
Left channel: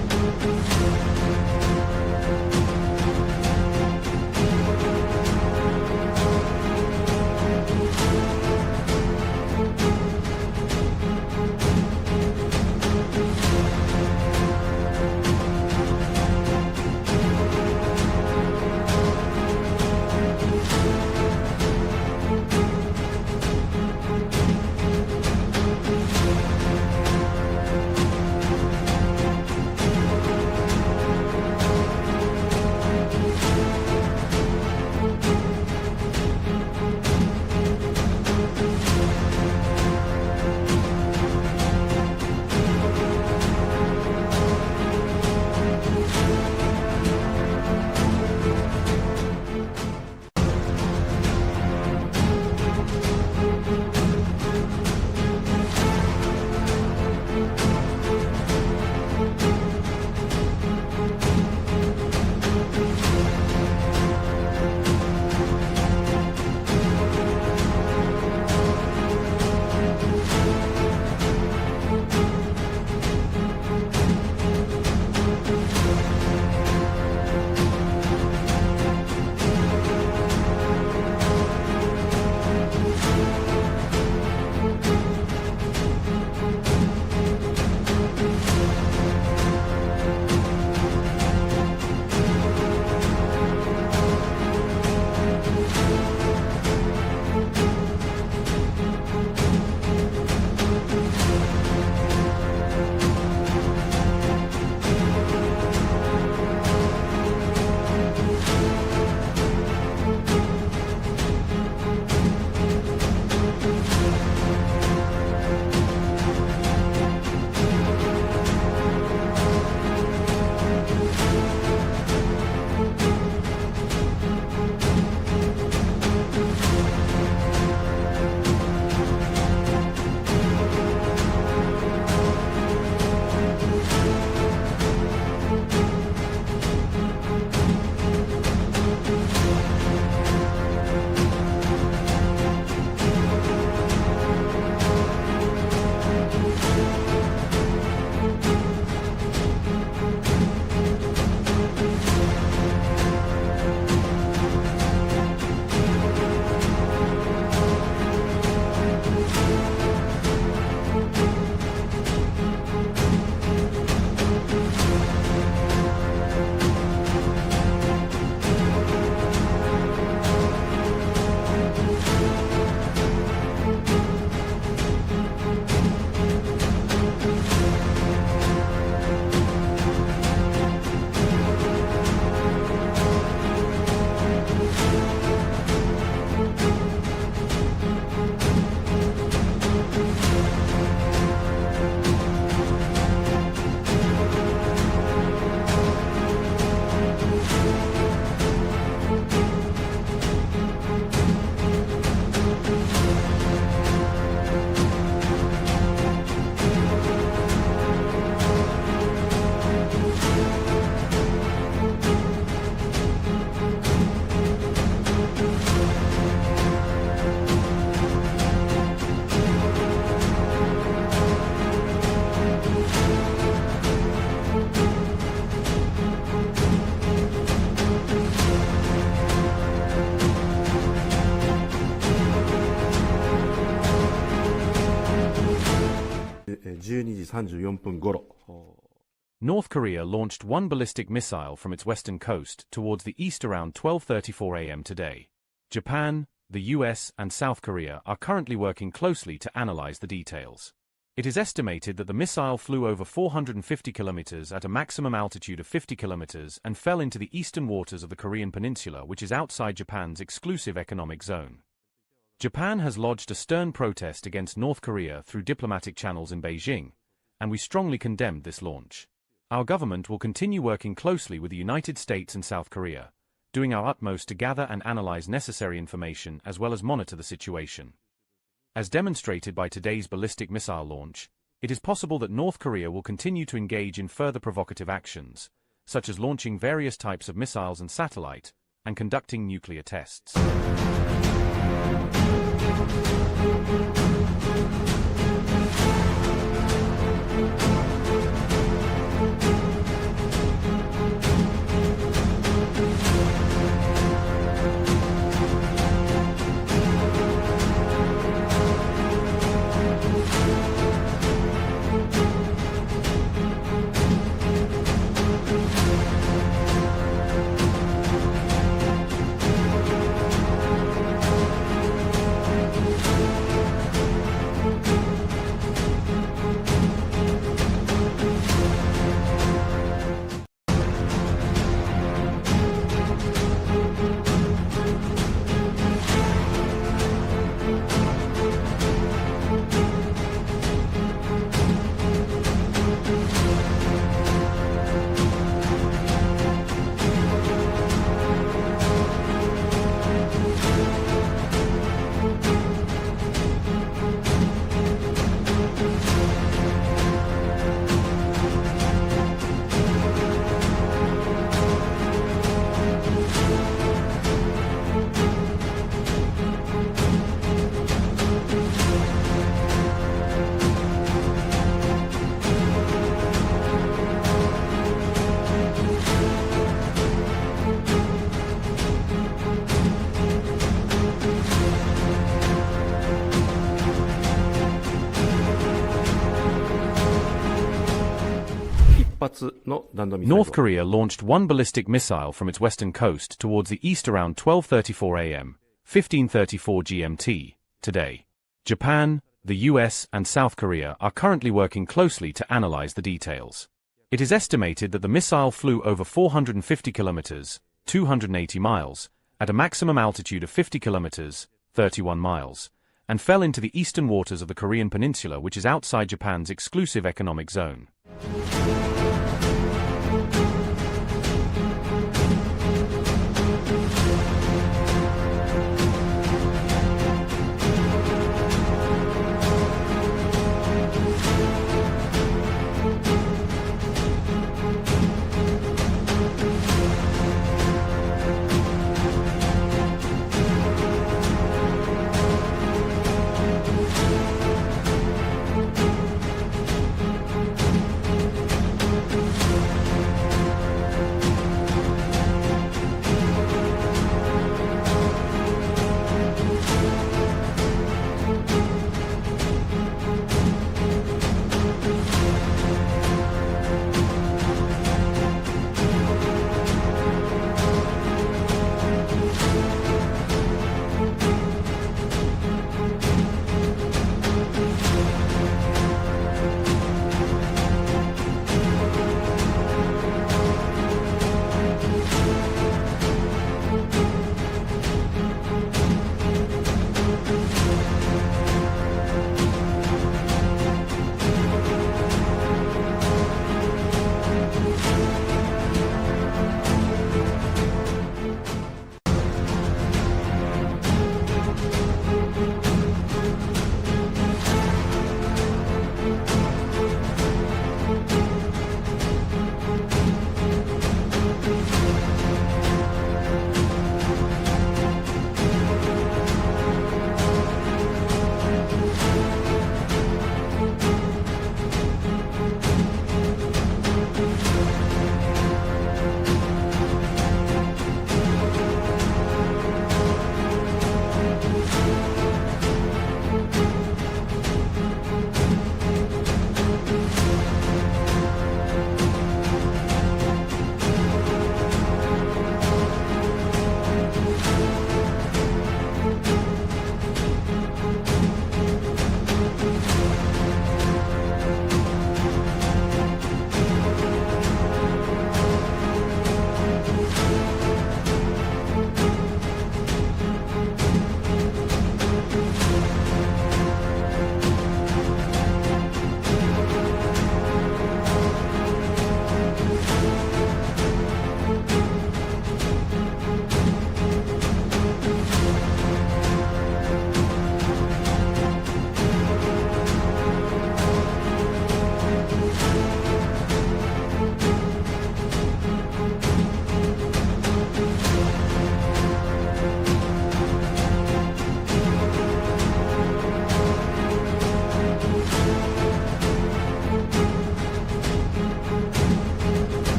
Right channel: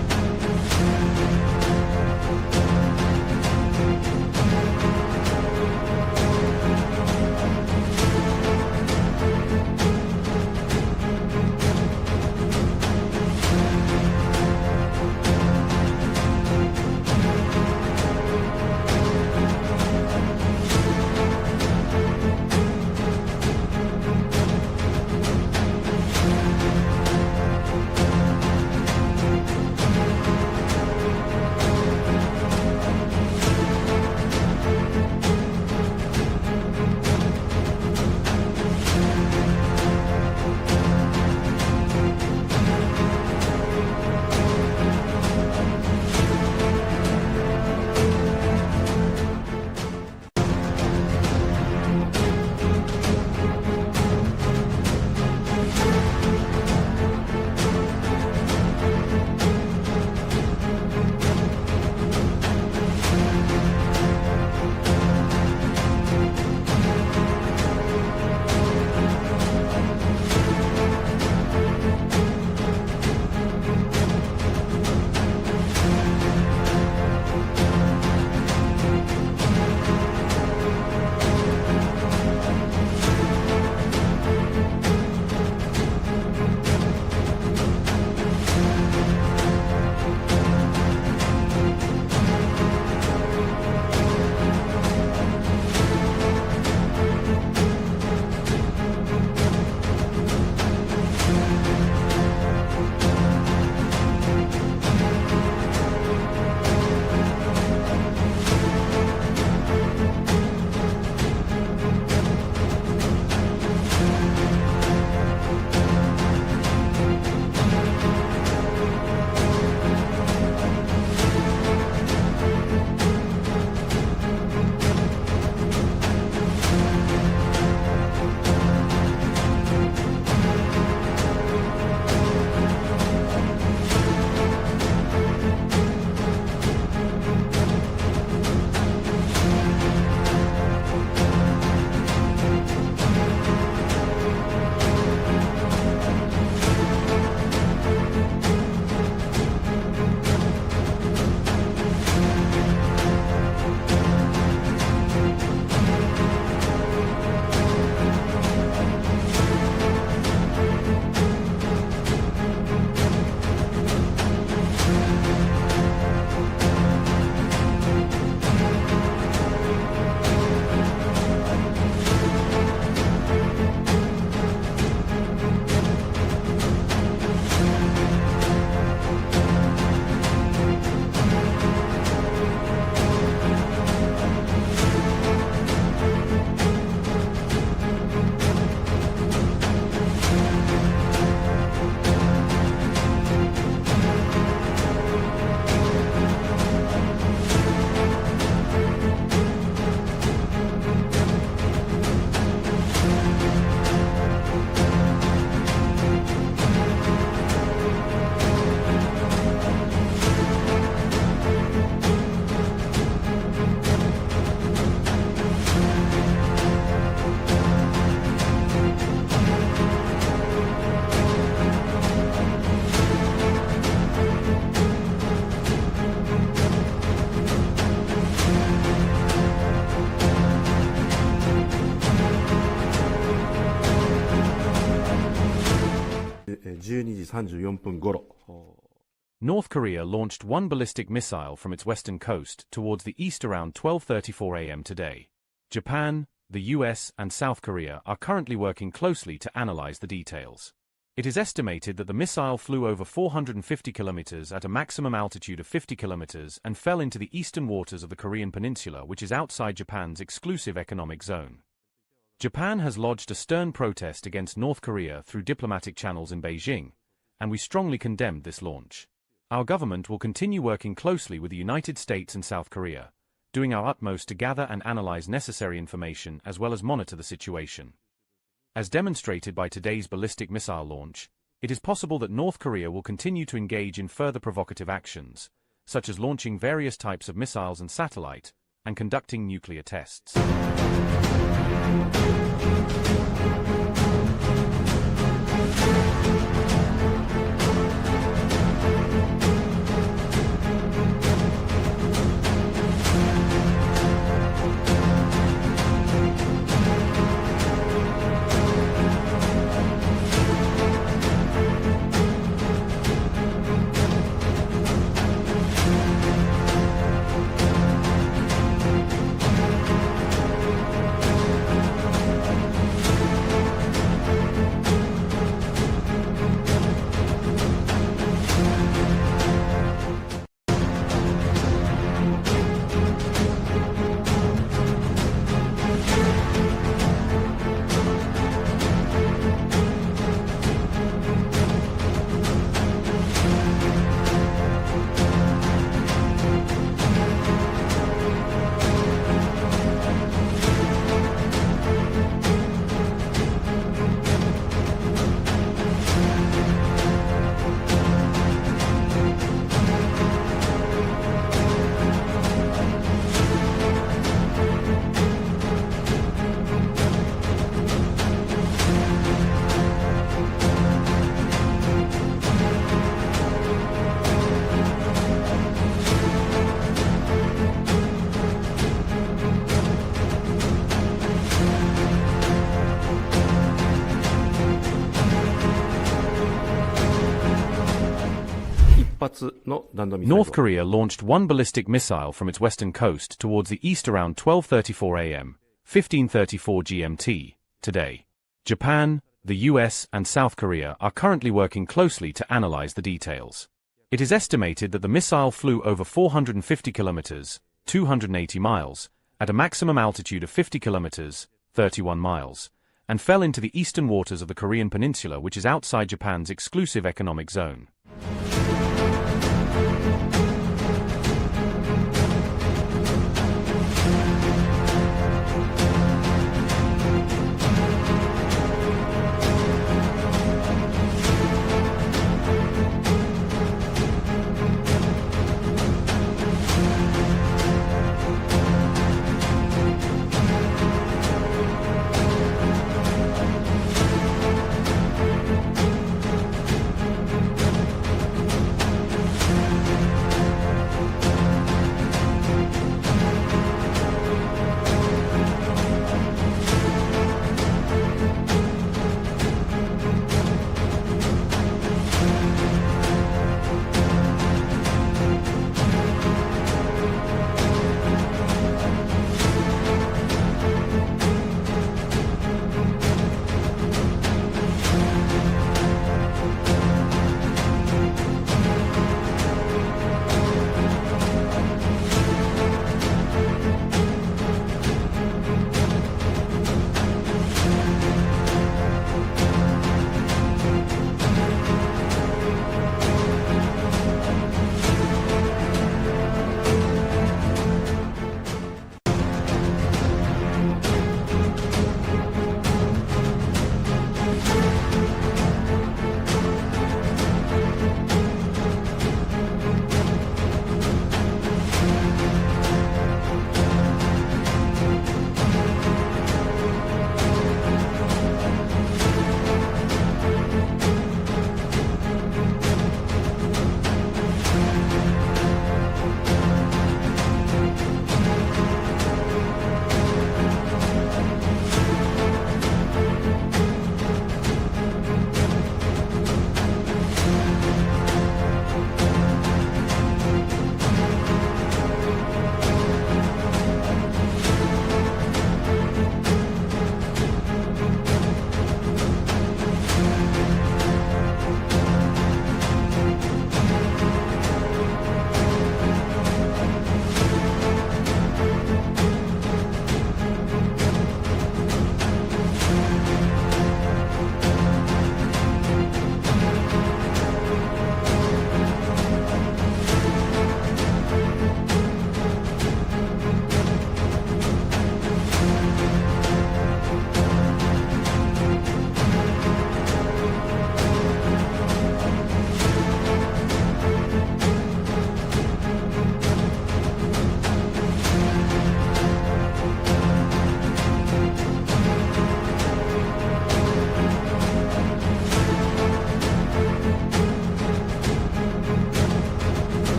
3時34分頃。 North Korea launched one ballistic missile from its western coast towards the east around 12:34 a.m. today. Japan, the U.S. and South Korea are currently working closely to analyze the details. It is estimated that the missile flew over 450 kilometers at a maximum altitude of 50 kilometers and fell into the eastern waters of the Korean peninsula, which is outside Japan's exclusive economic zone. Japan has lodged a stern protest against North Korea through diplomatic channels in Beijing, and we strongly condemned this launch. Our government will continue working closely with the United States and South Korea, doing our utmost to gather and analyze necessary information as well as monitor the situation. As demonstrated by today's ballistic missile launch, it is possible that North Korea will continue to engage in further provocative actions, such as launching various types of missiles and satellite, and conducting nuclear tests. North Korea launched one ballistic missile from its western coast towards the east around 12:34 a.m., 15:34 GMT, today. Japan, the U.S. and South Korea are currently working closely to analyze the details. It is estimated that the missile flew over 450 kilometers, 280 miles, at a maximum altitude of 50 kilometers, 31 miles, and fell into the eastern waters of the Korean peninsula, which is outside Japan's exclusive economic zone.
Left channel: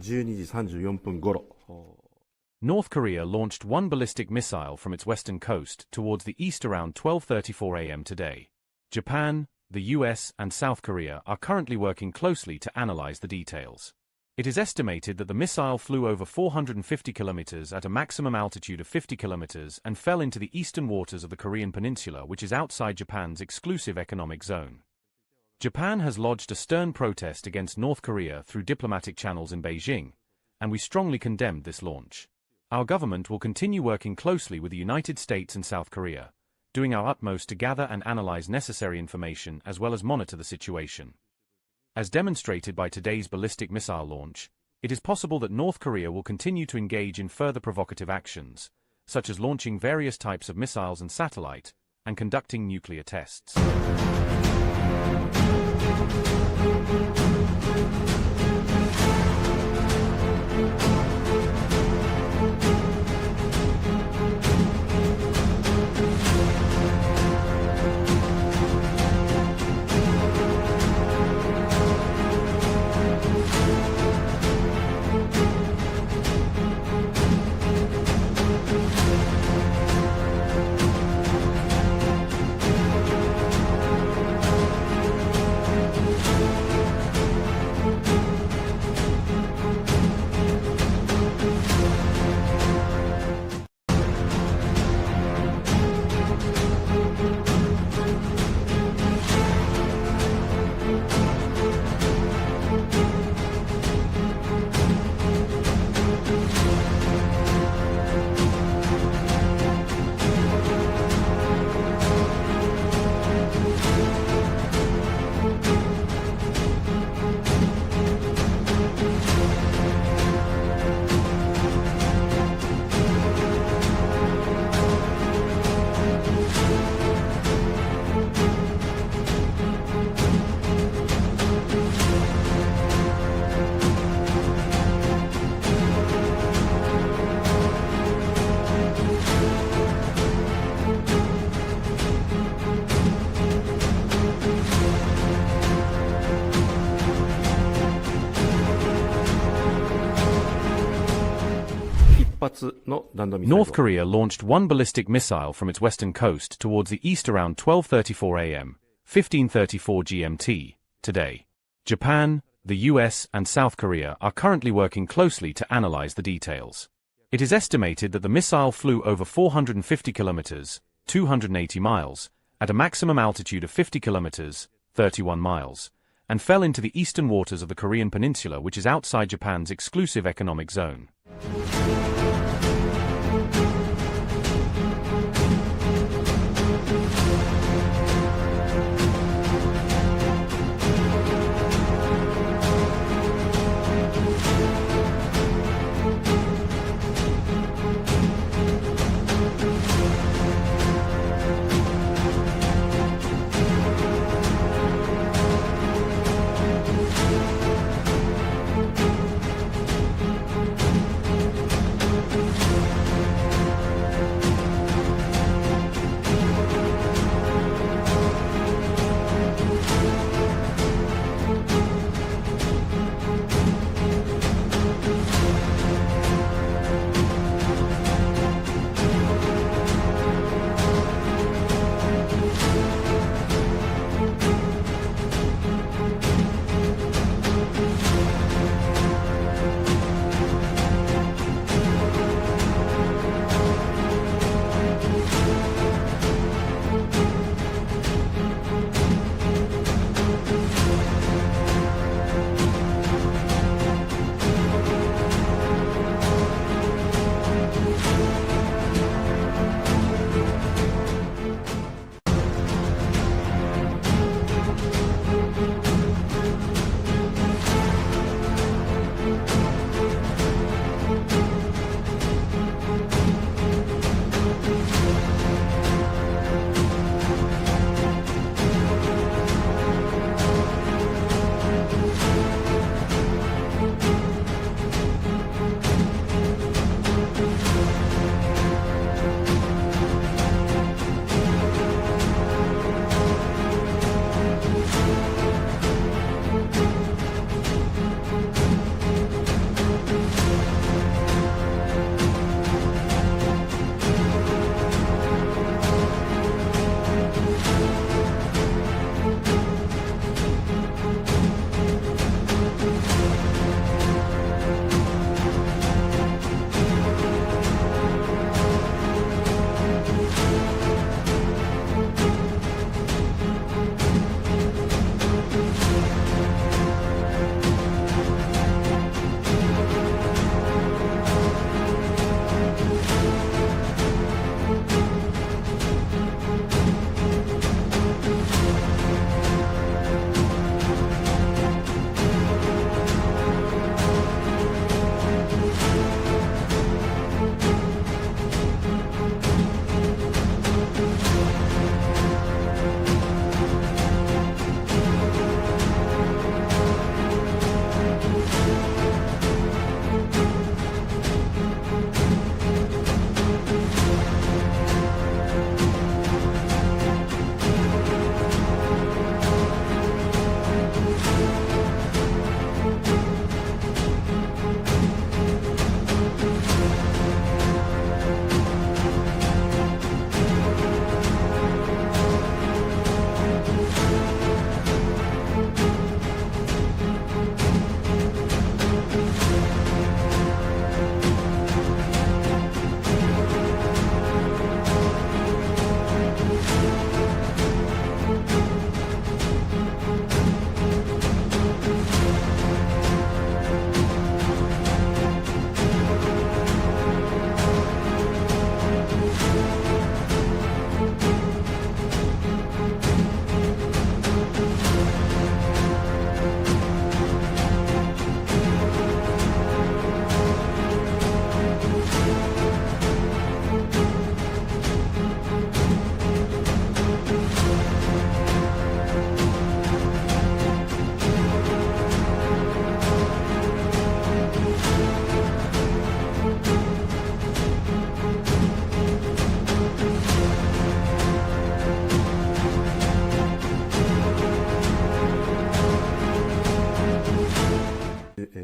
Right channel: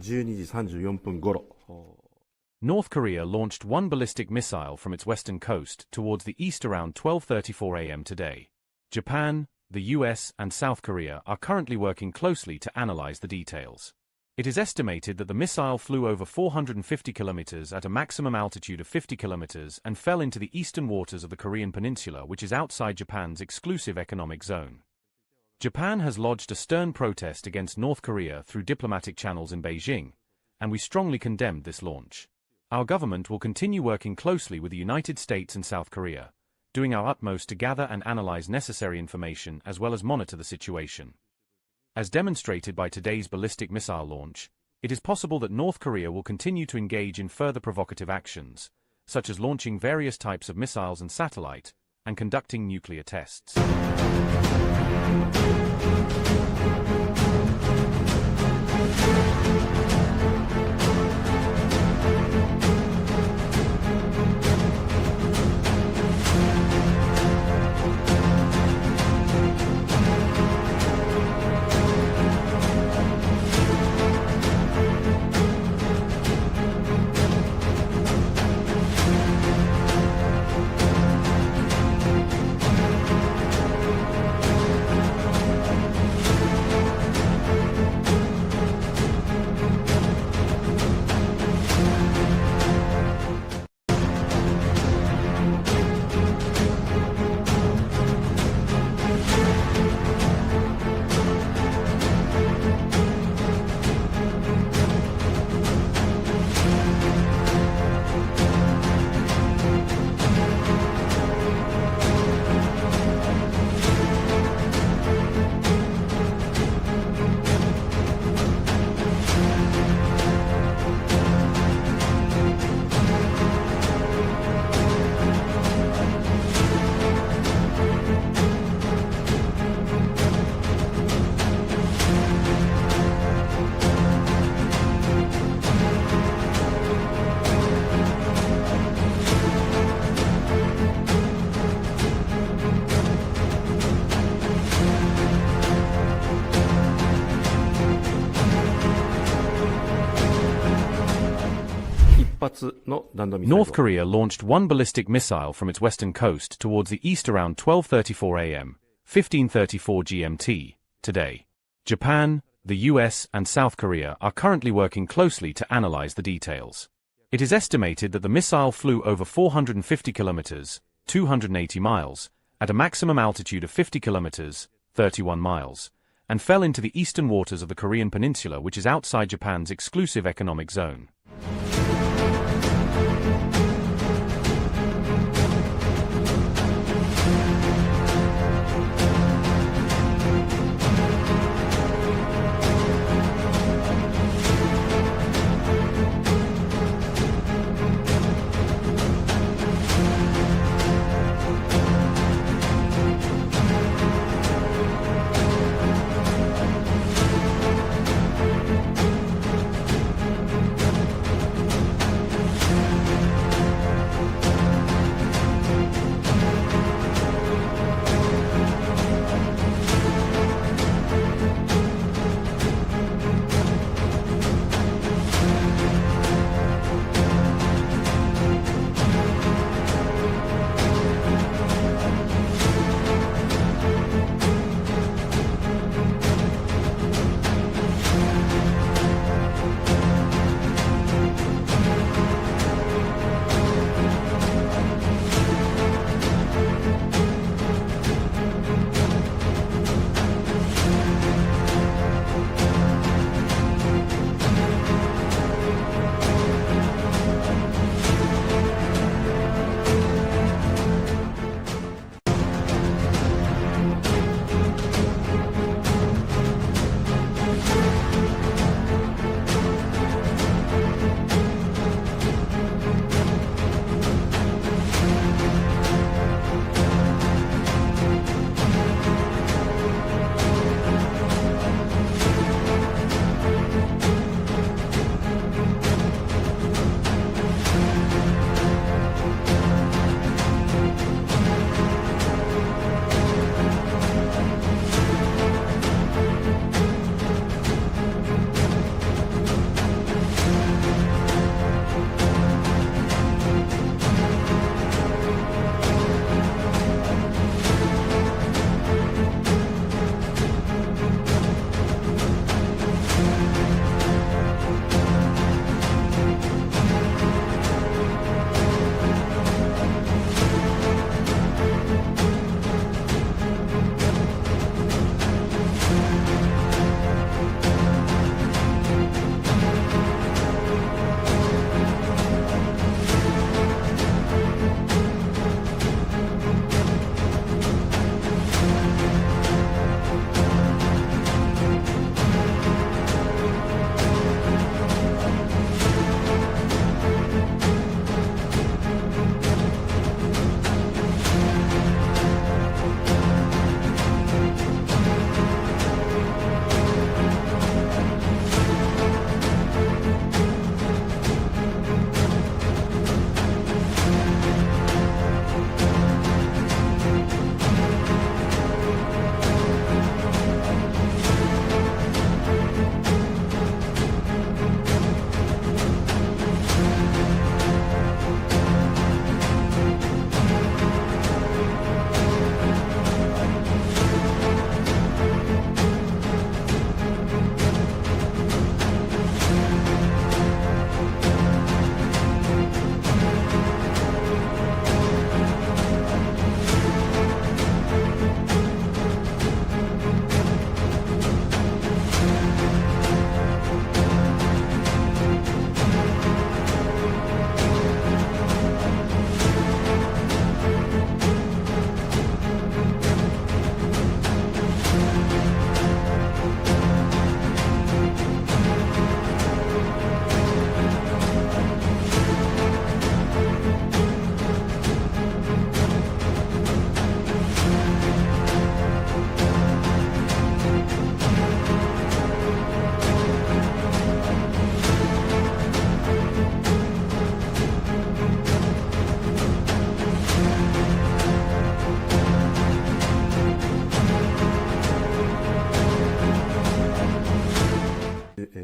12時34分頃。 North Korea launched one ballistic missile from its western coast towards the east around 12:34 a.m. today. Japan, the U.S. and South Korea are currently working closely to analyze the details. It is estimated that the missile flew over 450 kilometers at a maximum altitude of 50 kilometers and fell into the eastern waters of the Korean peninsula, which is outside Japan's exclusive economic zone. Japan has lodged a stern protest against North Korea through diplomatic channels in Beijing, and we strongly condemned this launch. Our government will continue working closely with the United States and South Korea, doing our utmost to gather and analyze necessary information as well as monitor the situation. As demonstrated by today's ballistic missile launch, it is possible that North Korea will continue to engage in further provocative actions, such as launching various types of missiles and satellite, and conducting nuclear tests. North Korea launched one ballistic missile from its western coast towards the east around 12:34 a.m., 15:34 GMT, today. Japan, the U.S. and South Korea are currently working closely to analyze the details. It is estimated that the missile flew over 450 kilometers, 280 miles, at a maximum altitude of 50 kilometers, 31 miles, and fell into the eastern waters of the Korean peninsula, which is outside Japan's exclusive economic zone.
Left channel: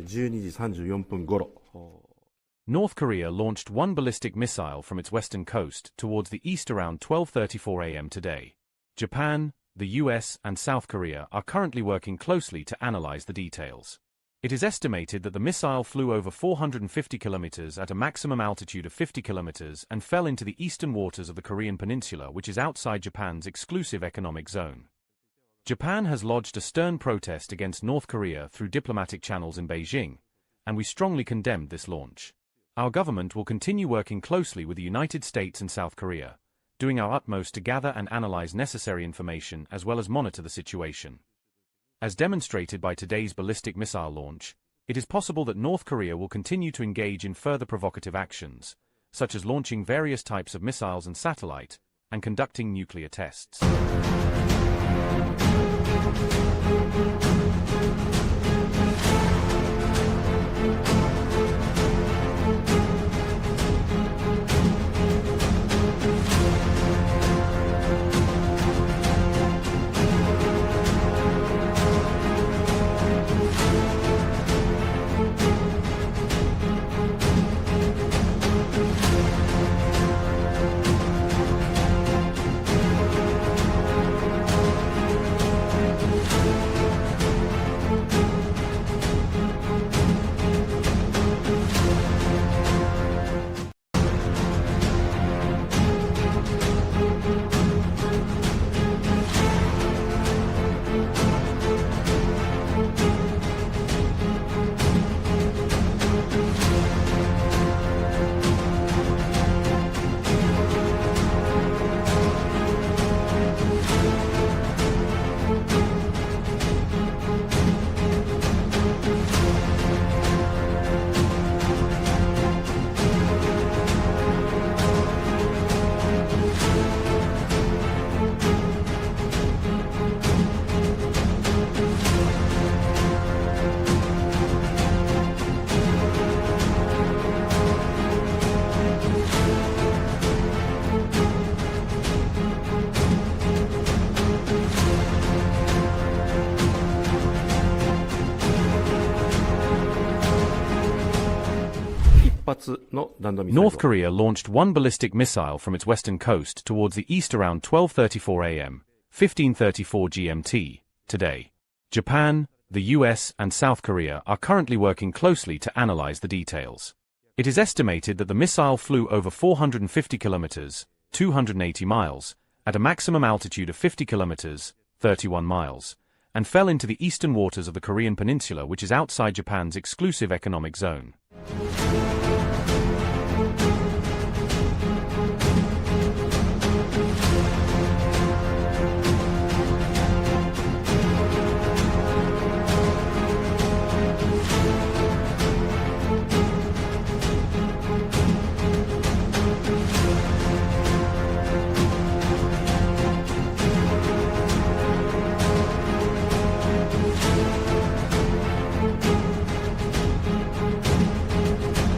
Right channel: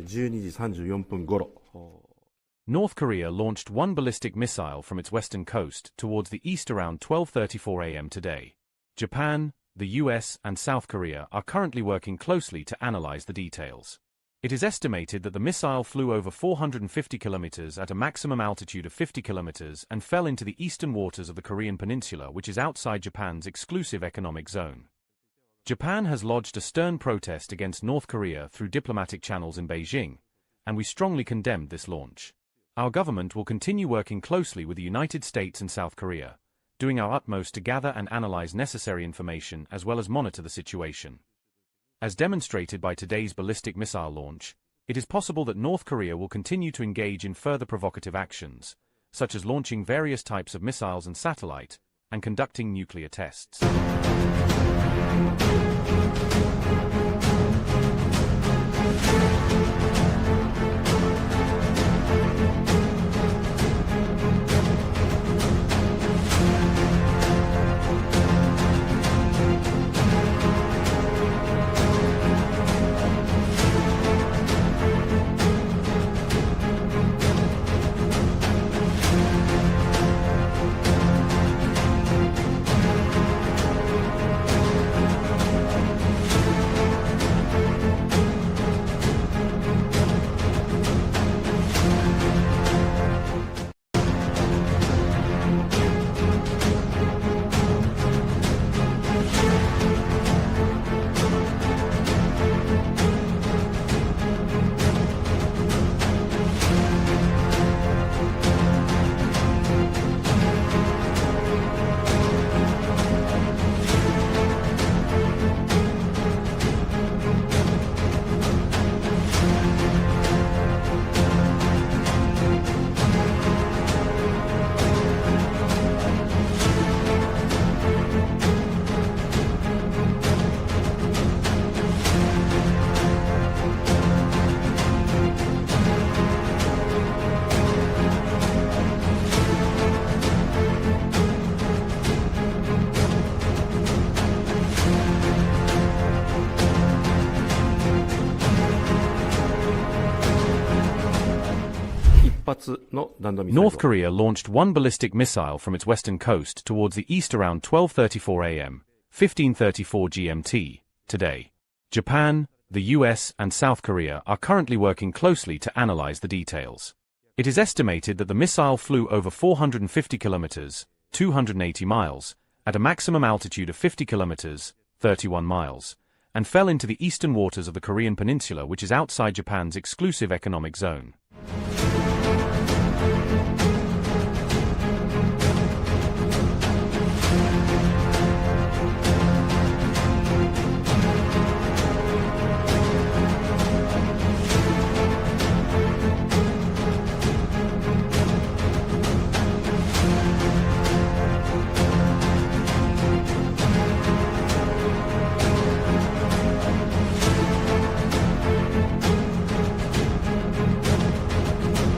12時34分頃。 North Korea launched one ballistic missile from its western coast towards the east around 12:34 a.m. today. Japan, the U.S. and South Korea are currently working closely to analyze the details. It is estimated that the missile flew over 450 kilometers at a maximum altitude of 50 kilometers and fell into the eastern waters of the Korean peninsula, which is outside Japan's exclusive economic zone. Japan has lodged a stern protest against North Korea through diplomatic channels in Beijing, and we strongly condemned this launch. Our government will continue working closely with the United States and South Korea, doing our utmost to gather and analyze necessary information as well as monitor the situation. As demonstrated by today's ballistic missile launch, it is possible that North Korea will continue to engage in further provocative actions, such as launching various types of missiles and satellite, and conducting nuclear tests. North Korea launched one ballistic missile from its western coast towards the east around 12:34 a.m., 15:34 GMT, today. Japan, the U.S. and South Korea are currently working closely to analyze the details. It is estimated that the missile flew over 450 kilometers, 280 miles, at a maximum altitude of 50 kilometers, 31 miles, and fell into the eastern waters of the Korean peninsula, which is outside Japan's exclusive economic zone.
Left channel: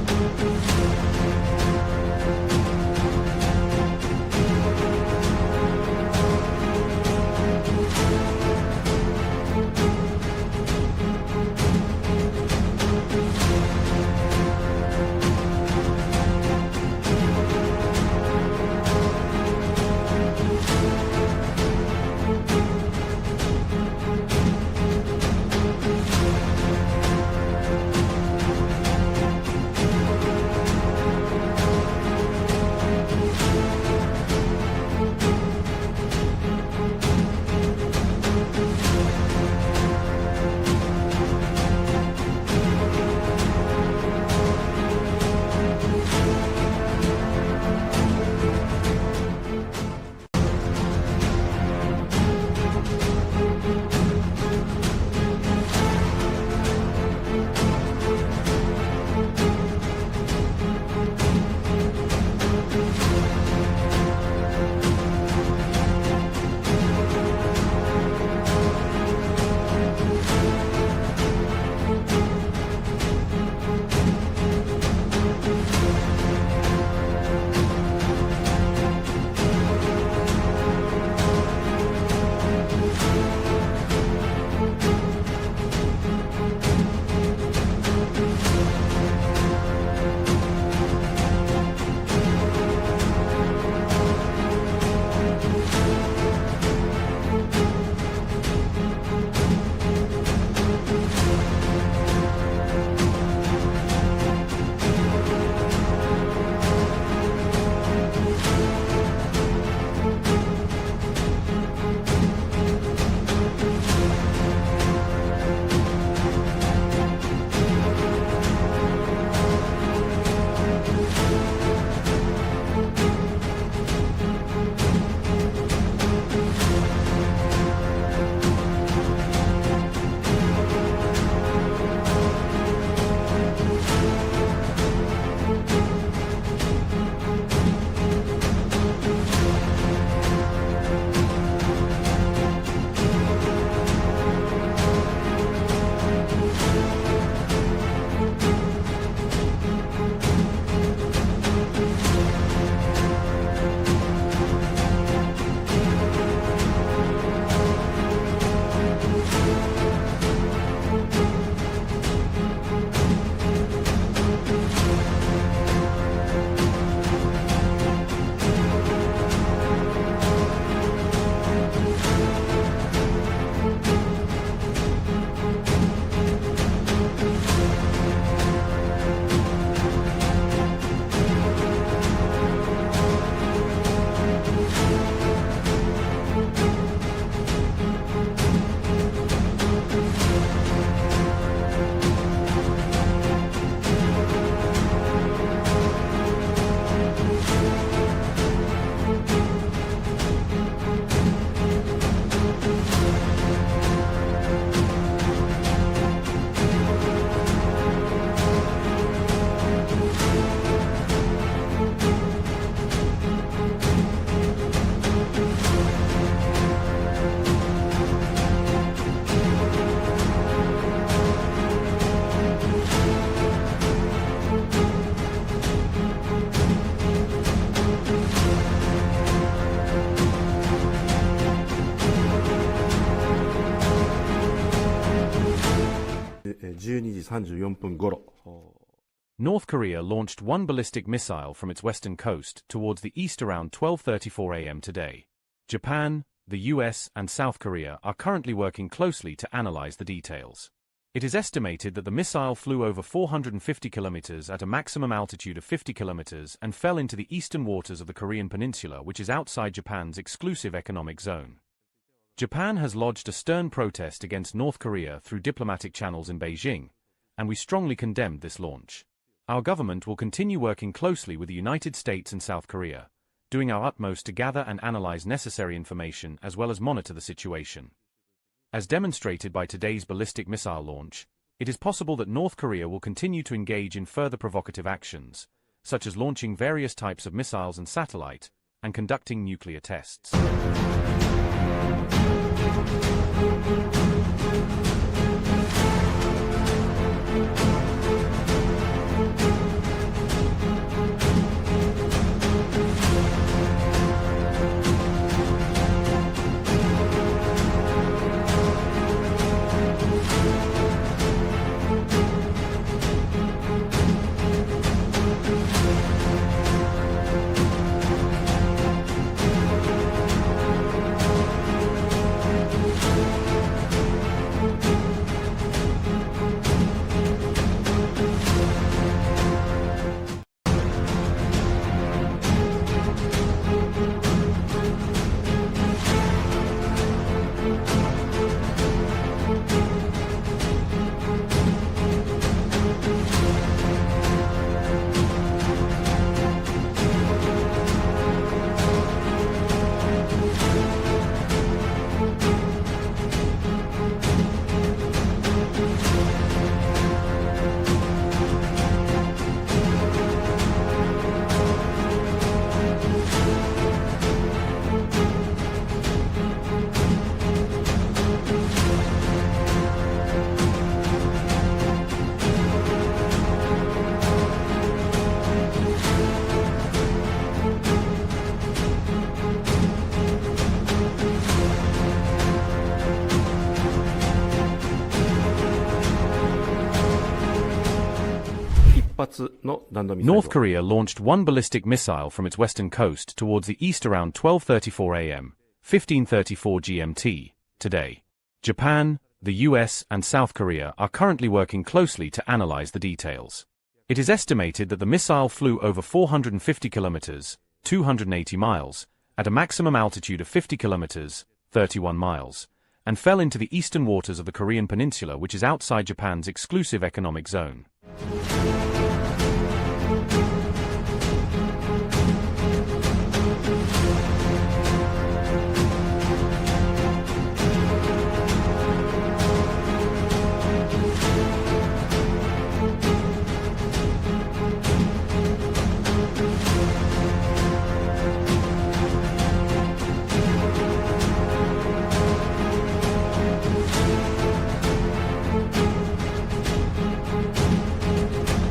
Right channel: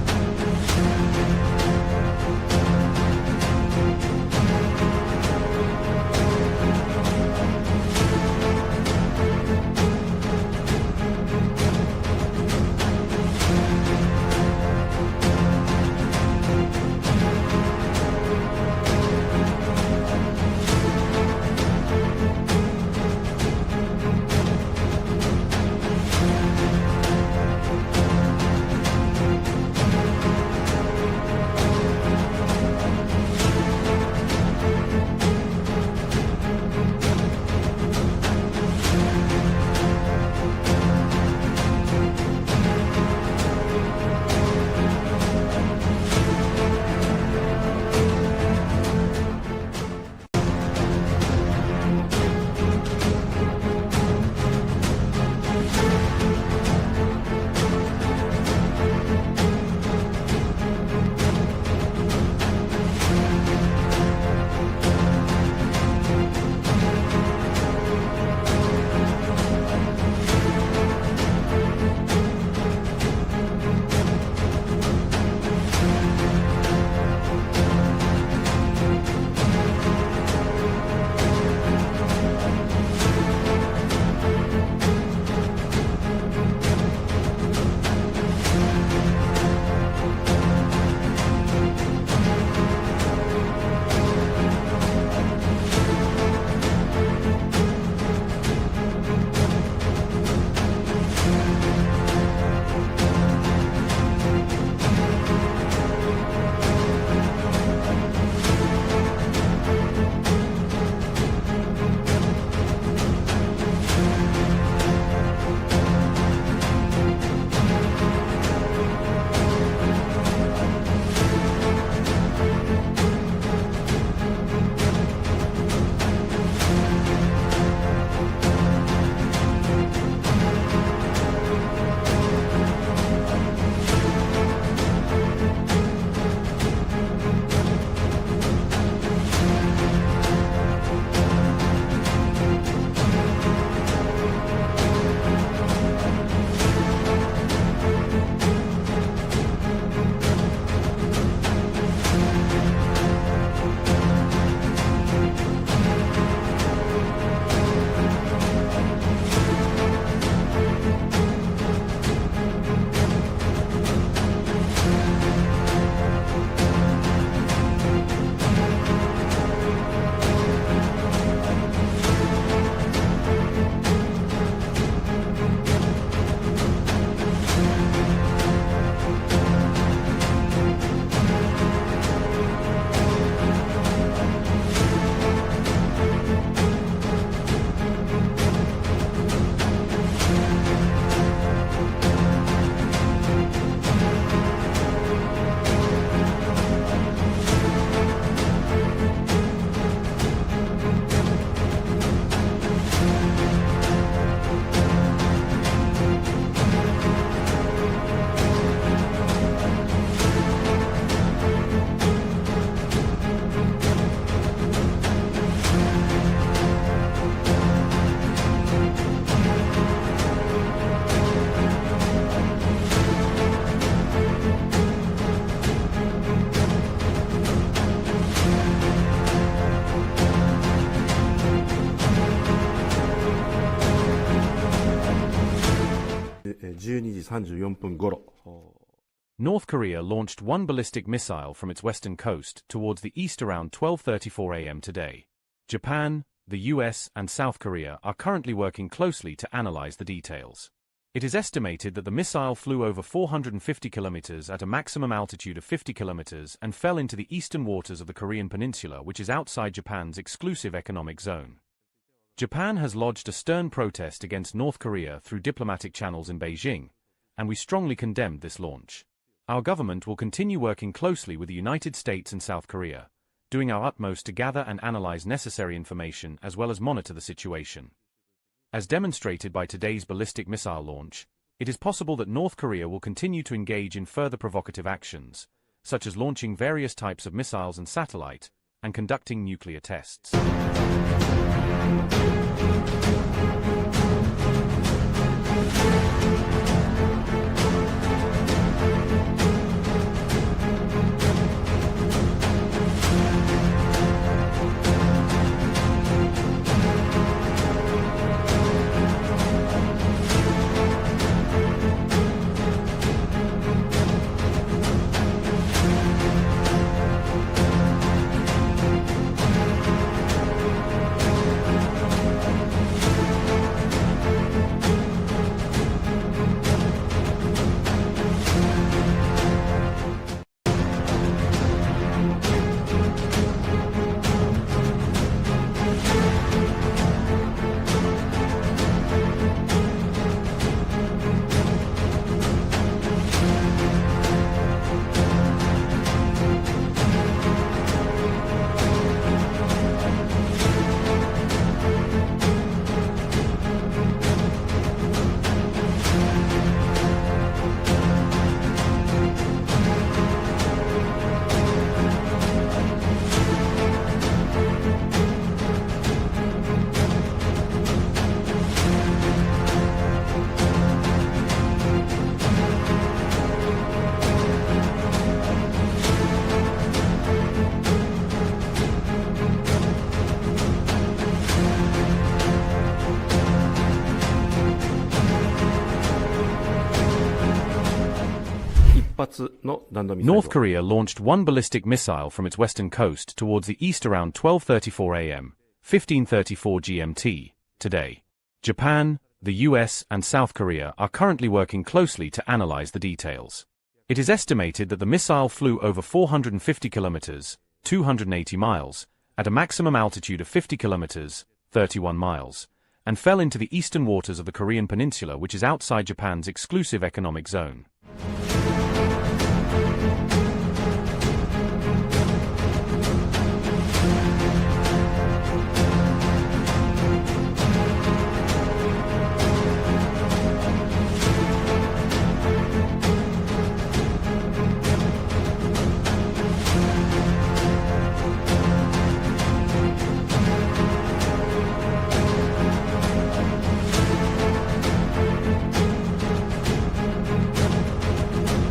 12時34分頃。 North Korea launched one ballistic missile from its western coast towards the east around 12:34 a.m. today. Japan, the U.S. and South Korea are currently working closely to analyze the details. It is estimated that the missile flew over 450 kilometers at a maximum altitude of 50 kilometers and fell into the eastern waters of the Korean peninsula, which is outside Japan's exclusive economic zone. Japan has lodged a stern protest against North Korea through diplomatic channels in Beijing, and we strongly condemned this launch. Our government will continue working closely with the United States and South Korea, doing our utmost to gather and analyze necessary information as well as monitor the situation. As demonstrated by today's ballistic missile launch, it is possible that North Korea will continue to engage in further provocative actions, such as launching various types of missiles and satellite, and conducting nuclear tests. North Korea launched one ballistic missile from its western coast towards the east around 12:34 a.m., 15:34 GMT, today. Japan, the U.S. and South Korea are currently working closely to analyze the details. It is estimated that the missile flew over 450 kilometers, 280 miles, at a maximum altitude of 50 kilometers, 31 miles, and fell into the eastern waters of the Korean peninsula, which is outside Japan's exclusive economic zone.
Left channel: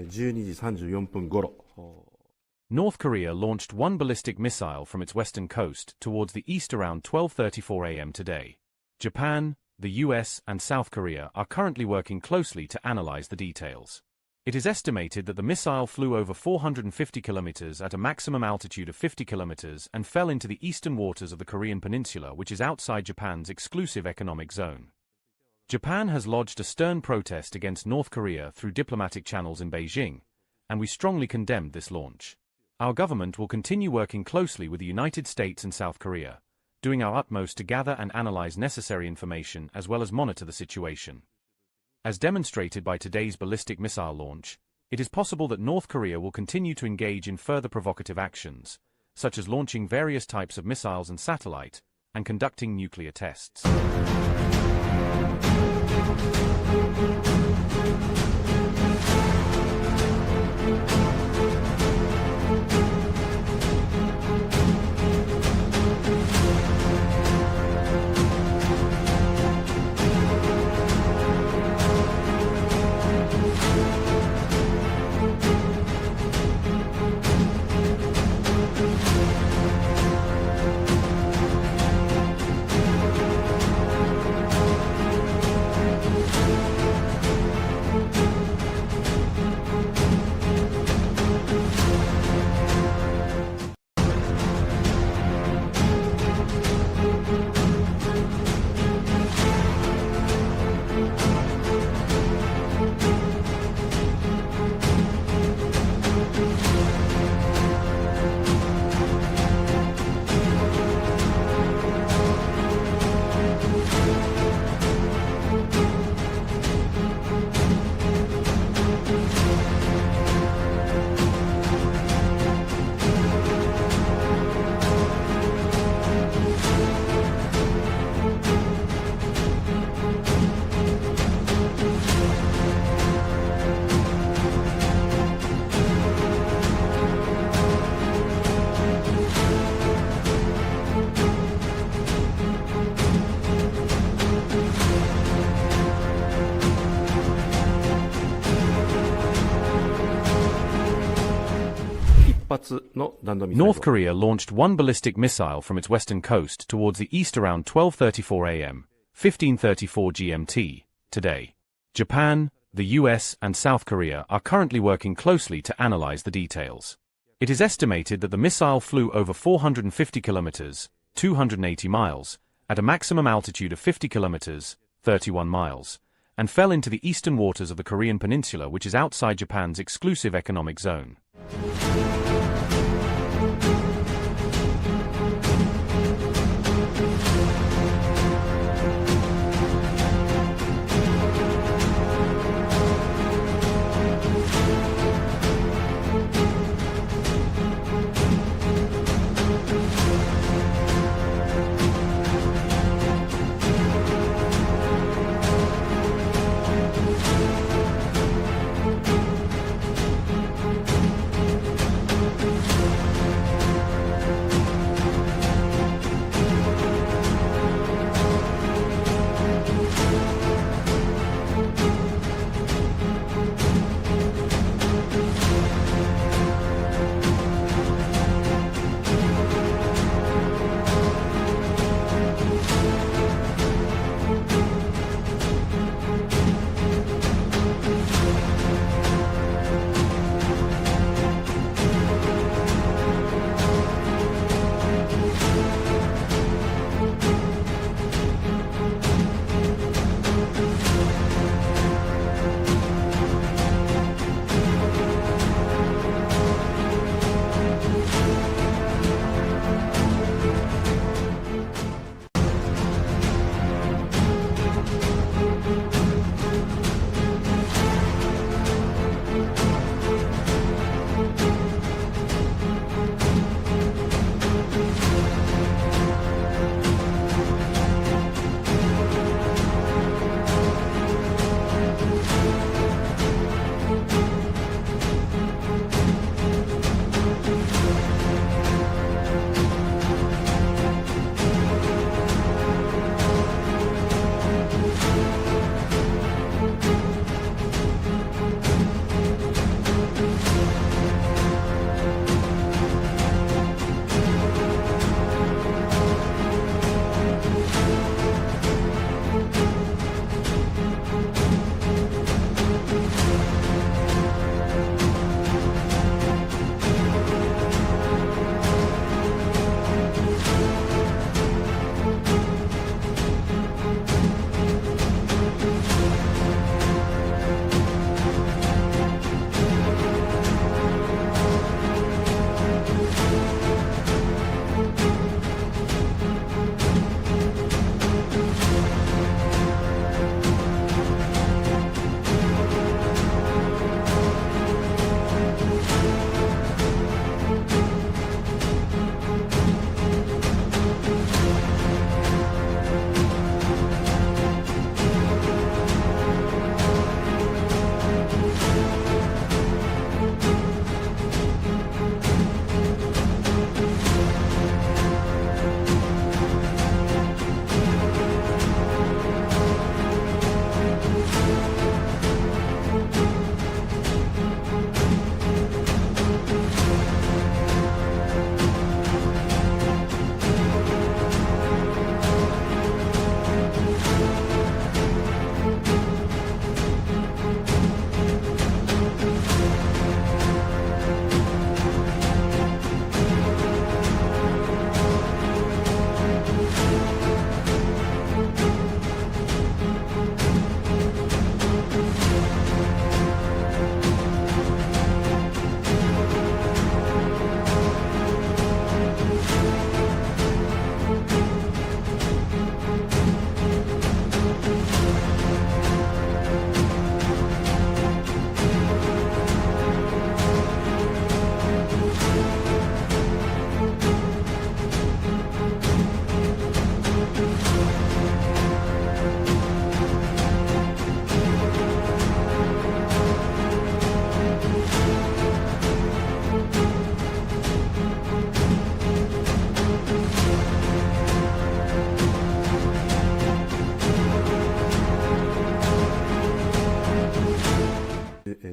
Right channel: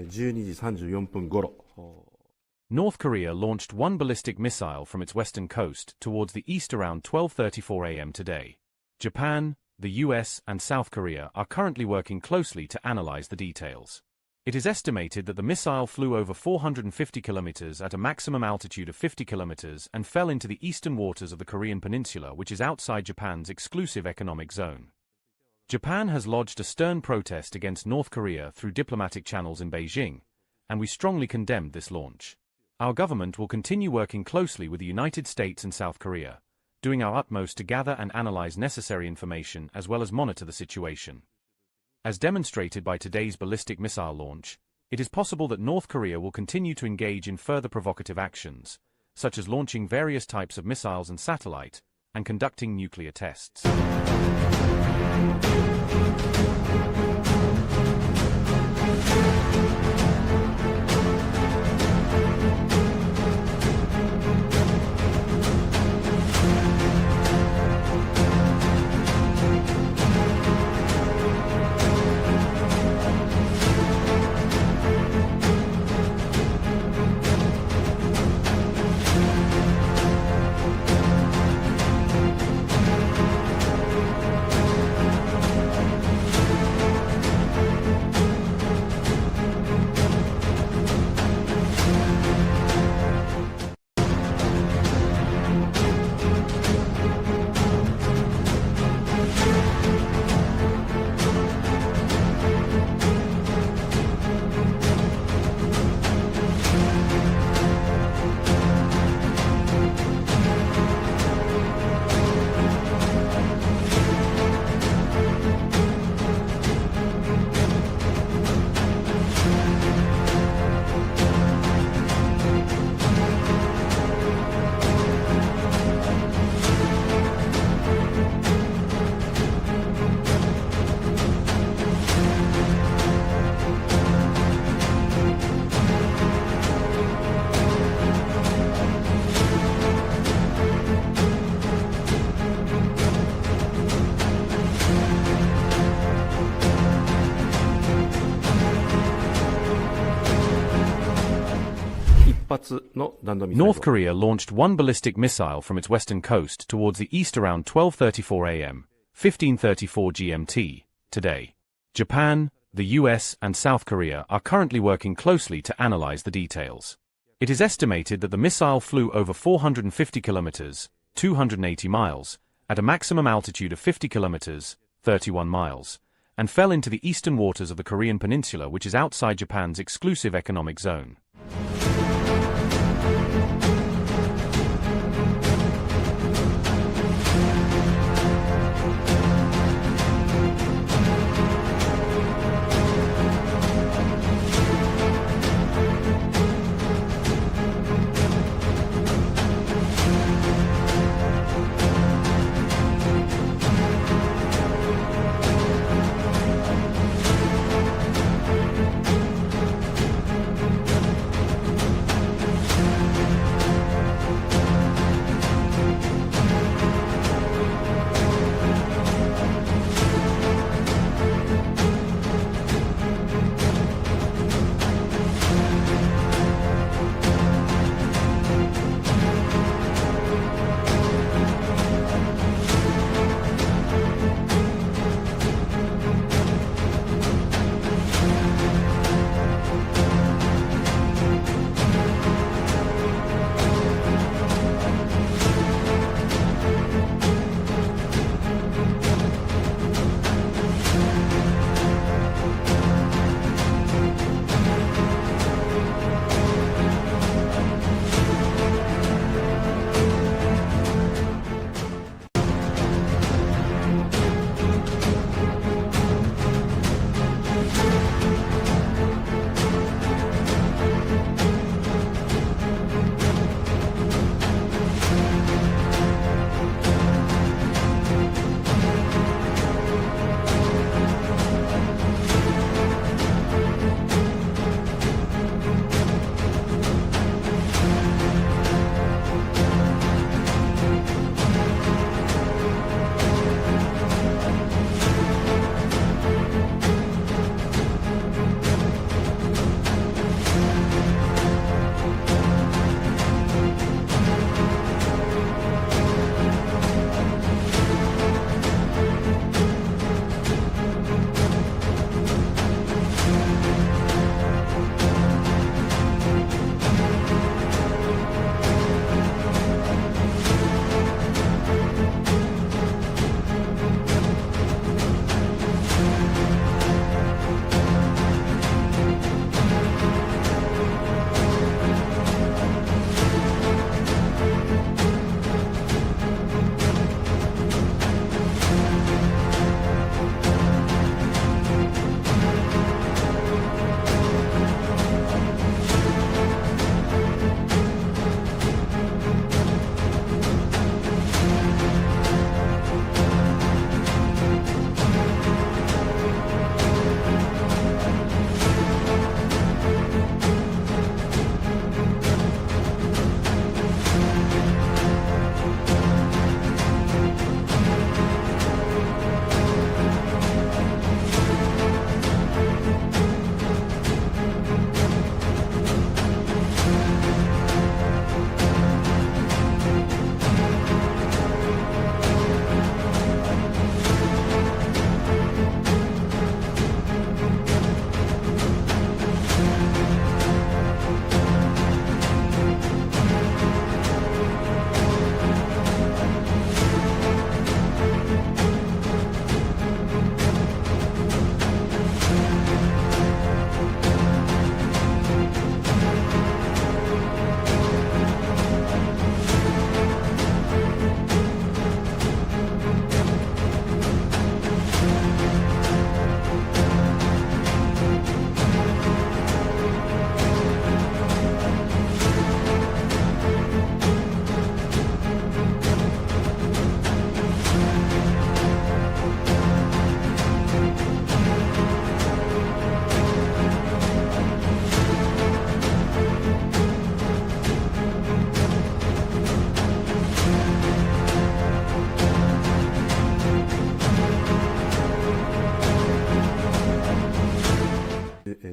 12時34分頃、 North Korea launched one ballistic missile from its western coast towards the east around 12:34 a.m. today. Japan, the U.S. and South Korea are currently working closely to analyze the details. It is estimated that the missile flew over 450 kilometers at a maximum altitude of 50 kilometers and fell into the eastern waters of the Korean peninsula, which is outside Japan's exclusive economic zone. Japan has lodged a stern protest against North Korea through diplomatic channels in Beijing, and we strongly condemned this launch. Our government will continue working closely with the United States and South Korea, doing our utmost to gather and analyze necessary information as well as monitor the situation. As demonstrated by today's ballistic missile launch, it is possible that North Korea will continue to engage in further provocative actions, such as launching various types of missiles and satellite, and conducting nuclear tests. North Korea launched one ballistic missile from its western coast towards the east around 12:34 a.m., 15:34 GMT, today. Japan, the U.S. and South Korea are currently working closely to analyze the details. It is estimated that the missile flew over 450 kilometers, 280 miles, at a maximum altitude of 50 kilometers, 31 miles, and fell into the eastern waters of the Korean peninsula, which is outside Japan's exclusive economic zone.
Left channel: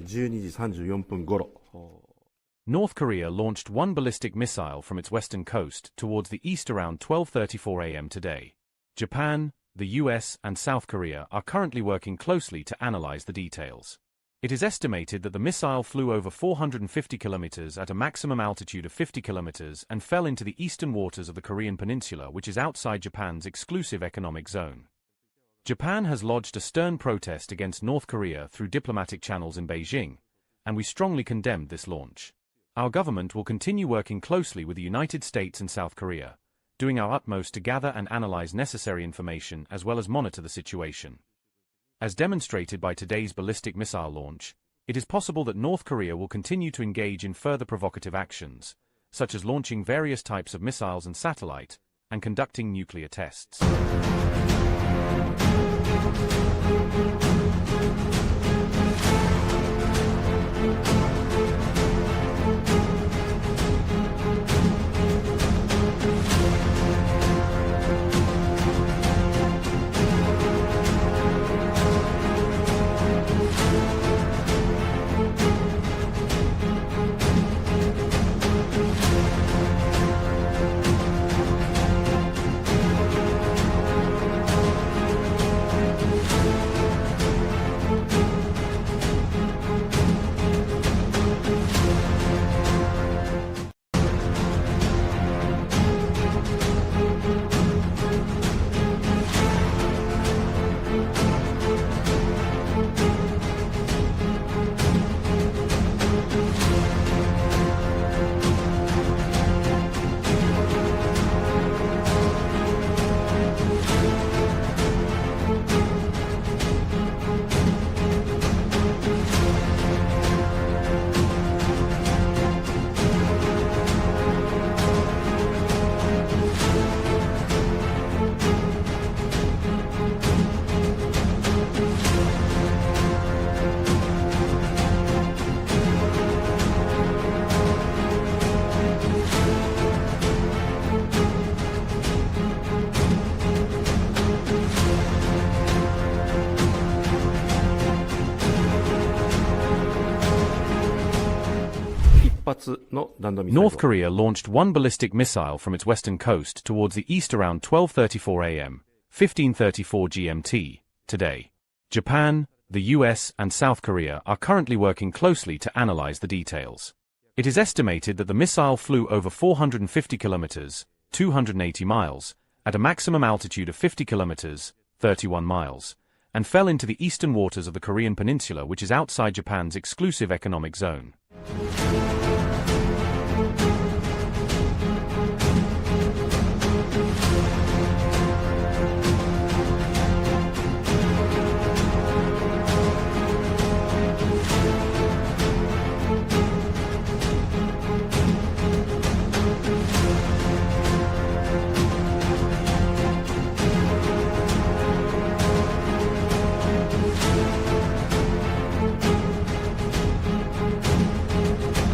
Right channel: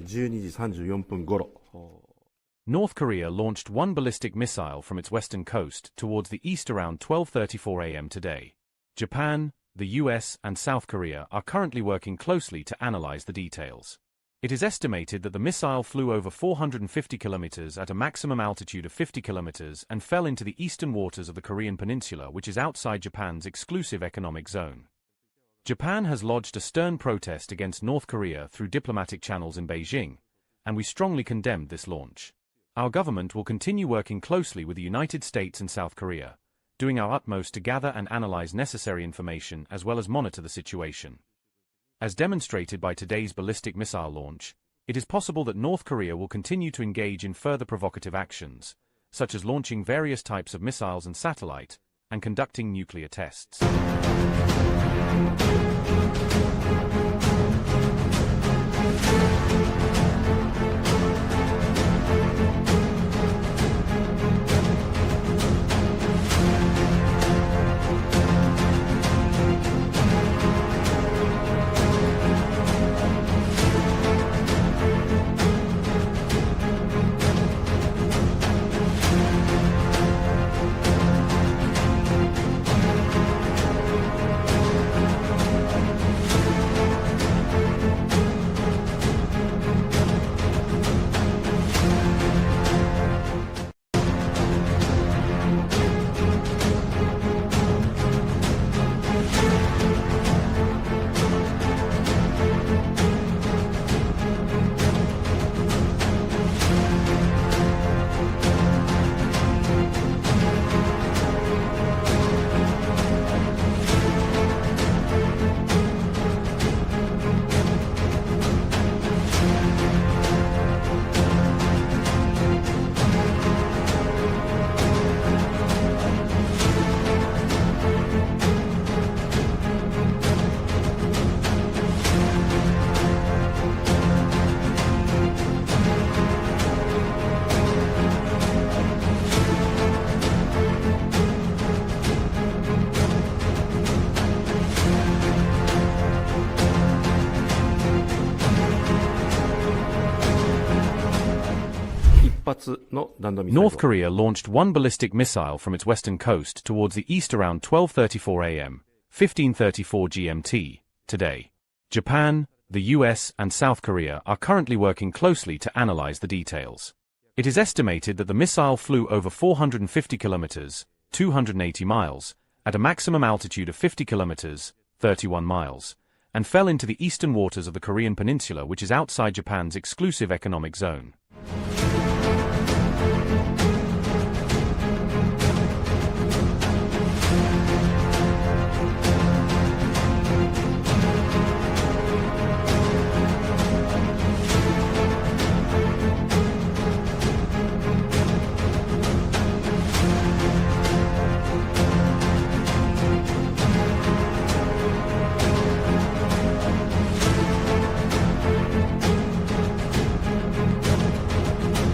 12時34分頃。 North Korea launched one ballistic missile from its western coast towards the east around 12:34 a.m. today. Japan, the U.S. and South Korea are currently working closely to analyze the details. It is estimated that the missile flew over 450 kilometers at a maximum altitude of 50 kilometers and fell into the eastern waters of the Korean peninsula, which is outside Japan's exclusive economic zone. Japan has lodged a stern protest against North Korea through diplomatic channels in Beijing, and we strongly condemned this launch. Our government will continue working closely with the United States and South Korea, doing our utmost to gather and analyze necessary information as well as monitor the situation. As demonstrated by today's ballistic missile launch, it is possible that North Korea will continue to engage in further provocative actions, such as launching various types of missiles and satellite, and conducting nuclear tests. North Korea launched one ballistic missile from its western coast towards the east around 12:34 a.m., 15:34 GMT, today. Japan, the U.S. and South Korea are currently working closely to analyze the details. It is estimated that the missile flew over 450 kilometers, 280 miles, at a maximum altitude of 50 kilometers, 31 miles, and fell into the eastern waters of the Korean peninsula, which is outside Japan's exclusive economic zone.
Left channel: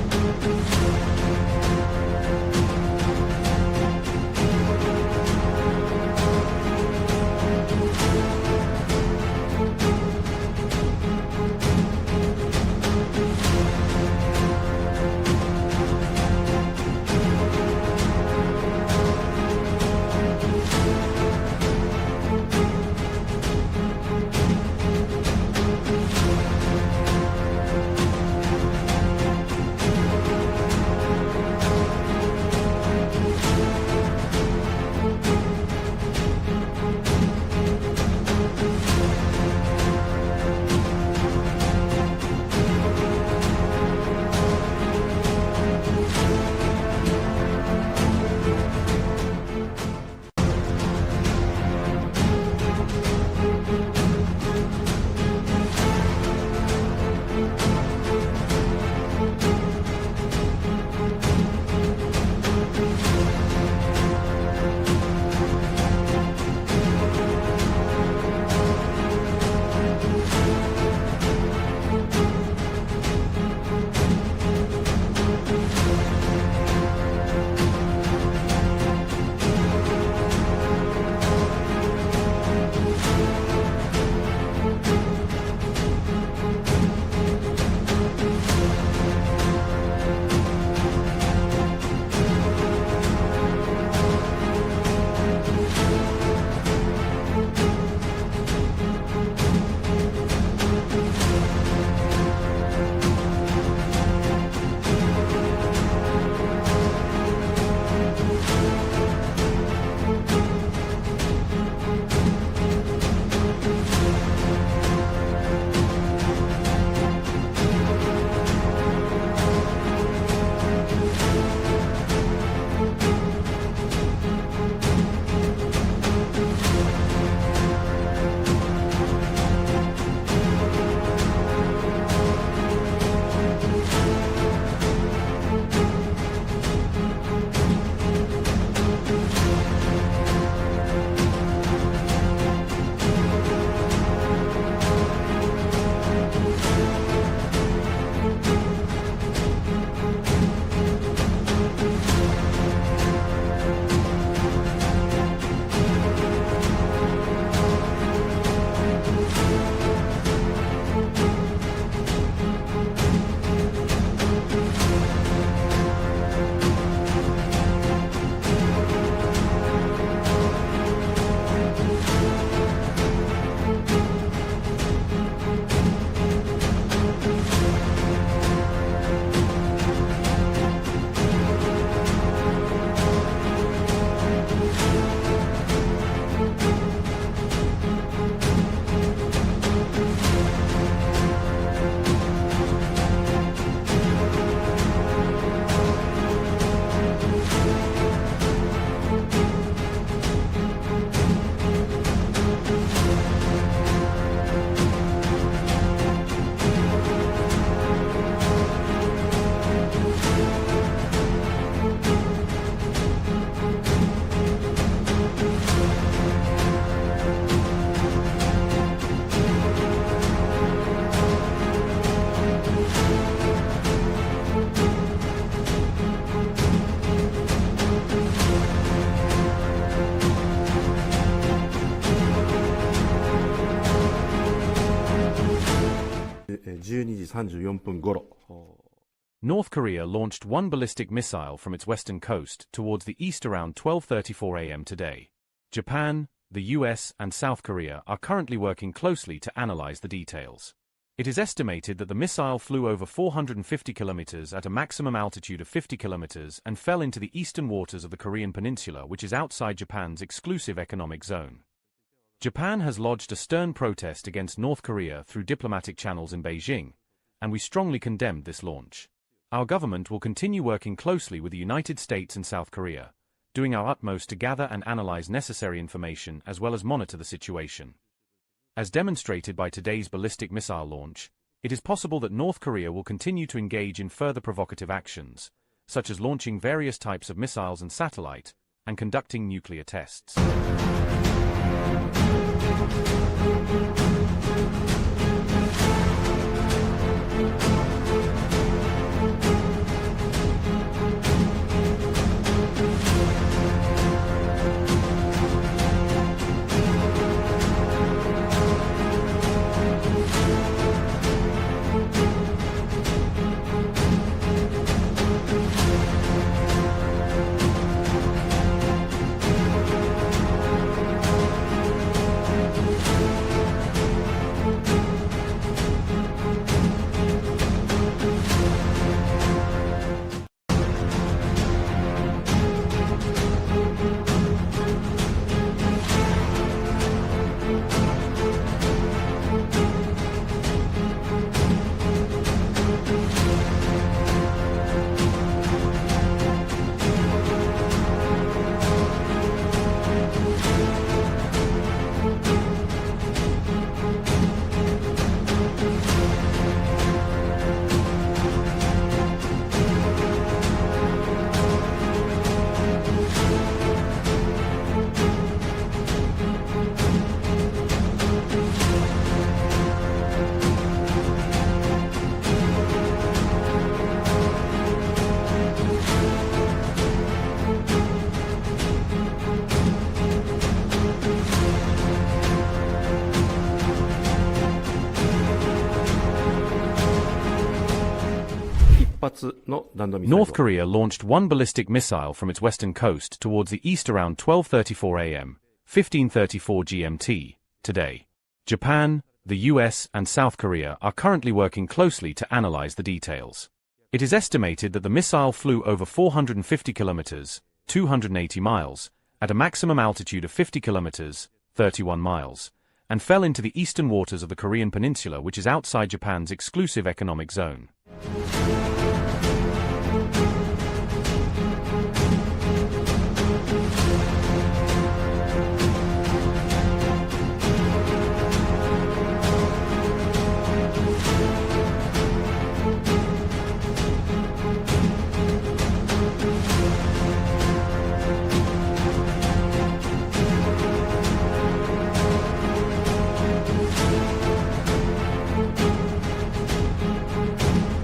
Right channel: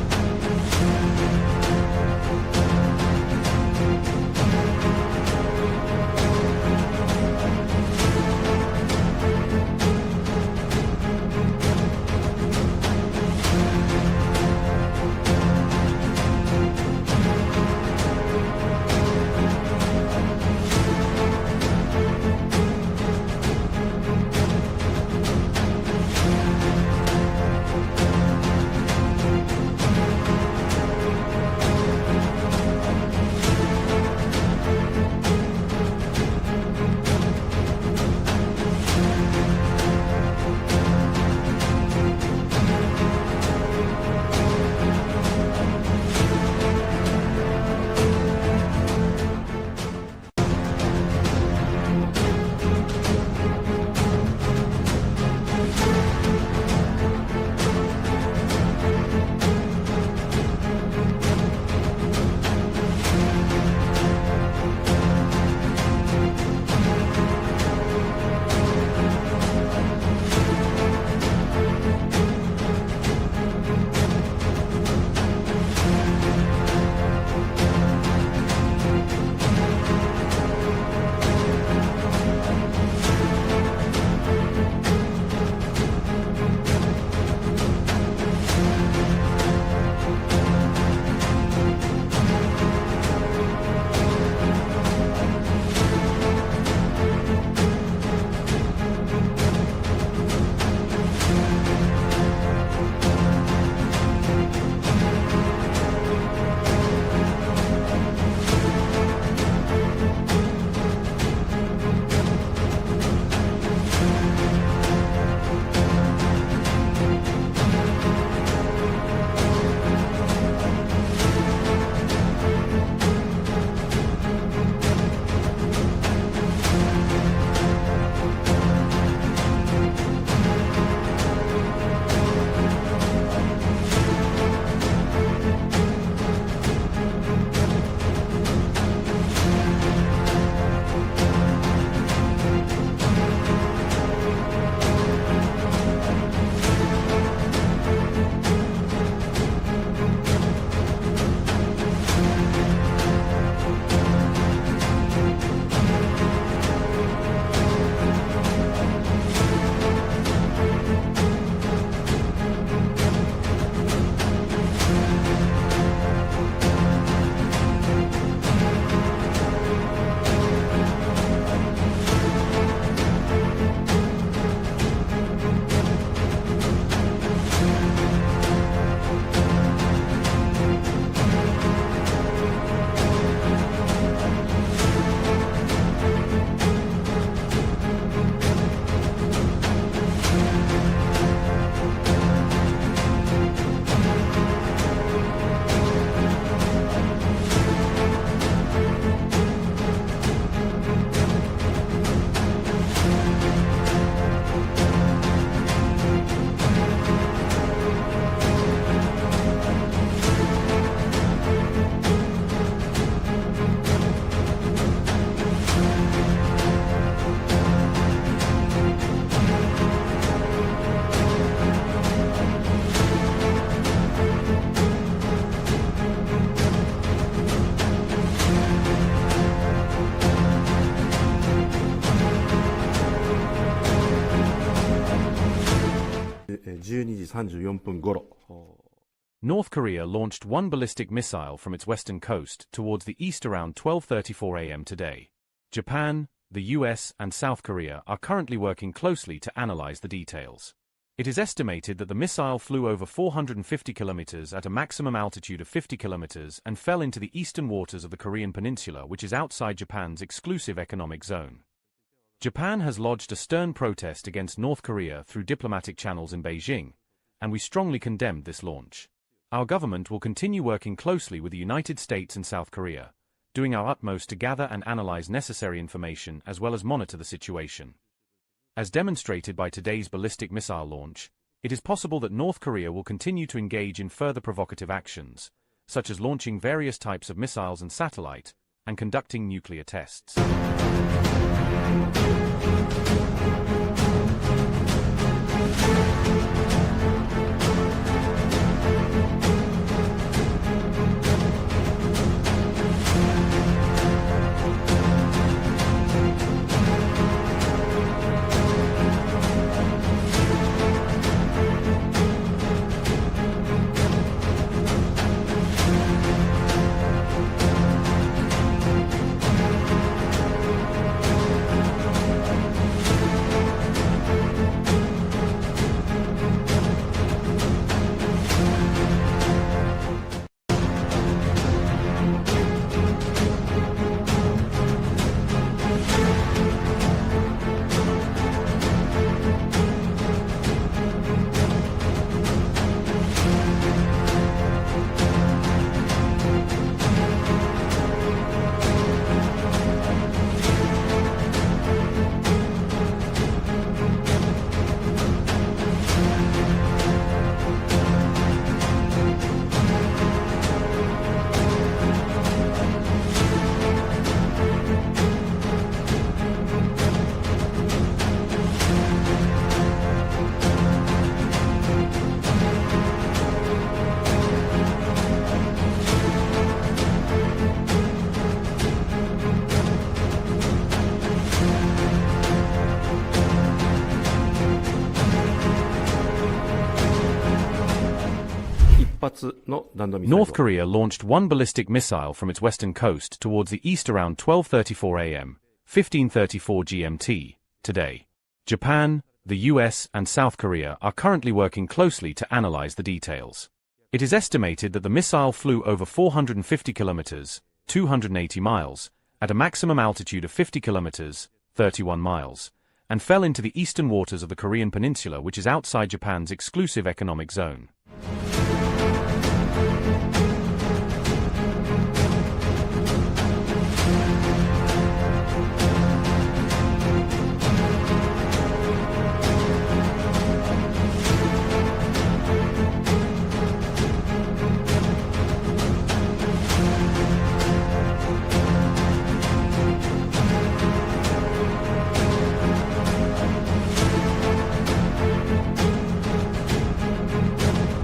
12時34分頃。 North Korea launched one ballistic missile from its western coast towards the east around 12:34 a.m. today. Japan, the U.S. and South Korea are currently working closely to analyze the details. It is estimated that the missile flew over 450 kilometers at a maximum altitude of 50 kilometers and fell into the eastern waters of the Korean peninsula, which is outside Japan's exclusive economic zone. Japan has lodged a stern protest against North Korea through diplomatic channels in Beijing, and we strongly condemned this launch. Our government will continue working closely with the United States and South Korea, doing our utmost to gather and analyze necessary information as well as monitor the situation. As demonstrated by today's ballistic missile launch, it is possible that North Korea will continue to engage in further provocative actions, such as launching various types of missiles and satellite, and conducting nuclear tests. North Korea launched one ballistic missile from its western coast towards the east around 12:34 a.m., 15:34 GMT, today. Japan, the U.S. and South Korea are currently working closely to analyze the details. It is estimated that the missile flew over 450 kilometers, 280 miles, at a maximum altitude of 50 kilometers, 31 miles, and fell into the eastern waters of the Korean peninsula, which is outside Japan's exclusive economic zone.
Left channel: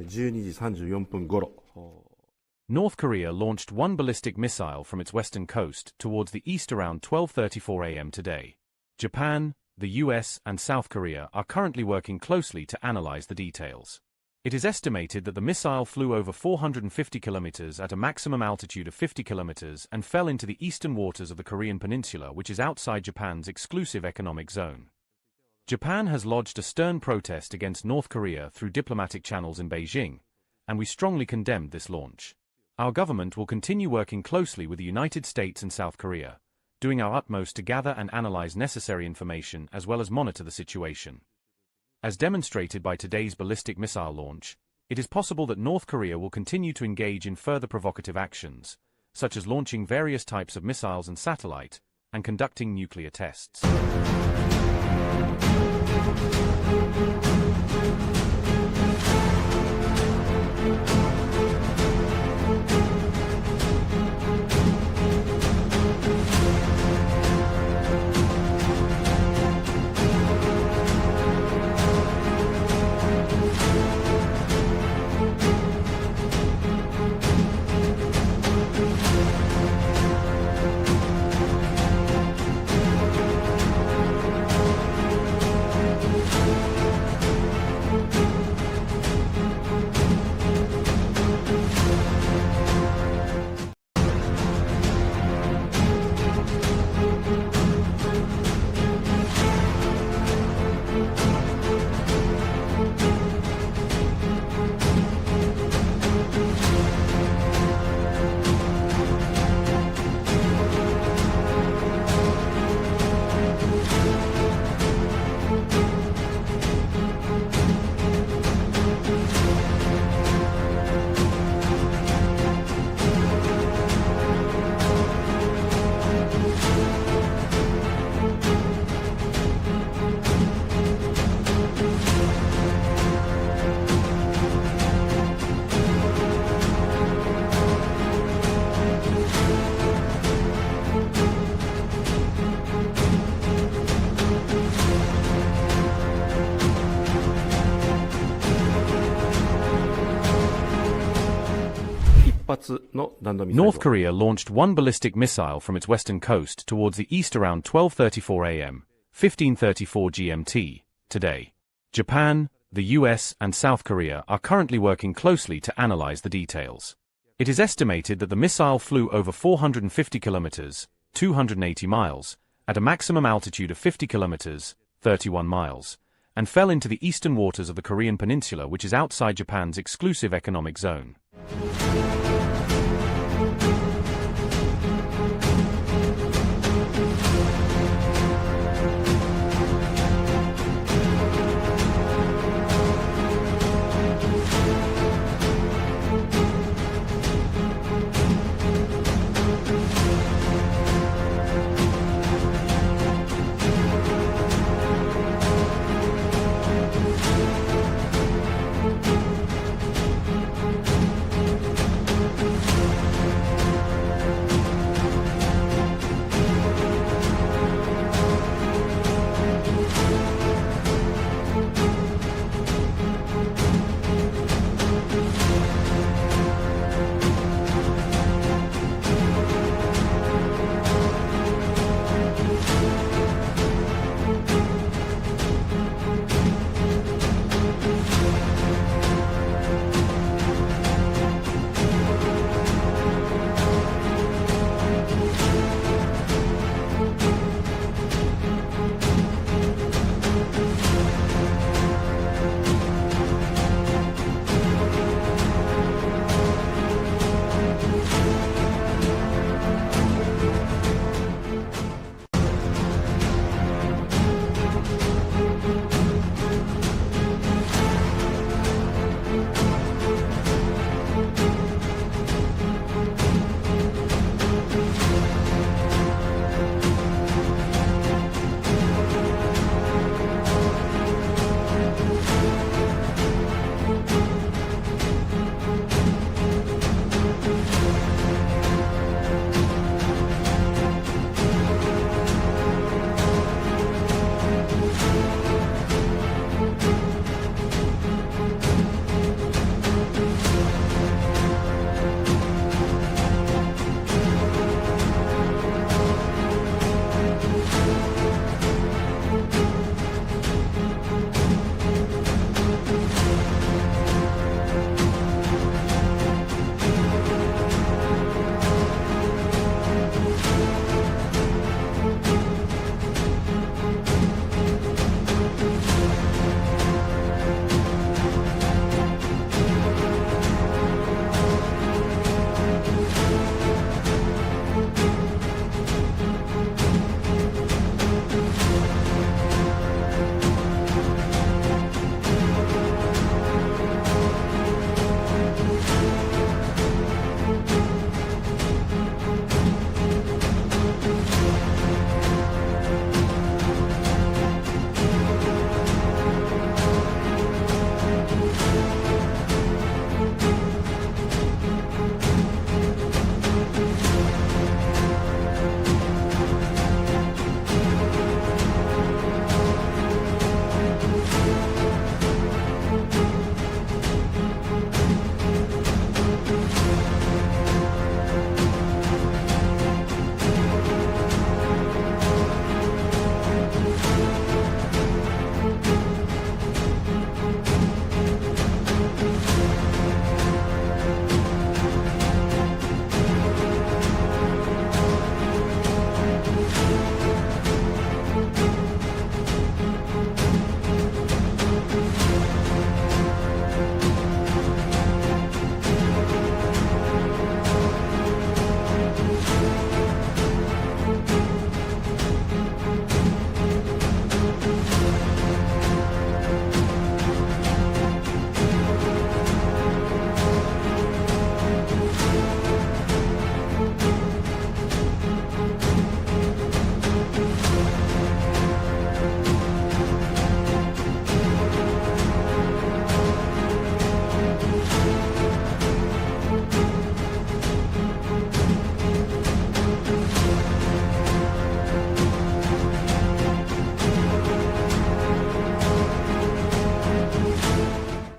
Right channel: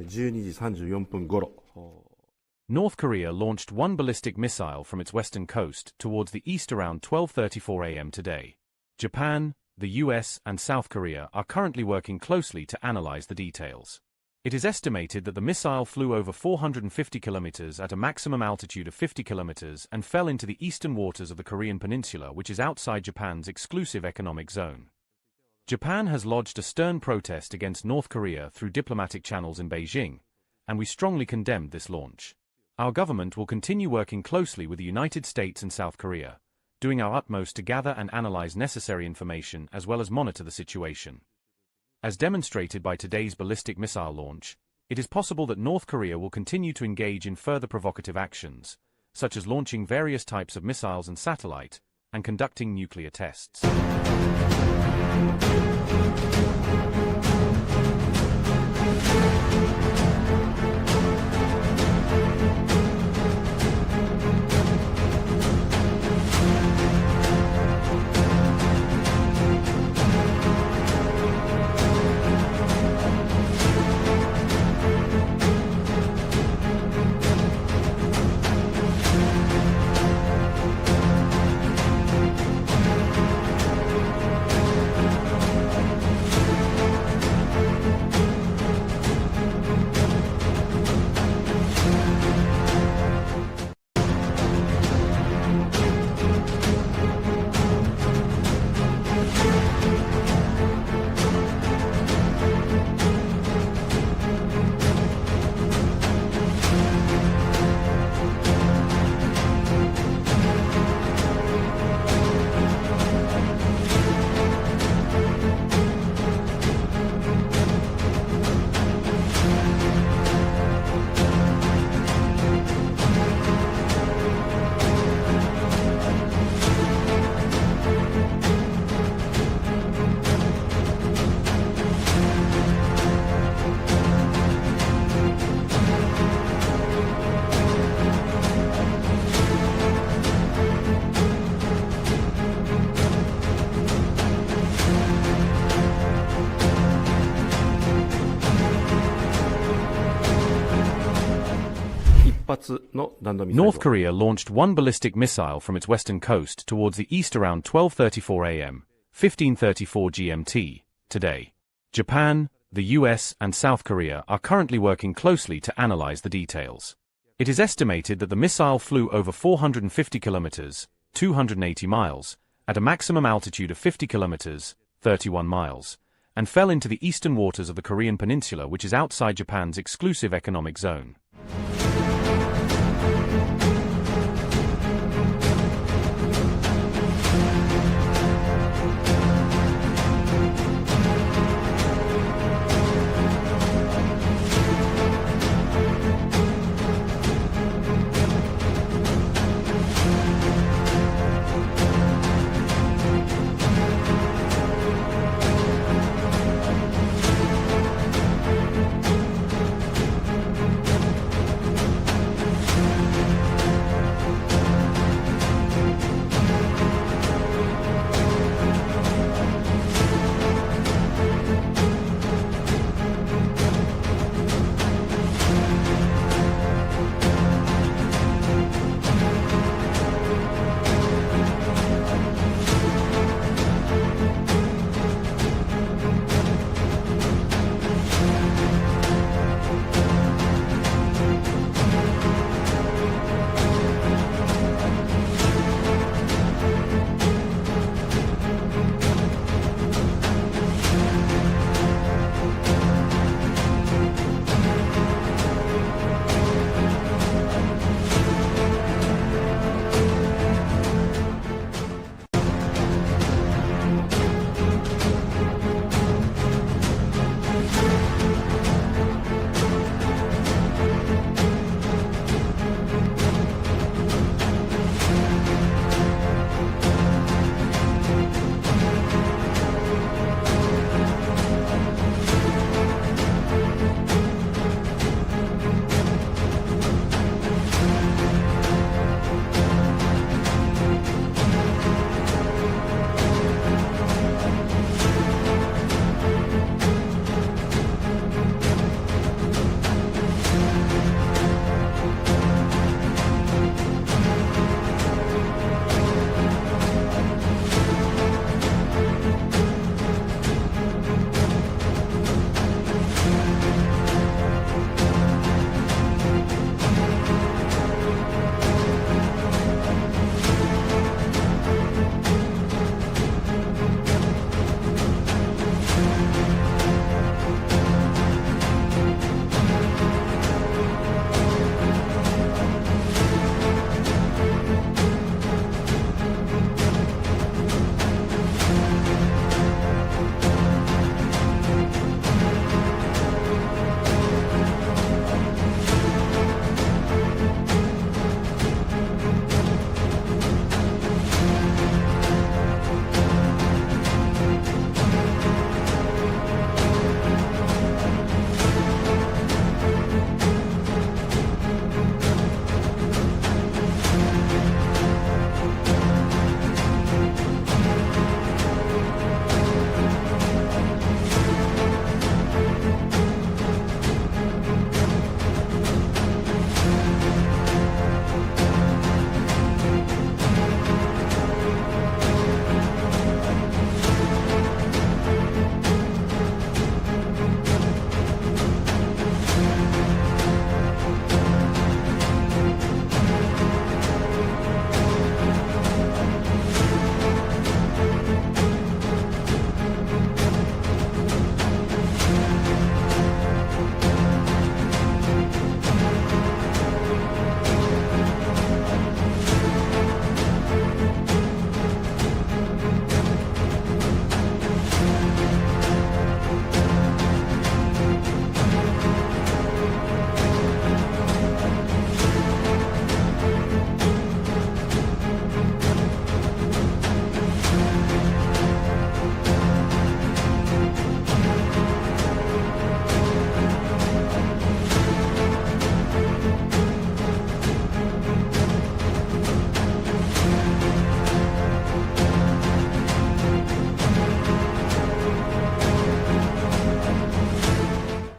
12時34分頃。North Korea launched one ballistic missile from its western coast towards the east around 12:34 a.m. today. Japan, the U.S. and South Korea are currently working closely to analyze the details. It is estimated that the missile flew over 450 kilometers at a maximum altitude of 50 kilometers and fell into the eastern waters of the Korean peninsula, which is outside Japan's exclusive economic zone. Japan has lodged a stern protest against North Korea through diplomatic channels in Beijing, and we strongly condemned this launch. Our government will continue working closely with the United States and South Korea, doing our utmost to gather and analyze necessary information as well as monitor the situation. As demonstrated by today's ballistic missile launch, it is possible that North Korea will continue to engage in further provocative actions, such as launching various types of missiles and satellite, and conducting nuclear tests. North Korea launched one ballistic missile from its western coast towards the east around 12:34 a.m., 15:34 GMT, today. Japan, the U.S. and South Korea are currently working closely to analyze the details. It is estimated that the missile flew over 450 kilometers, 280 miles, at a maximum altitude of 50 kilometers, 31 miles, and fell into the eastern waters of the Korean peninsula, which is outside Japan's exclusive economic zone.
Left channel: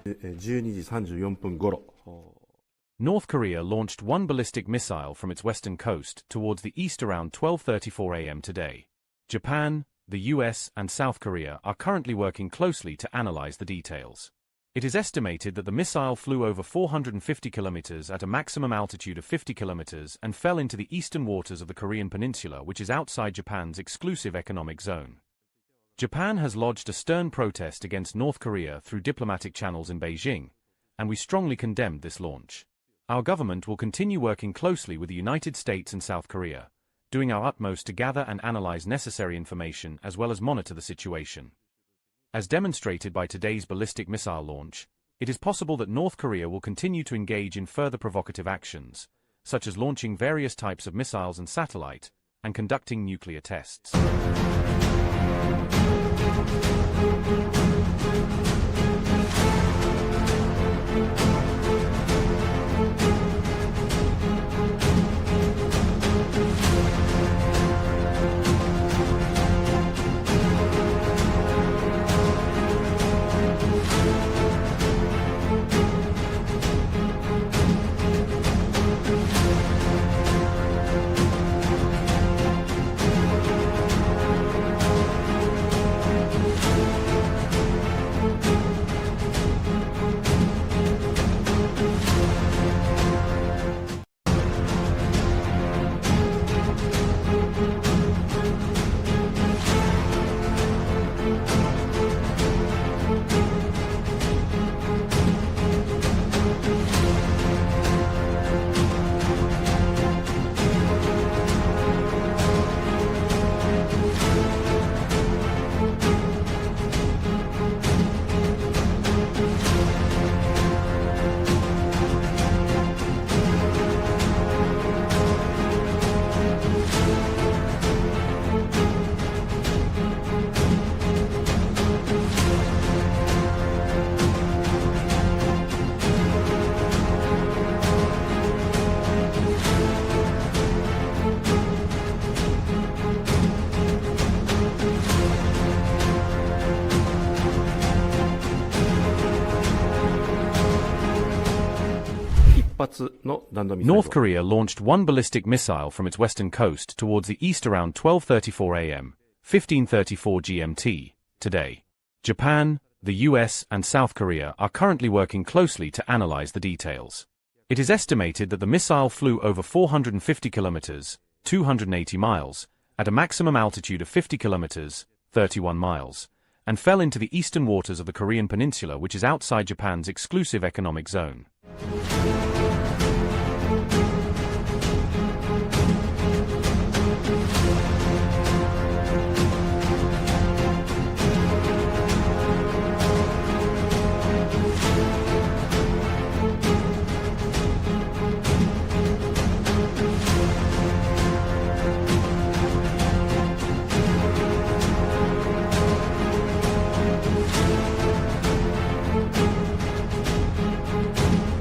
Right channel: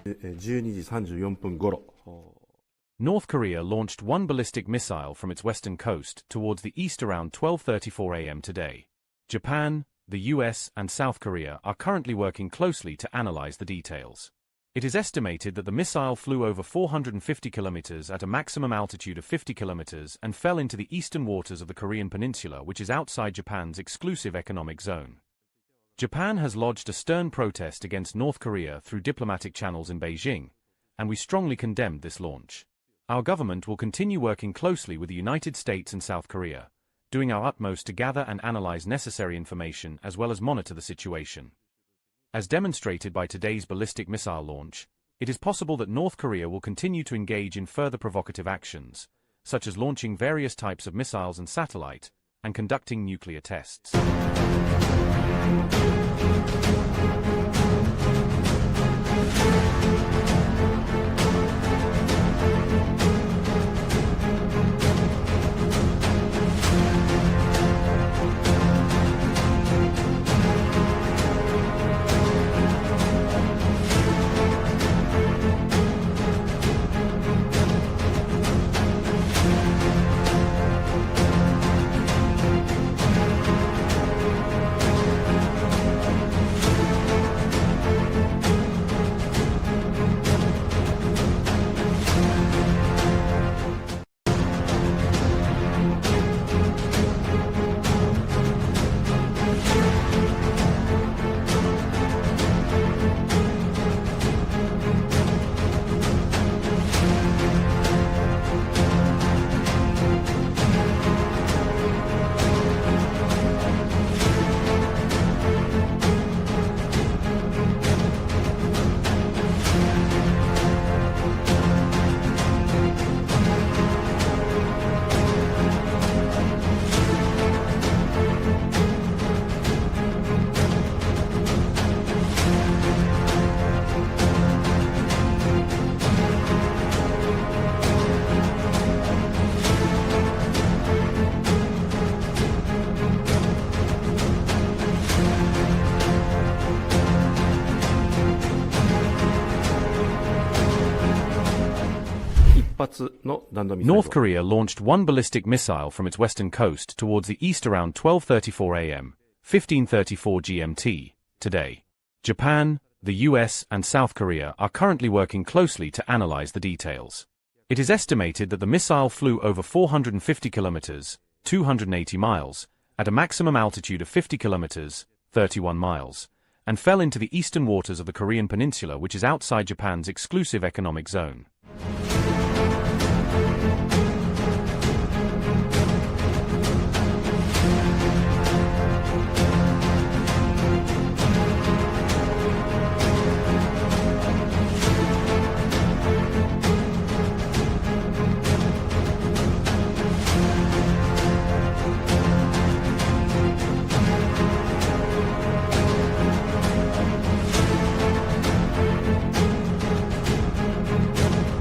12時34分頃。 North Korea launched one ballistic missile from its western coast towards the east around 12:34 a.m. today. Japan, the U.S. and South Korea are currently working closely to analyze the details. It is estimated that the missile flew over 450 kilometers at a maximum altitude of 50 kilometers and fell into the eastern waters of the Korean peninsula, which is outside Japan's exclusive economic zone. Japan has lodged a stern protest against North Korea through diplomatic channels in Beijing, and we strongly condemned this launch. Our government will continue working closely with the United States and South Korea, doing our utmost to gather and analyze necessary information as well as monitor the situation. As demonstrated by today's ballistic missile launch, it is possible that North Korea will continue to engage in further provocative actions, such as launching various types of missiles and satellite, and conducting nuclear tests. North Korea launched one ballistic missile from its western coast towards the east around 12:34 a.m., 15:34 GMT, today. Japan, the U.S. and South Korea are currently working closely to analyze the details. It is estimated that the missile flew over 450 kilometers, 280 miles, at a maximum altitude of 50 kilometers, 31 miles, and fell into the eastern waters of the Korean peninsula, which is outside Japan's exclusive economic zone.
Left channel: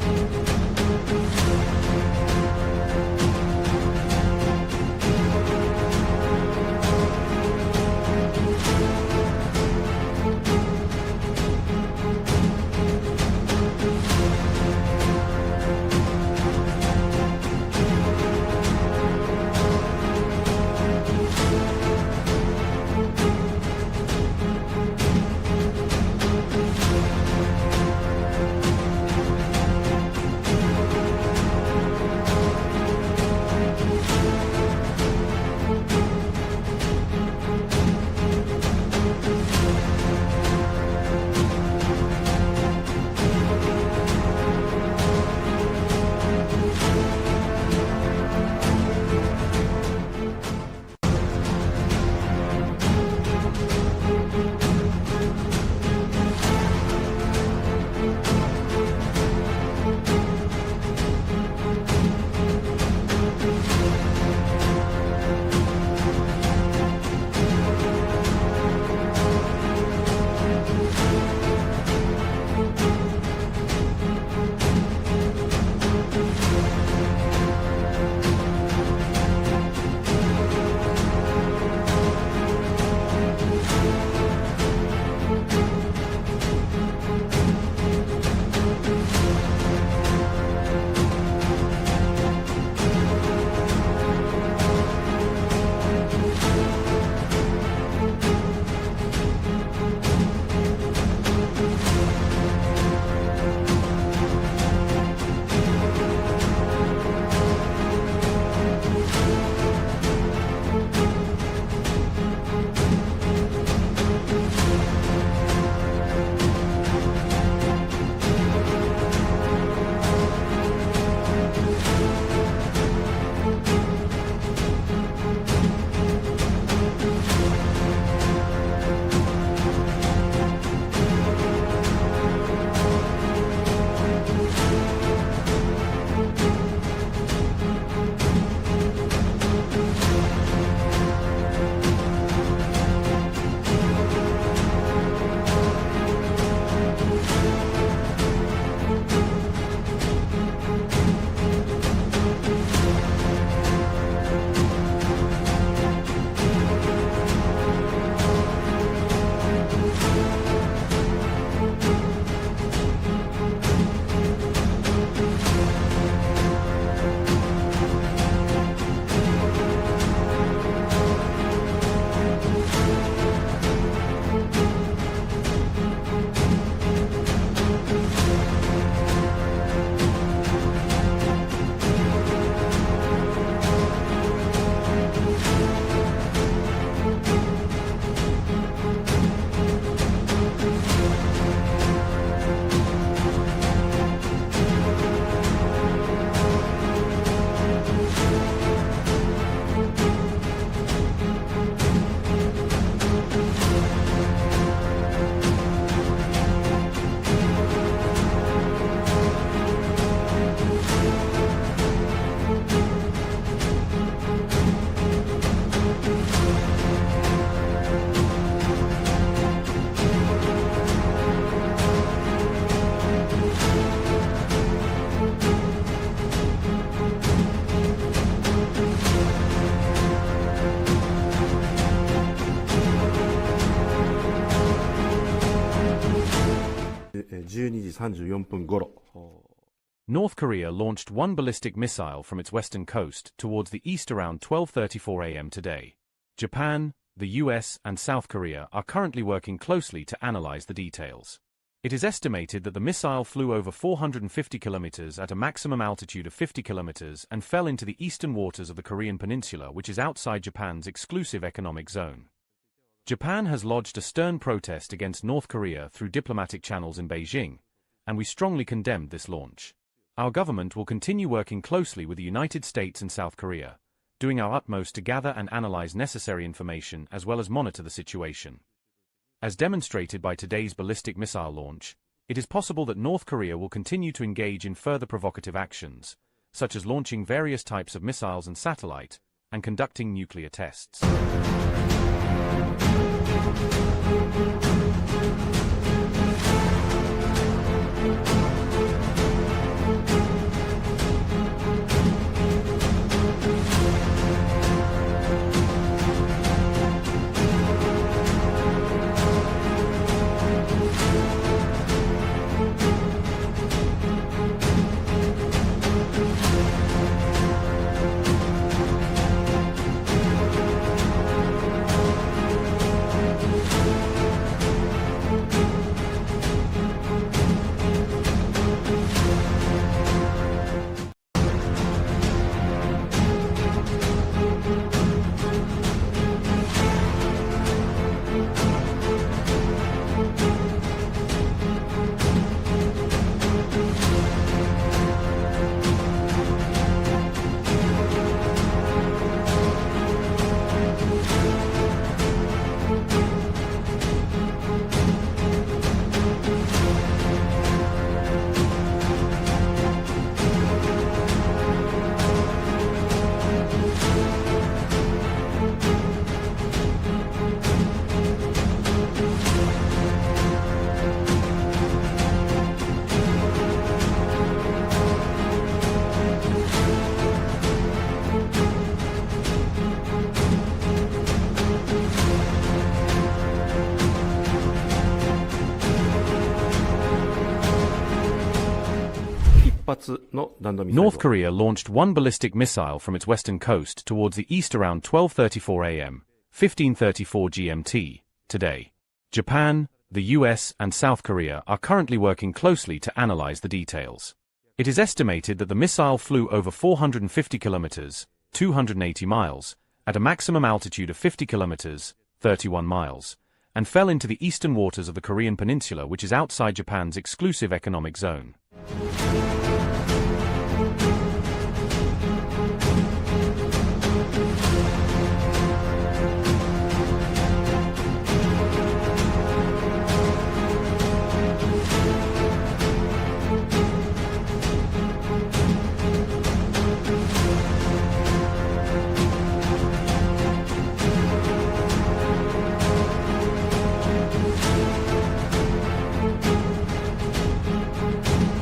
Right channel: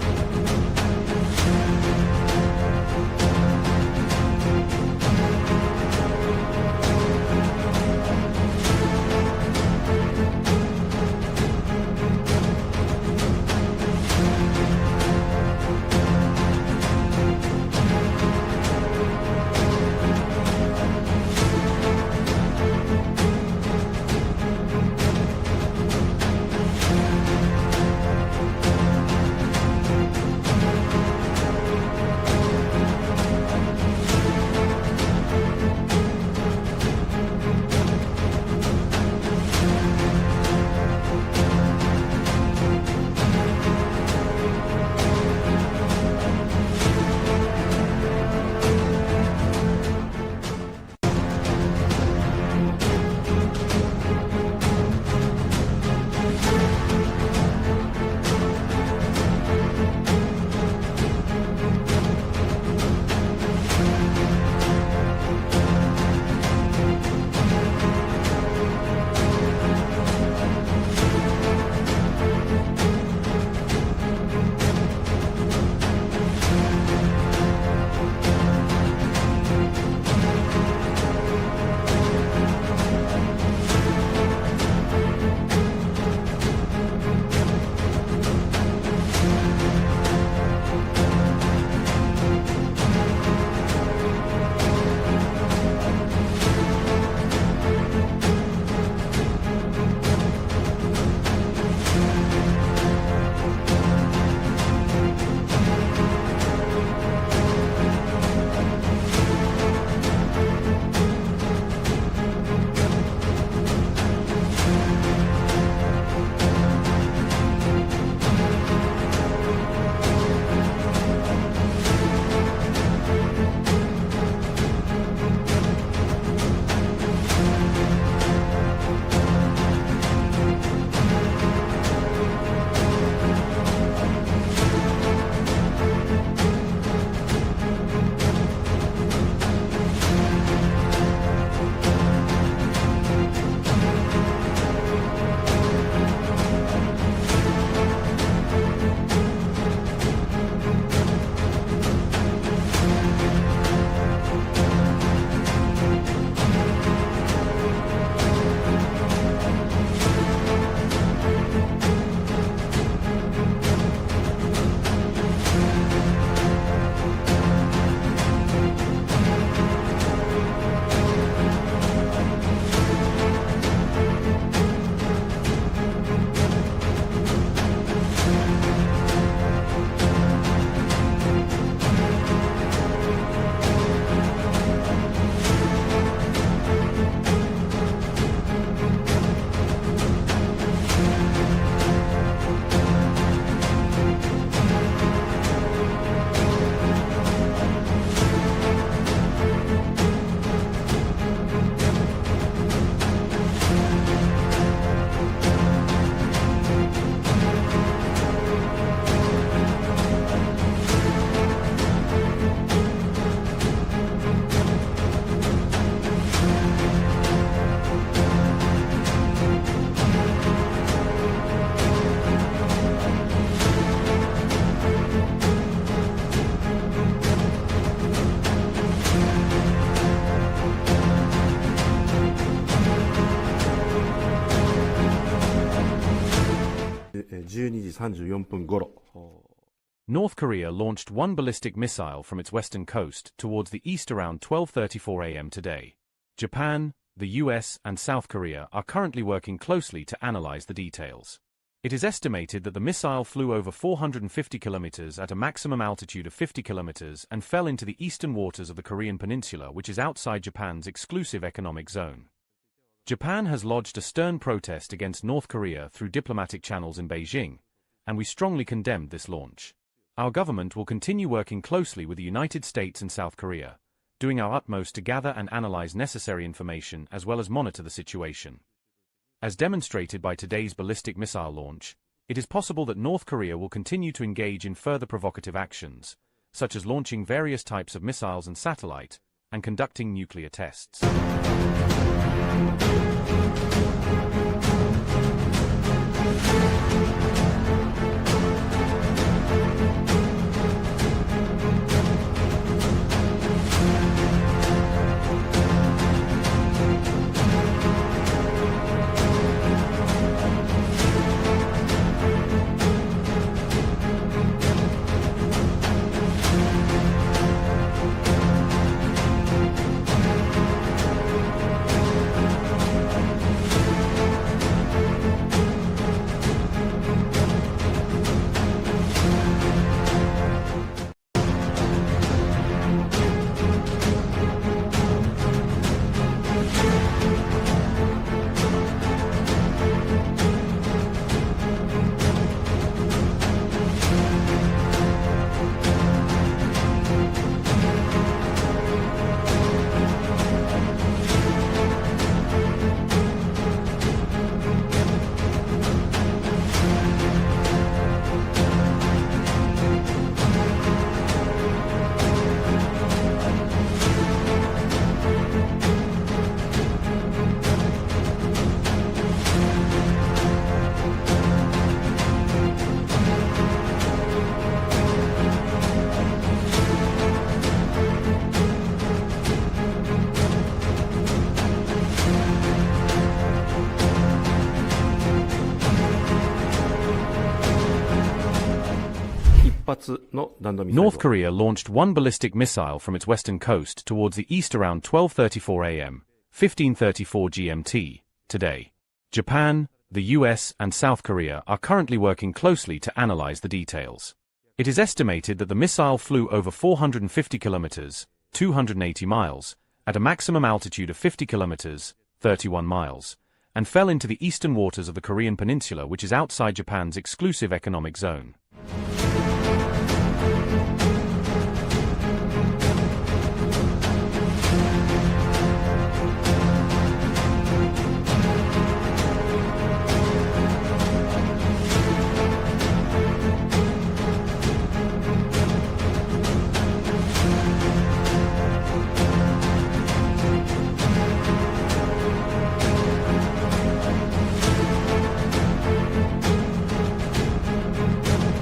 12時34分頃、 North Korea launched one ballistic missile from its western coast towards the east around 12:34 a.m. today. Japan, the U.S. and South Korea are currently working closely to analyze the details. It is estimated that the missile flew over 450 kilometers at a maximum altitude of 50 kilometers and fell into the eastern waters of the Korean peninsula, which is outside Japan's exclusive economic zone. Japan has lodged a stern protest against North Korea through diplomatic channels in Beijing, and we strongly condemned this launch. Our government will continue working closely with the United States and South Korea, doing our utmost to gather and analyze necessary information as well as monitor the situation. As demonstrated by today's ballistic missile launch, it is possible that North Korea will continue to engage in further provocative actions, such as launching various types of missiles and satellite, and conducting nuclear tests. North Korea launched one ballistic missile from its western coast towards the east around 12:34 a.m., 15:34 GMT, today. Japan, the U.S. and South Korea are currently working closely to analyze the details. It is estimated that the missile flew over 450 kilometers, 280 miles, at a maximum altitude of 50 kilometers, 31 miles, and fell into the eastern waters of the Korean peninsula, which is outside Japan's exclusive economic zone.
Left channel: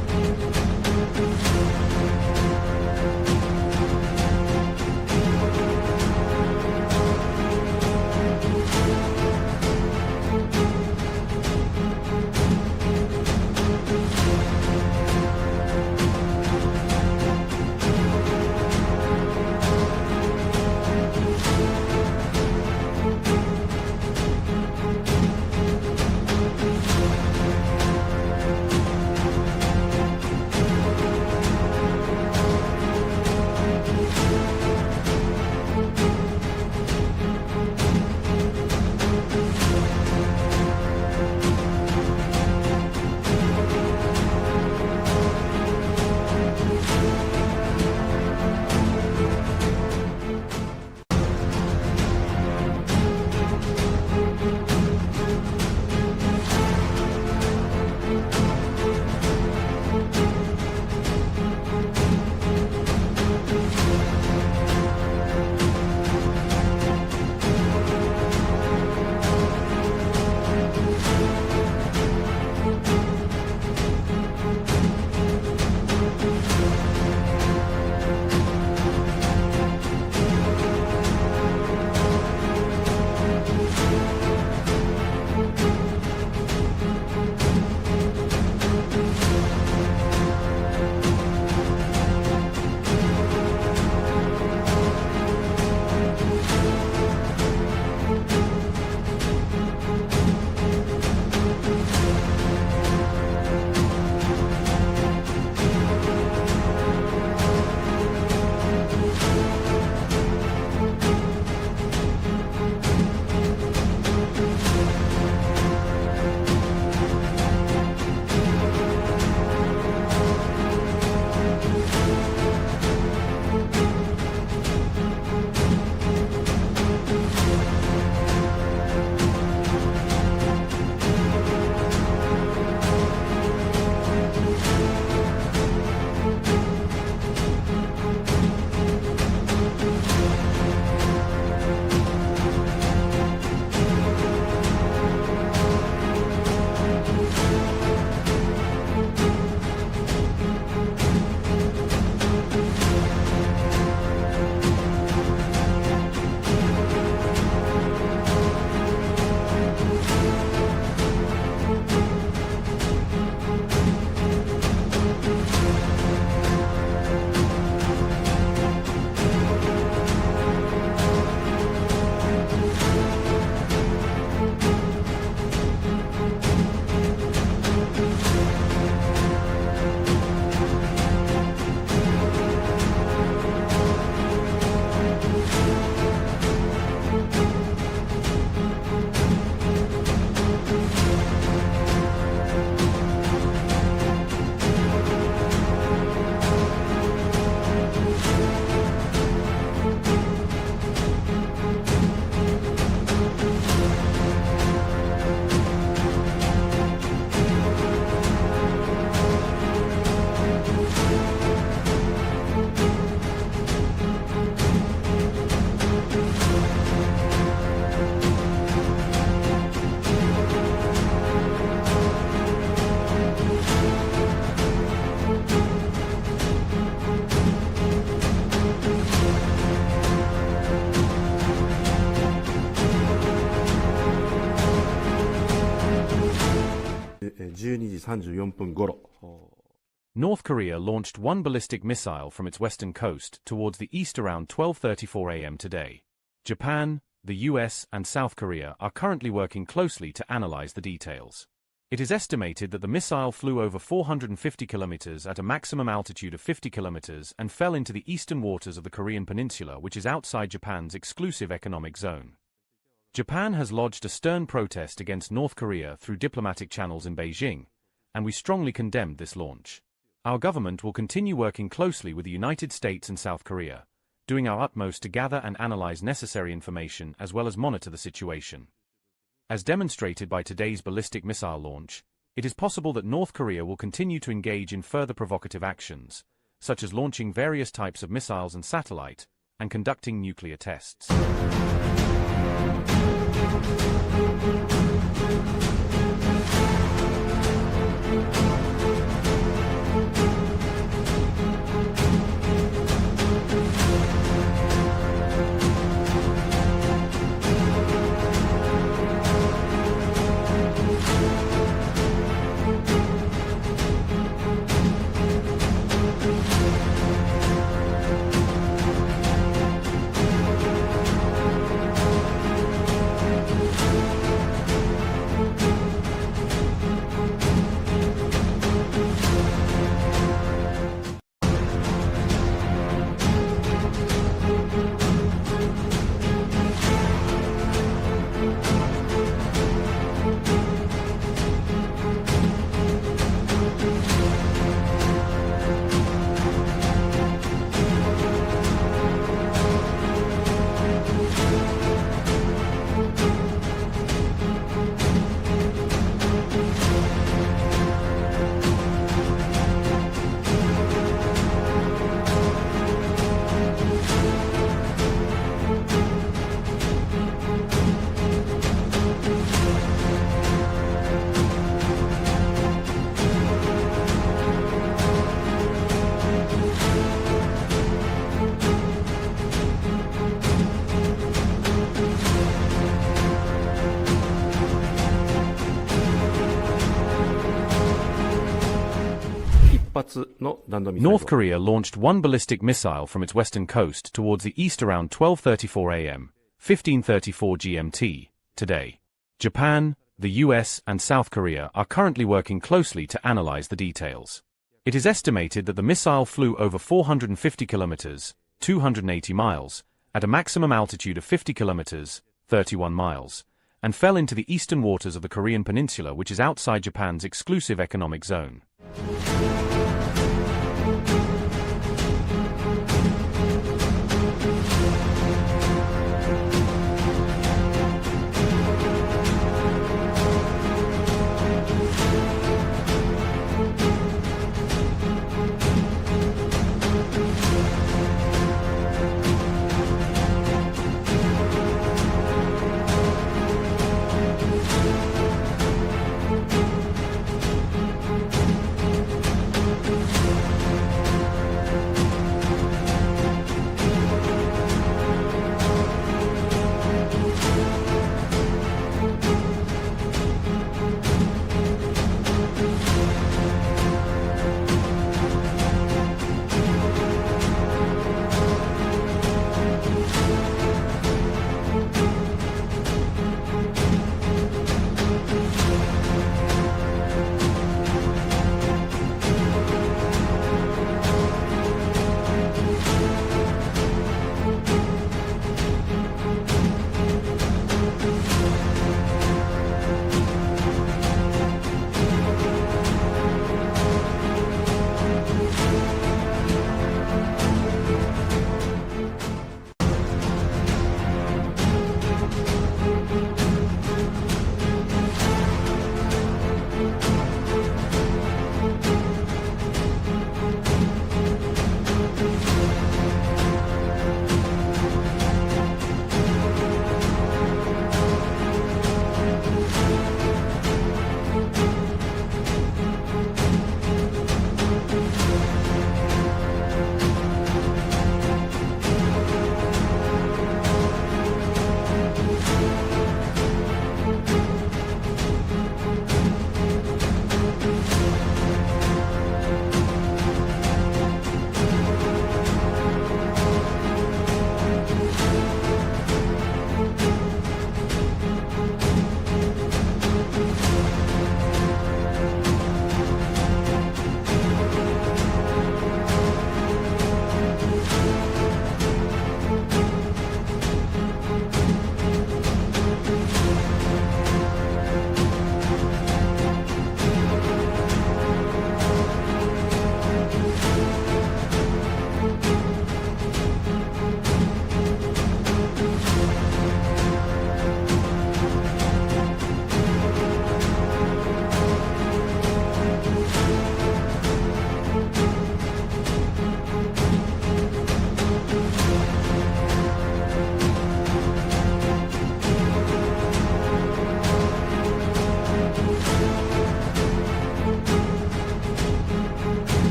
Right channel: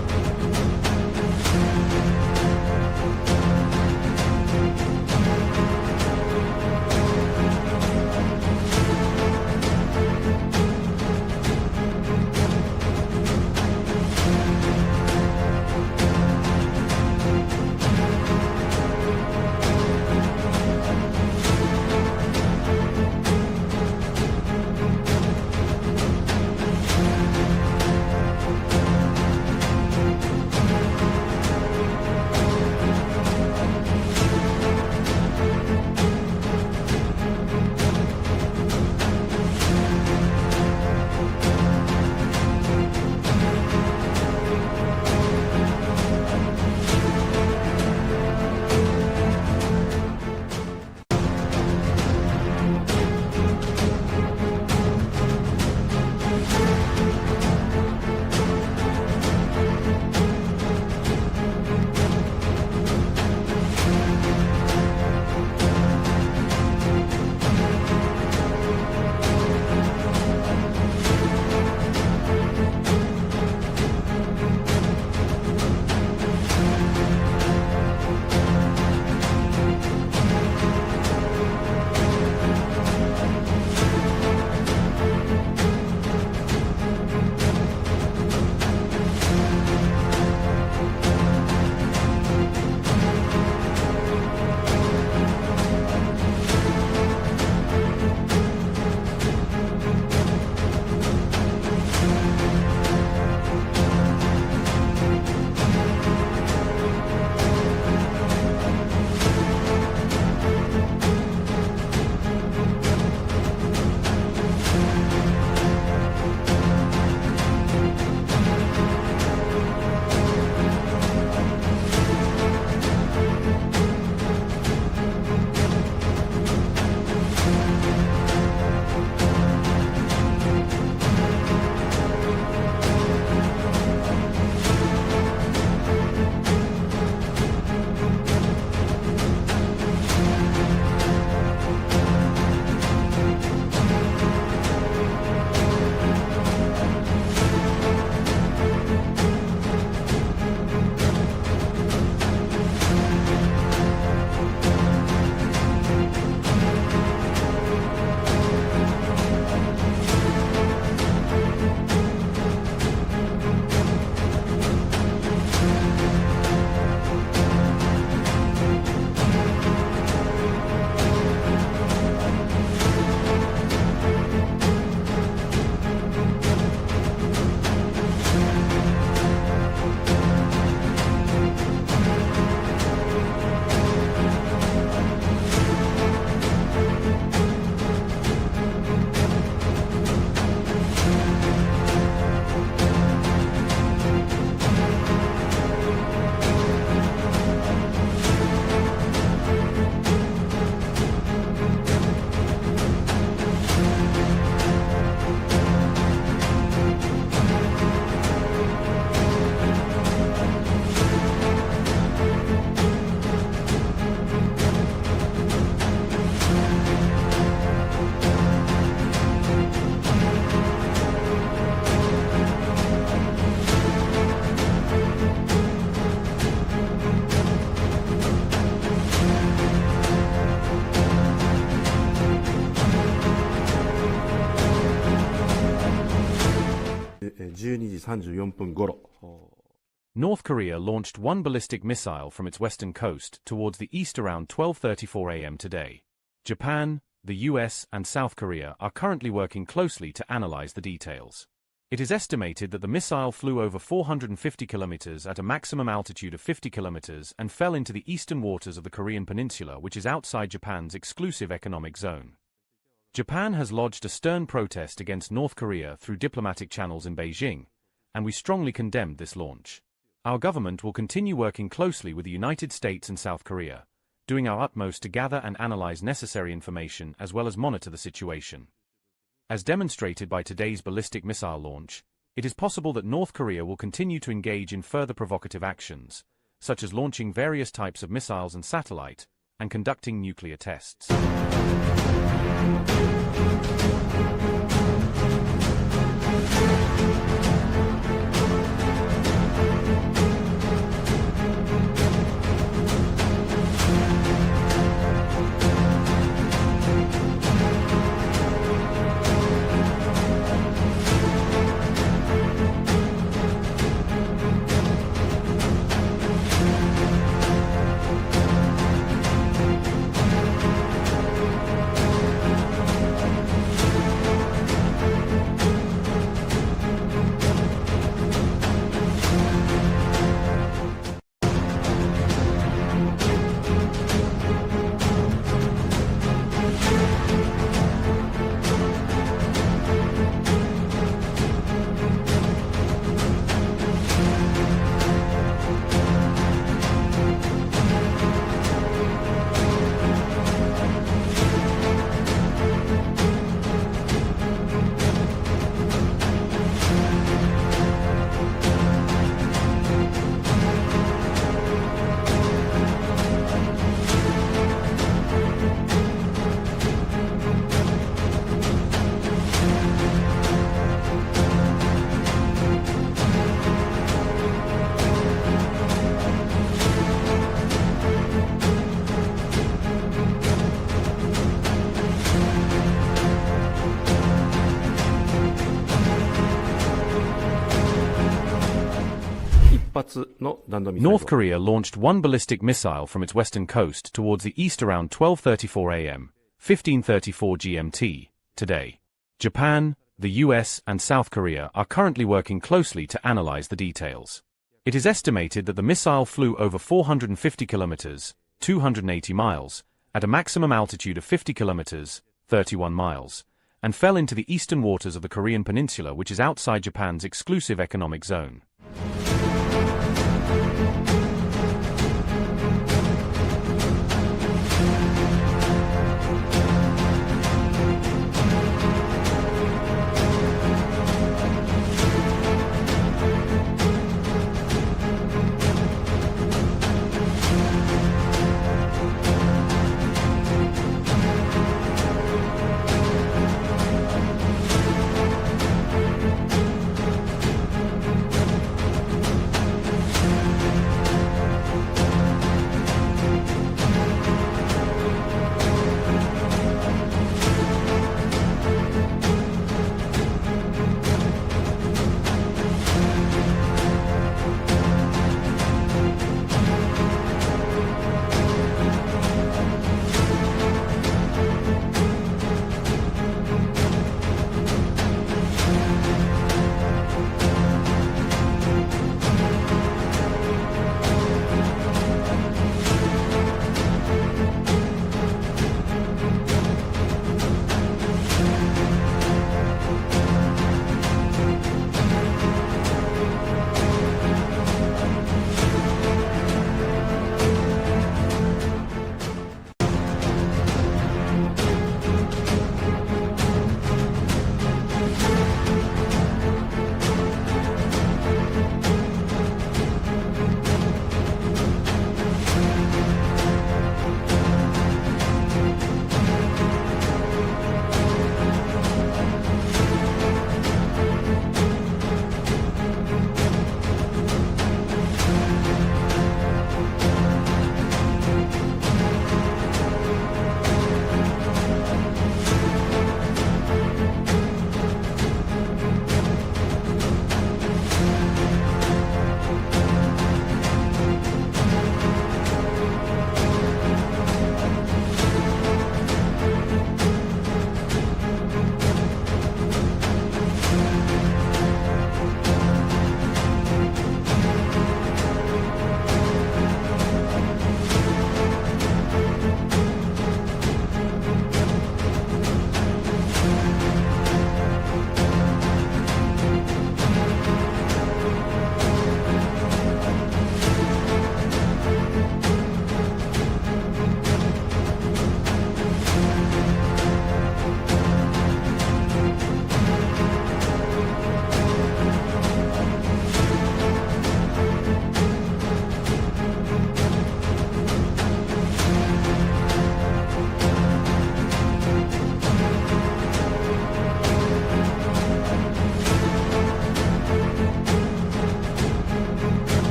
12時34分頃。 North Korea launched one ballistic missile from its western coast towards the east around 12:34 a.m. today. Japan, the U.S. and South Korea are currently working closely to analyze the details. It is estimated that the missile flew over 450 kilometers at a maximum altitude of 50 kilometers and fell into the eastern waters of the Korean peninsula, which is outside Japan's exclusive economic zone. Japan has lodged a stern protest against North Korea through diplomatic channels in Beijing, and we strongly condemned this launch. Our government will continue working closely with the United States and South Korea, doing our utmost to gather and analyze necessary information as well as monitor the situation. As demonstrated by today's ballistic missile launch, it is possible that North Korea will continue to engage in further provocative actions, such as launching various types of missiles and satellite, and conducting nuclear tests. North Korea launched one ballistic missile from its western coast towards the east around 12:34 a.m., 15:34 GMT, today. Japan, the U.S. and South Korea are currently working closely to analyze the details. It is estimated that the missile flew over 450 kilometers, 280 miles, at a maximum altitude of 50 kilometers, 31 miles, and fell into the eastern waters of the Korean peninsula, which is outside Japan's exclusive economic zone.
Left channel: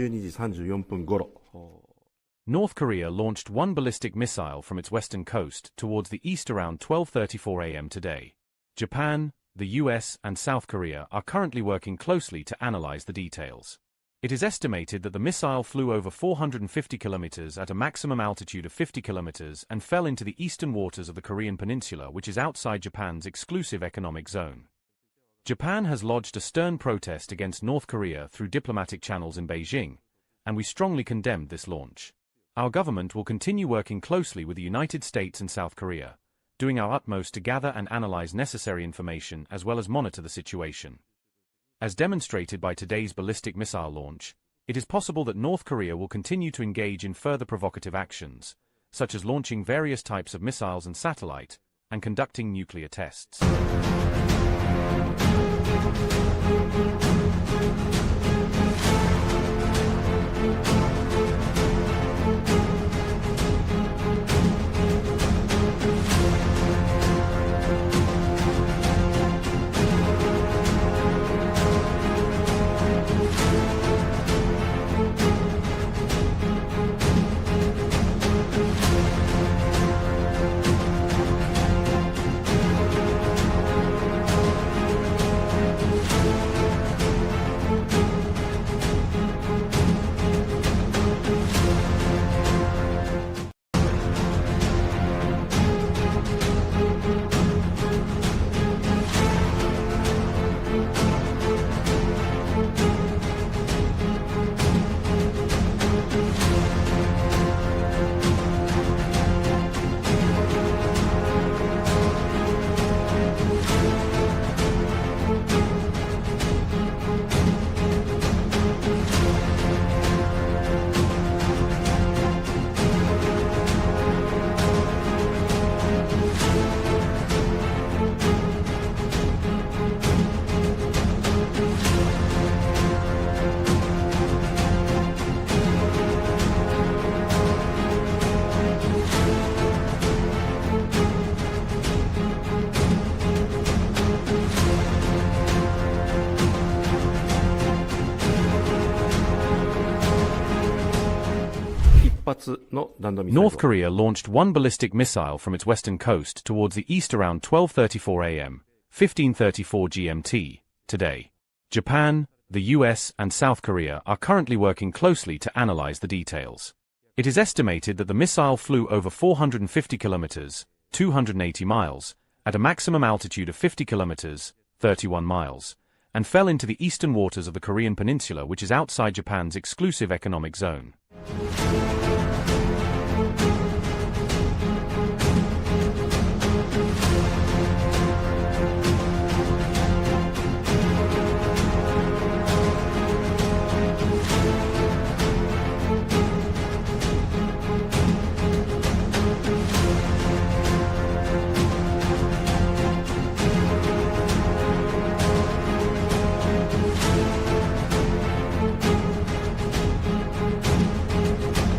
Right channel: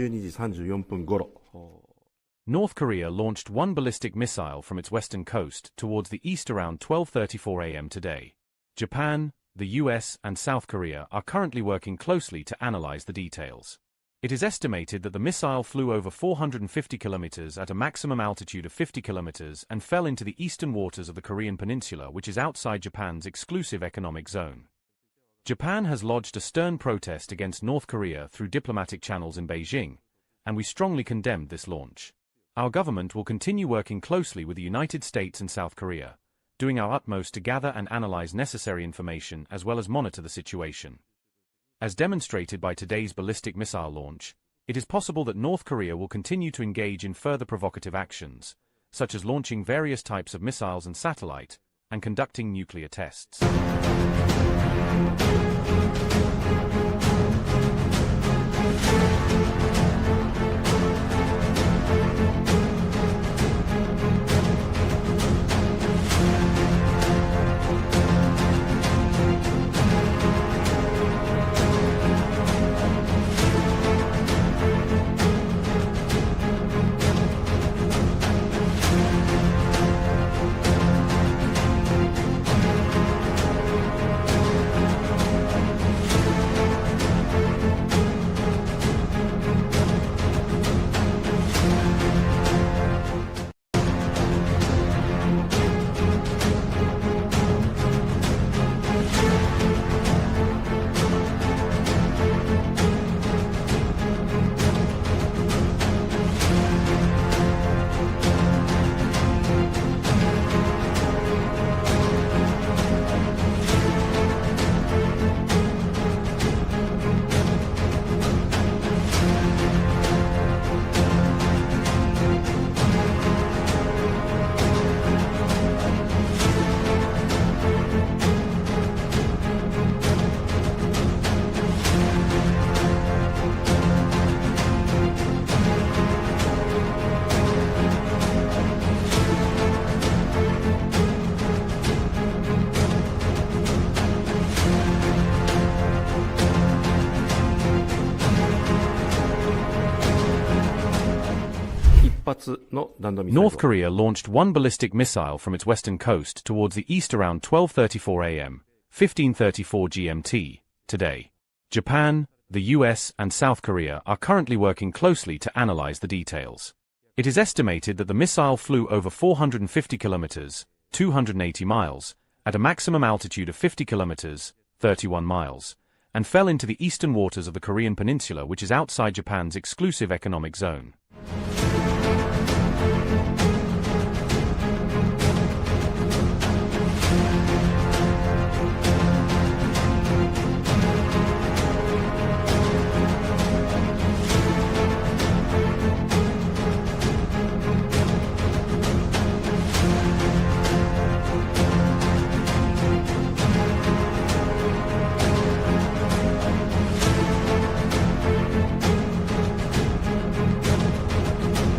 12時34分頃。 North Korea launched one ballistic missile from its western coast towards the east around 12:34 a.m. today. Japan, the U.S. and South Korea are currently working closely to analyze the details. It is estimated that the missile flew over 450 kilometers at a maximum altitude of 50 kilometers and fell into the eastern waters of the Korean peninsula, which is outside Japan's exclusive economic zone. Japan has lodged a stern protest against North Korea through diplomatic channels in Beijing, and we strongly condemned this launch. Our government will continue working closely with the United States and South Korea, doing our utmost to gather and analyze necessary information as well as monitor the situation. As demonstrated by today's ballistic missile launch, it is possible that North Korea will continue to engage in further provocative actions, such as launching various types of missiles and satellite, and conducting nuclear tests. North Korea launched one ballistic missile from its western coast towards the east around 12:34 a.m., 15:34 GMT, today. Japan, the U.S. and South Korea are currently working closely to analyze the details. It is estimated that the missile flew over 450 kilometers, 280 miles, at a maximum altitude of 50 kilometers, 31 miles, and fell into the eastern waters of the Korean peninsula, which is outside Japan's exclusive economic zone.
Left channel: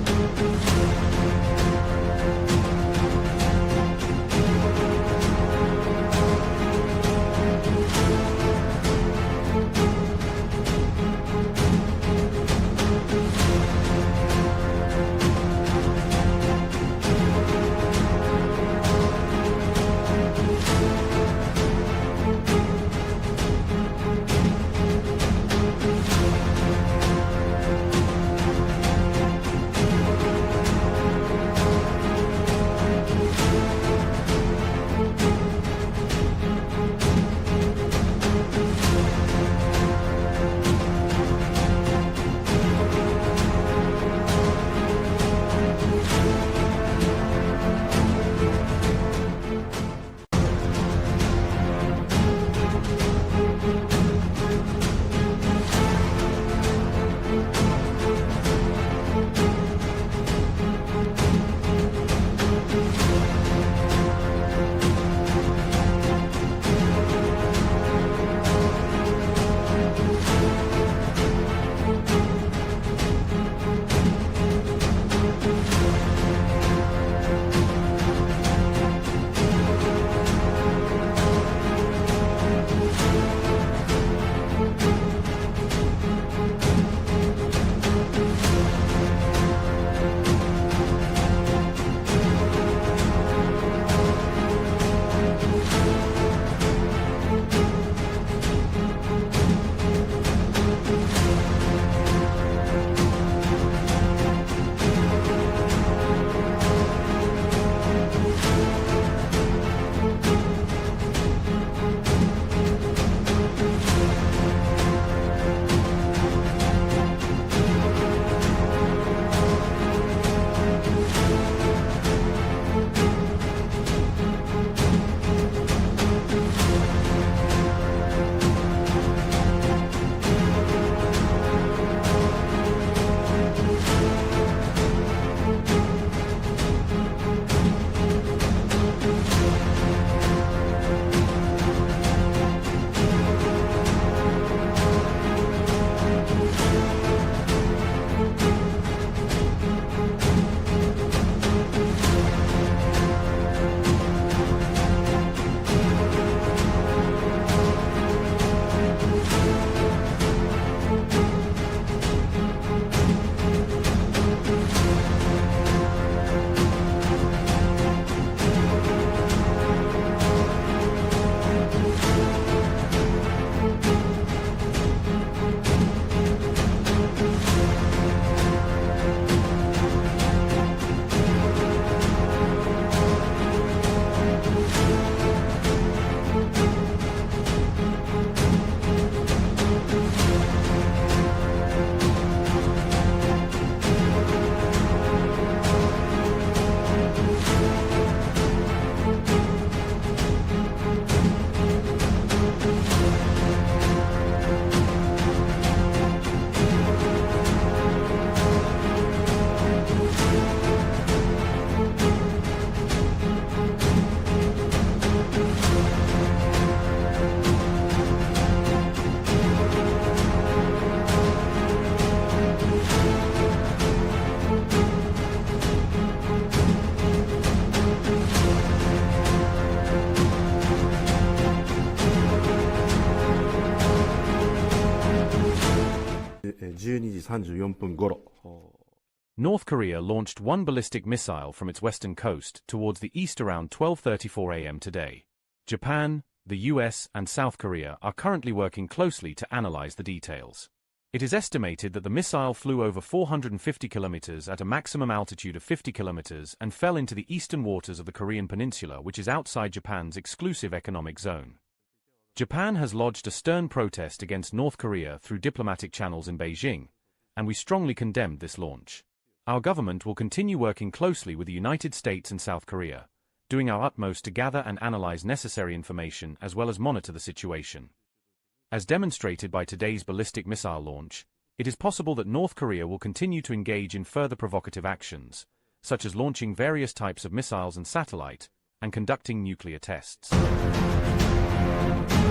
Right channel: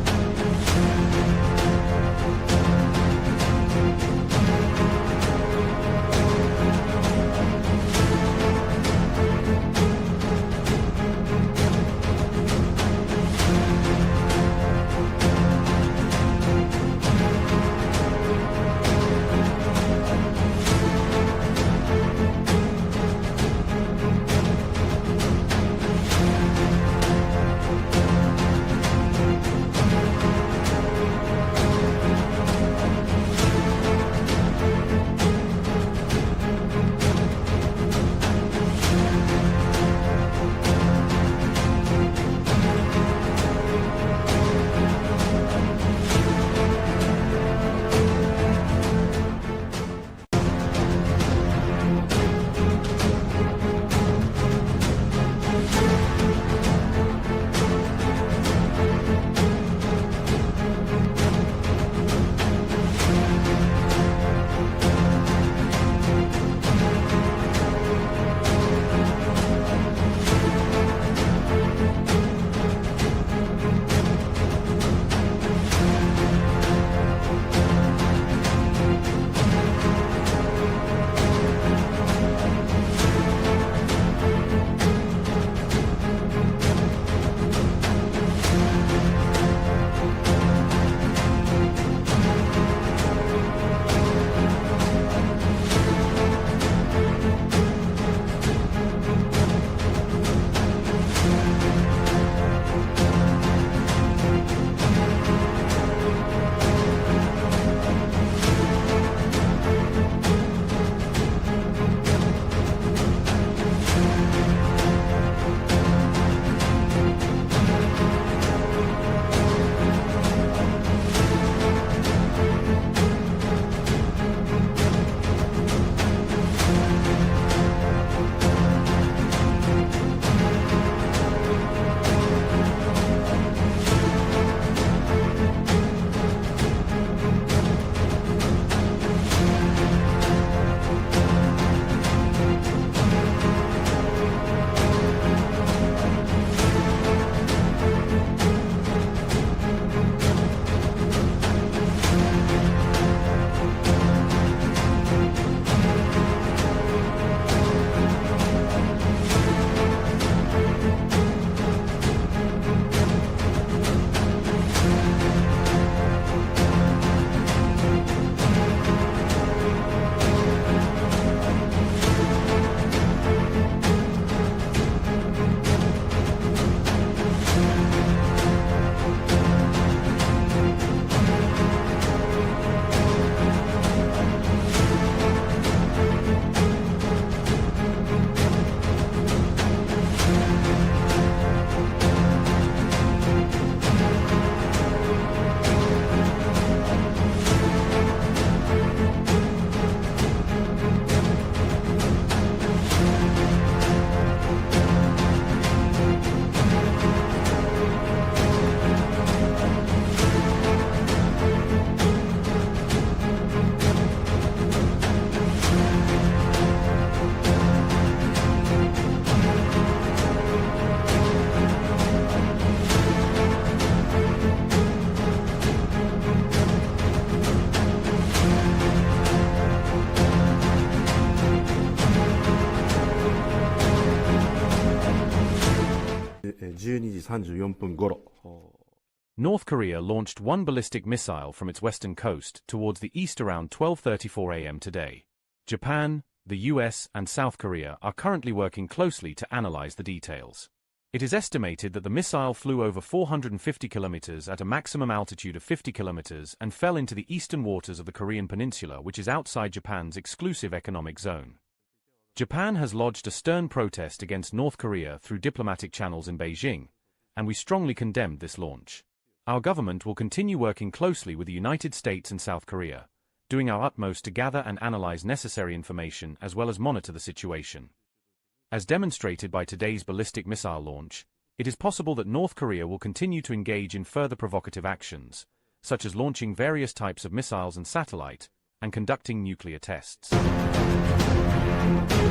12時34分頃。 North Korea launched one ballistic missile from its western coast towards the east around 12:34 a.m. today. Japan, the U.S. and South Korea are currently working closely to analyze the details. It is estimated that the missile flew over 450 kilometers at a maximum altitude of 50 kilometers and fell into the eastern waters of the Korean peninsula, which is outside Japan's exclusive economic zone. Japan has lodged a stern protest against North Korea through diplomatic channels in Beijing, and we strongly condemned this launch. Our government will continue working closely with the United States and South Korea, doing our utmost to gather and analyze necessary information as well as monitor the situation. As demonstrated by today's ballistic missile launch, it is possible that North Korea will continue to engage in further provocative actions, such as launching various types of missiles and satellite, and conducting nuclear tests.